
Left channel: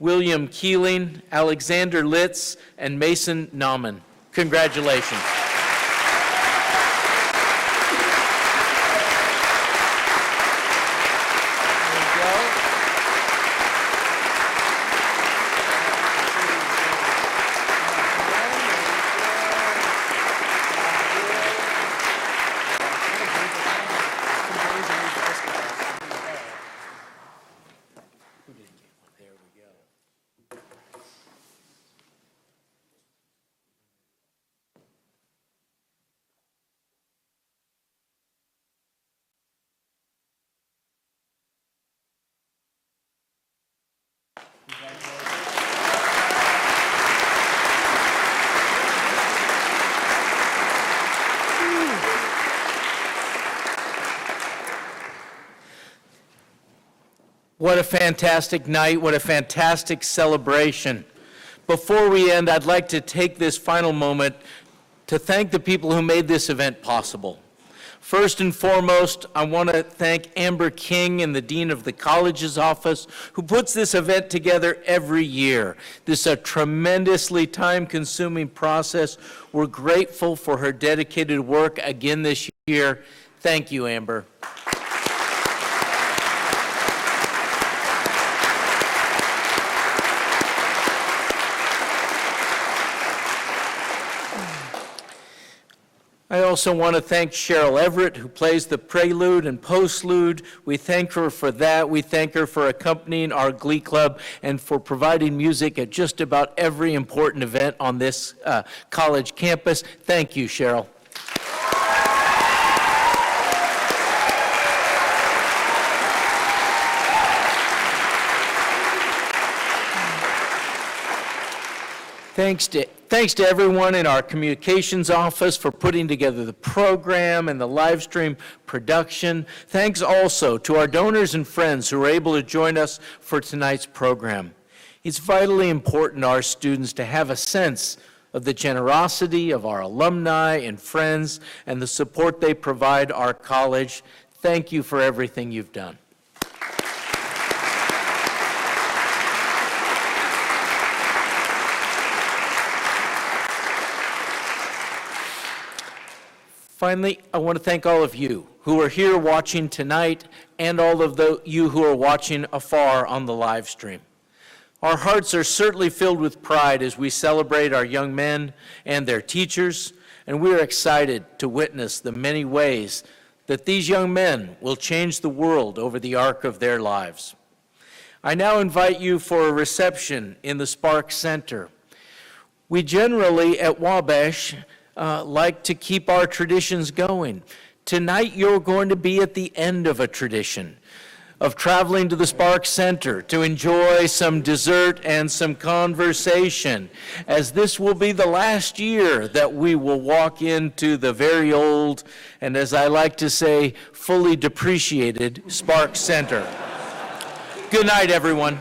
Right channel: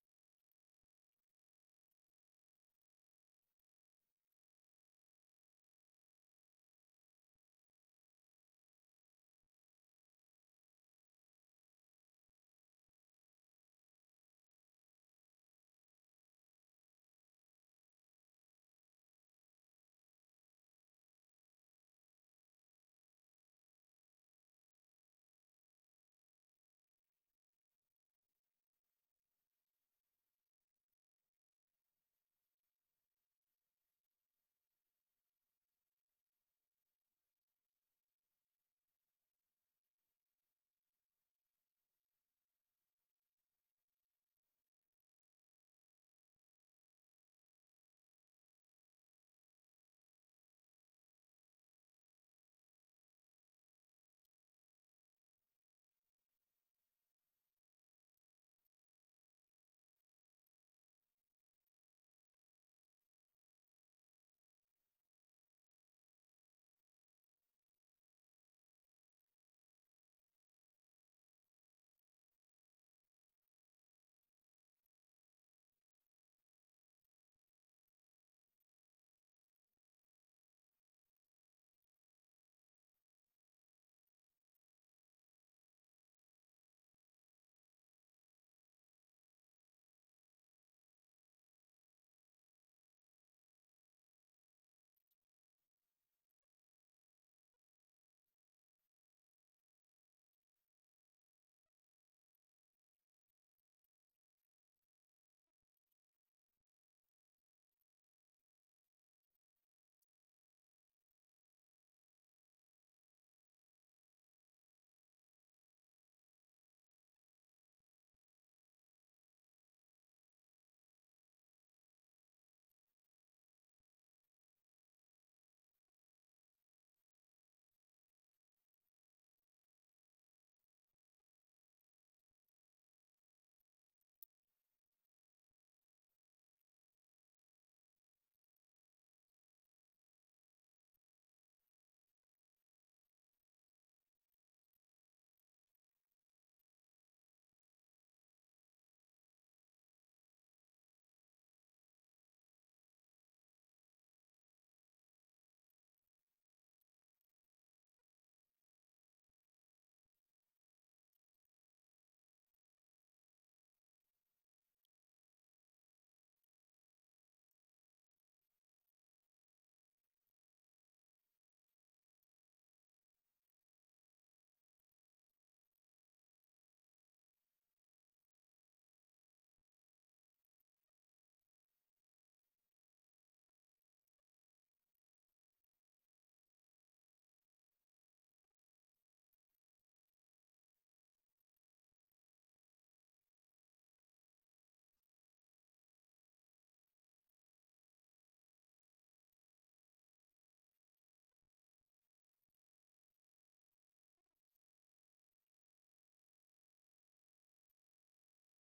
William Keeling, Alexander Litz, and Mason Nauman. Congratulations. What a fantastic night, what a fantastic celebration. Before we end, I'd like to take this final moment to thank the people who made this event possible. First and foremost, I want to thank Amber King and the Dean of the College's office who puts this event together every year. This is a tremendously time-consuming process. We're grateful for her dedicated work again this year. Thank you, Amber. I also want to thank Cheryl Everett, who plays the prelude and postlude. We thank her for that. We thank her for accompanying our Glee Club and for providing music at just about every important event on this college campus. Thank you, Cheryl. Thanks to everyone in our communications office for putting together the program and the live stream production. Thanks also to our donors and friends who were able to join us for tonight's program. It's vitally important to our students to have a sense of the generosity of our alumni and friends and the support they provide our college. Thank you for everything you've done. Finally, I want to thank all of you who are here watching tonight and all of you who are watching afar on the live stream. Our hearts are certainly filled with pride as we celebrate our young men and their teachers, and we are excited to witness the many ways that these young men will change the world over the arc of their lives. I now invite you for a reception in the Sparks Center. We generally at Wabash like to keep our traditions going. Tonight, you're going to be at the end of a tradition of traveling to the Sparks Center to enjoy some dessert and some conversation, as this will be the last year that we will walk into the very old, and as I like to say, fully depreciated Sparks Center. Good night, everyone.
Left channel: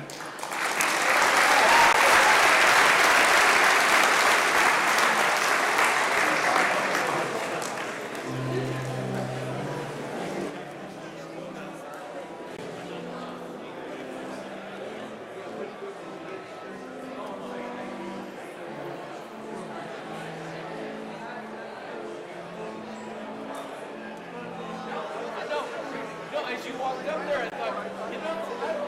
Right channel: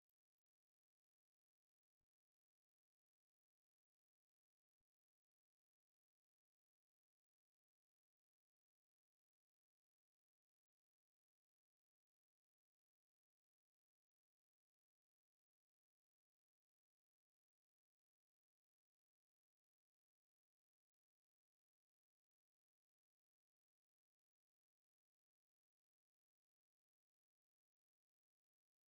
As you walked up there, I thought, you know,